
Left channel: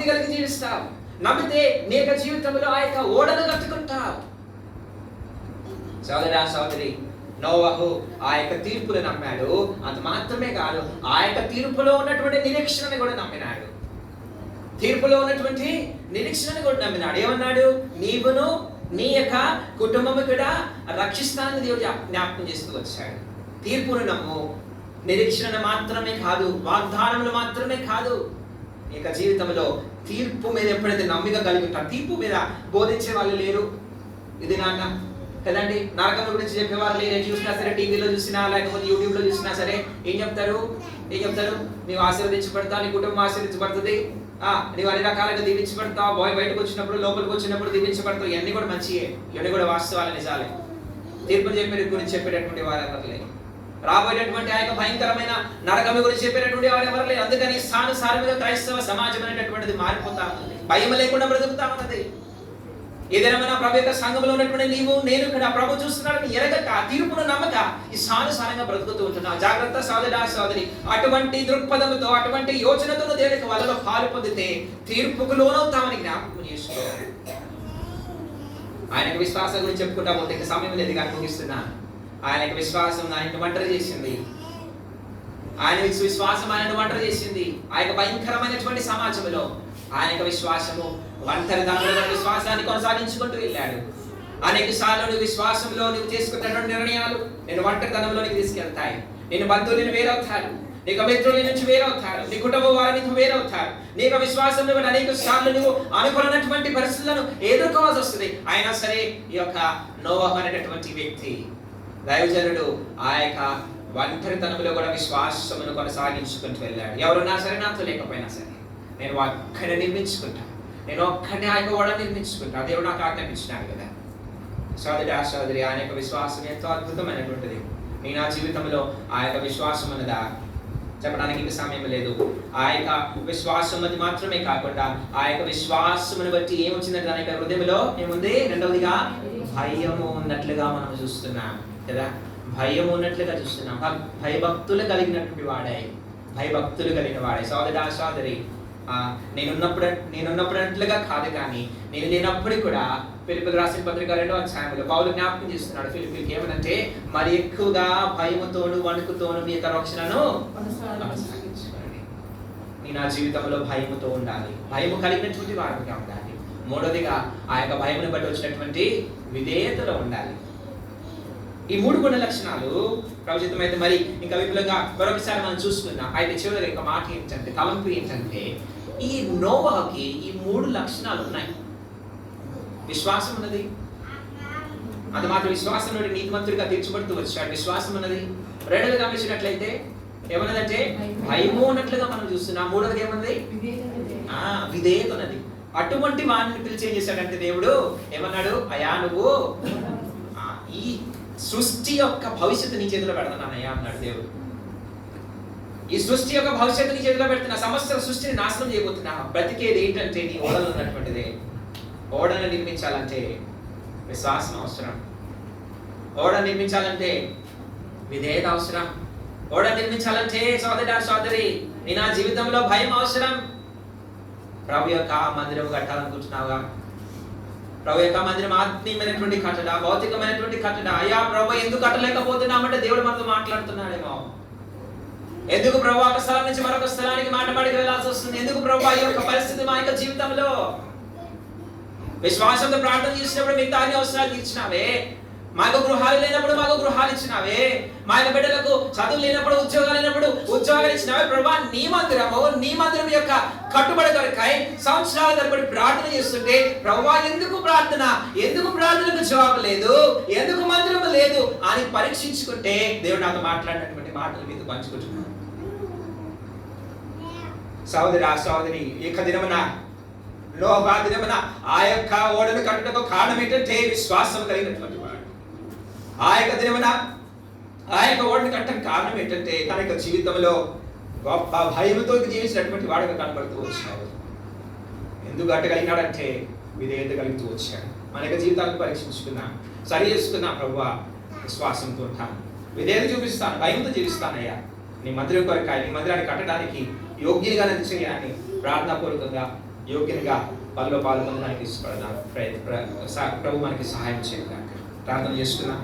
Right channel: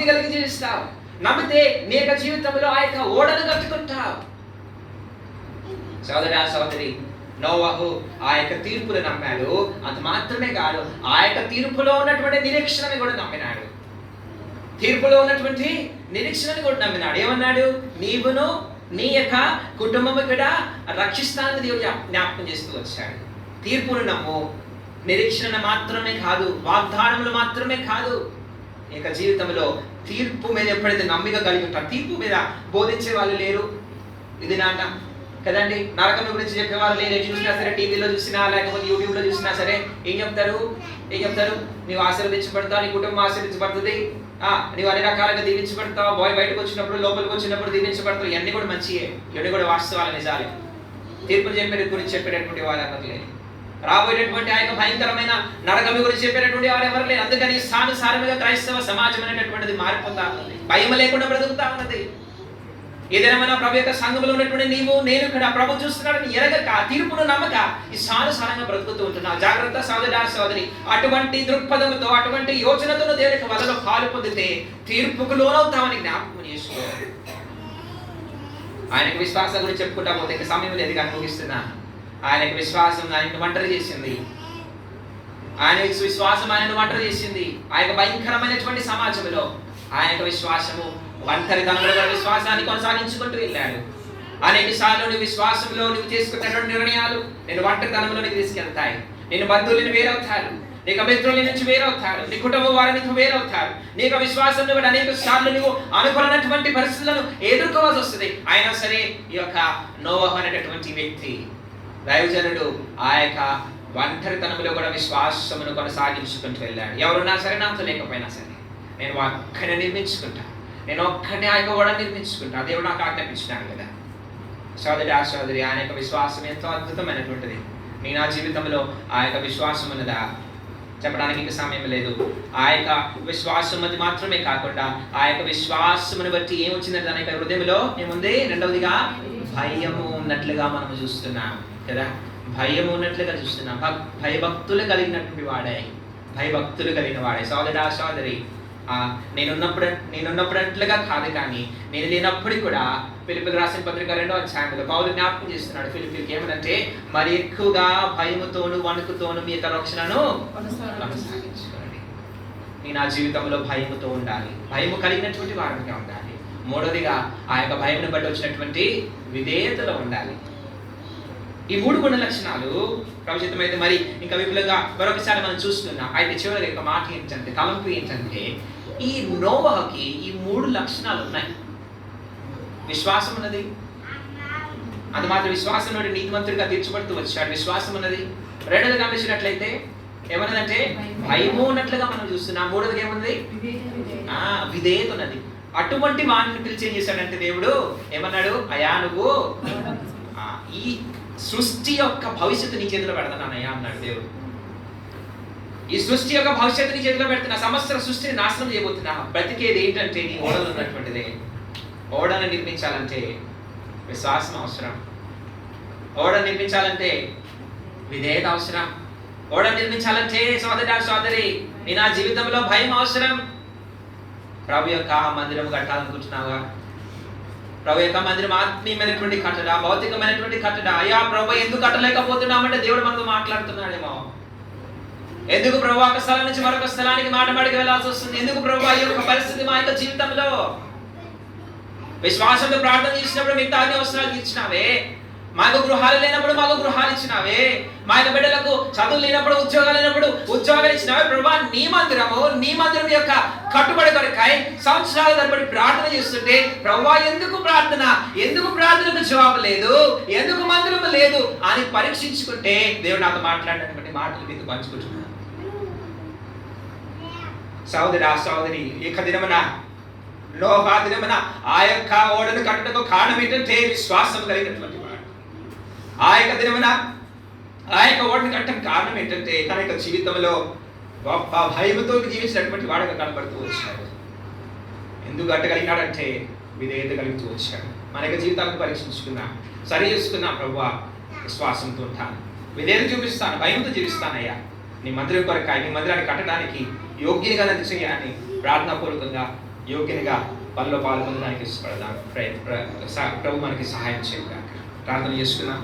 కలిగి జీవిస్తావు, నమ్మితే నీ యొక్క జీవితంలో ఆ యొక్క ఓడను కట్టుకుంటావు. సోదరి, నోవహు ఆ యొక్క తీర్పును నమ్మాడు. అది మాత్రమే కాదు, ఆ యొక్క తీర్పులో ఉన్నటువంటి నిరీక్షణని కూడా నమ్మినాడు. ఏమన్నాడు? నీవును నీ యొక్క కుటుంబము కూడా రక్షిస్తానని దేవుడు జ్ఞాపకం చేస్తూ వచ్చాడు. తీర్పును నమ్ము. నిరీక్షణ మాత్రమే కాదు, వాగ్దానములు మాత్రమే కాదు, ఈ యొక్క జీవితంలో తీర్పు మీద ఎప్పుడైతే నమ్మిక కలిగి ఉంటాం. తీర్పు మీద బోధించే వాళ్ళు లేరు ఇది నాట కదండి. నరకం గురించి చెప్పేవాళ్ళు లేరు. చూసినా సరే, టీవీలో చూసినా లేకపోతే యూట్యూబ్లో చూసినా సరే ఏం చెప్తారు? నీవు ఆశీర్వదించబడతావు, నీ కుటుంబం ఆశీర్వదించబడుతుంది, నీవు అన్ని రకాలుగా దీవించబడతావు, బయటకు వచ్చినప్పుడు లోపలికి వచ్చినప్పుడు దీవించబడతావు. ఇవన్నీ కూడా మంచియే, ఇవన్నీ కూడా వాస్తవాలు, నిజాలే. తీర్పులు చెప్పే గురించి చెప్పేటటువంటి వారు ఎవరు లేరు. రాబోయేటటువంటి ఆ యొక్క భయంకరమైన నరకం గురించి చెప్పేటటువంటి వారు ఎవరు లేరు. అందుకని సానుసారముగా క్రైస్తవ సమాజం అనేటటువంటిది మారిపోతా ఉన్నది, భయం లేకుండా బ్రతుకుతా ఉన్నది. ఏదైనా ప్రభు యొక్క సంఘంలో ఉన్నటువంటి నీవు నేను కూడా ప్రభు చూస్తున్నాడని ఎరగక, తీర్పును నమ్మక ఈ సానుసారంగా బ్రతుకుతూ ఉంటున్నావు. జాగ్రత్త సోదరి. అటువంటి దృక్పథంతో, అటువంటి యోచనతో దేవునికి వలలో పాలు పొందితే తీర్పుకు లోనవుతామని జ్ఞాపకం చేసుకోవాలి. ఆయనకు విశ్వాసం గురించి చెప్పుకుంటా పోతే సమయం లేదు కానీ ముగిస్తున్నా. ఆయనకు విశ్వాసం ఆయనను ఒంటరి చేసింది. ఆయన విశ్వాసం ఆయనను ఒంటరి చేసింది. ఆ యొక్క భయంకరమైనటువంటి సమాజంలో ఆయన విశ్వాసము ఒంటరితనంలో విశ్వాసాన్ని కొనసాగించుకుంటూ వెళ్ళాడు. అనేక సార్లు నువ్వు విశ్వాసంలో నువ్వు చేసుకున్నటువంటి నిర్ణయాలు నేను ఒంటరితనంలో నీకు తీసుకెళ్తాయి. నేను బంధువులను వేరవుతారు, నీకు మిత్రుల నుంచి వేరవుతారు, నీ కుటుంబ వారి నుంచి వేరవుతారు. నీకు విశ్వాసంలో కూడా అనేక సార్లు నువ్వు అనుకున్నటువంటి పరిస్థితులను ఎదుర్కోవాల్సి వస్తుంది. అయినా సరే ఈ యొక్క నోవహు అనేటటువంటి వ్యక్తి దైవజనుడు ఆ యొక్క ఒంటరితనంలో కూడా విశ్వాసమును కొనసాగించుకుంటూ వెళ్ళాడు. ఎవరున్నా సరే నాతో లేకపోయినా సరే నేను ఒక్కడే నిర్మించుకుంటా, నేను ఒక్కడే ఆ యొక్క ఓడ నిర్మించుకుంటా. దేవుడు నాకు ఆజ్ఞాపించినాడు కదా. సోదరి ఆయన యొక్క విశ్వాసం ఎంతో అద్భుతమైనటువంటిది. నీ నా జీవితంలో ఆ యొక్క విశ్వాసం ఉన్నదా చెప్పడానికి ఇంకా సమయం లేదు. ఆ యొక్క విశ్వాసం అది మాత్రమే కాకుండా ఆ యొక్క విశ్వాసమును బట్టి ఏమొచ్చిందంటే దాని యొక్క హృదయంలో ఏముంది? రెండవదిగా భయము ఉన్నట్లుగా మనం చూస్తున్నాం కదా. భయం ఉన్నట్లుగా చూస్తున్నాం. భయభక్తులు కలిగినటువంటి వాడే, భయభక్తులు కలిగిన వాడే. సోదరి నేనున్నప్పుడంట్లుగా కాదు, కానీ నేను లేనప్పుడు కూడా ఫిలిప్పీయులకు రాసిన పత్రిక 2వ అధ్యాయంలో పౌలు జ్ఞాపకం చేస్తున్నాడు ఫిలిప్పీయులకు ఏమనంటే, మరి ఎక్కువగా భయముతోను వణుకుతోను మీ యొక్క రక్షణను కొనసాగించుకోండి. నేను ఆ జీవితంలో భయముతో ఉండాలి, భయము కలిగినటువంటి వాడిగా ఉండాలి. మూడవదిగా ఆ యొక్క భయమును బట్టి వచ్చినటువంటి విధేయతలో ఉండాలి. ఈ 3 గుణ లక్షణాలు ప్రభుత్వం అయితే మరి ఇంకా విపులంగా మరొకసారి మనం చూస్తున్నాం. అయితే చివరిగా ఒక మాట ఏంటంటే, కలంపు ఏంటంటే, ఈ నోవహుకి ఈ 3 లక్షణాలు ఉన్నాయి. విశ్వాసం ఉన్నది, అది మాత్రం విశ్వాసం నుండి నీతిమంతుడిగా తీర్చబడుతూ వచ్చాడు. విశ్వాసం ఉన్నది. రెండోది గమనించినట్లయితే ఏమన్నదంటే భయము ఉన్నట్లుగా మనం చూస్తున్నాం. మూడోది ఏమన్నది? విధేయత ఉన్నది. అటువంటి వాడిని పిలిచి ఏం చేశాడంటే దేవుడు ఏమన్నాడు? అయా నువ్వు ఈ సృష్టి యొక్క భవిష్యత్తు నీ చేతిలో పెడతానయ్యా అన్నాడు దేవుడు. ఈ సృష్టి యొక్క భవిష్యత్తు నీ చేతిలో పెడుతున్నా, సమస్త సృష్టిని నాశనం చేయబోతున్నా. బ్రతికేది ఏంటంటే నీ ఓడలు ఉన్నటువంటిదే. ఓడను నిర్మించాలంటే విశ్వాసం అవసరం, ఓడ నిర్మించాలంటే విధేయత అవసరం, ఓడ నిర్మించాలంటే సోదరి నీ నా జీవితంలో భయం అవసరం. ప్రభు యొక్క మందిరం కట్టాలనుకుంటున్నావా? ప్రభు యొక్క మందిరం ఆత్మీయమైనటువంటి కట్టడ, భౌతికమైనటువంటి కట్టడ. అయ్యా ప్రభు ఎందుకు కట్టలేకపోతున్నామంటే దేవుడు మనతో మాట్లాడుతున్నాడేమో. ఎందుకు ప్రభు ఒక స్థలం నుంచి మరొక స్థలానికి మాటమాడికి వెళ్ళాల్సి వస్తుంది? ఎందుకు ప్రభు ఈ యొక్క పరిస్థితి మా యొక్క జీవితంలో? విశ్వాసంతో ప్రార్థన చేసినప్పుడు మిగతా అన్ని అవసరాలు తీర్చినావే, మాకు గృహాలు లేనప్పుడు మాకు గృహాలు ఇచ్చినావే, మా యొక్క బిడ్డలకు చదువు లేనప్పుడు ఉద్యోగాలు లేనప్పుడు ఉద్యోగాలు ఇచ్చినావే. ప్రభా నీ మందిరం యొక్క కట్టుబడి కొరకై సంవత్సరాల తరబడి ప్రార్థన చేస్తుంటే ప్రభా ఎందుకు ప్రార్థనకు జవాబు లేదు, ఎందుకు మందిరం లేదు అని పరీక్షించుకుంటే దేవుడు నాతో మాట్లాడినటువంటి మాటలు మీతో పంచుకుంటున్నాను. సోదరి ఏక దినమున నోవహు దినమున ఆ యొక్క ఓడను కట్టుటకు కారణం ఏంటంటే విశ్వాసం కలిగినటువంటి వాడు. ఆ యొక్క దినమున ఆ యొక్క ఓడను కట్టడం కారణం ఏంటంటే తన యొక్క జీవితంలో గొప్ప భయముతో జీవించినటువంటి వాడుగా కనబడుతూ వచ్చాడు. ఎందుకు కట్టగలిగినాడంటే విధేయత కలుగుతూ వచ్చాడు. మన యొక్క జీవితాలను పరీక్షించుకున్నా, సరి చేసుకున్నా. ప్రభువా విశ్వాసంతో ఉంటాను, విధేయత చూపిస్తాను, భయంతో జీవిస్తానయ్యా. నీ మందిరం కొరకాయ నీ మందిరాన్ని కట్టడానికి యోగ్యునిగా నన్ను చేయాలని ప్రార్థనాపూర్వకంగా యోగ్యునిగా పనిలో పాల్గొనడానికి ఇష్టపడదాం. ప్రభు మనకి సహాయం చేయగా ప్రార్థన చేసుకున్నాం.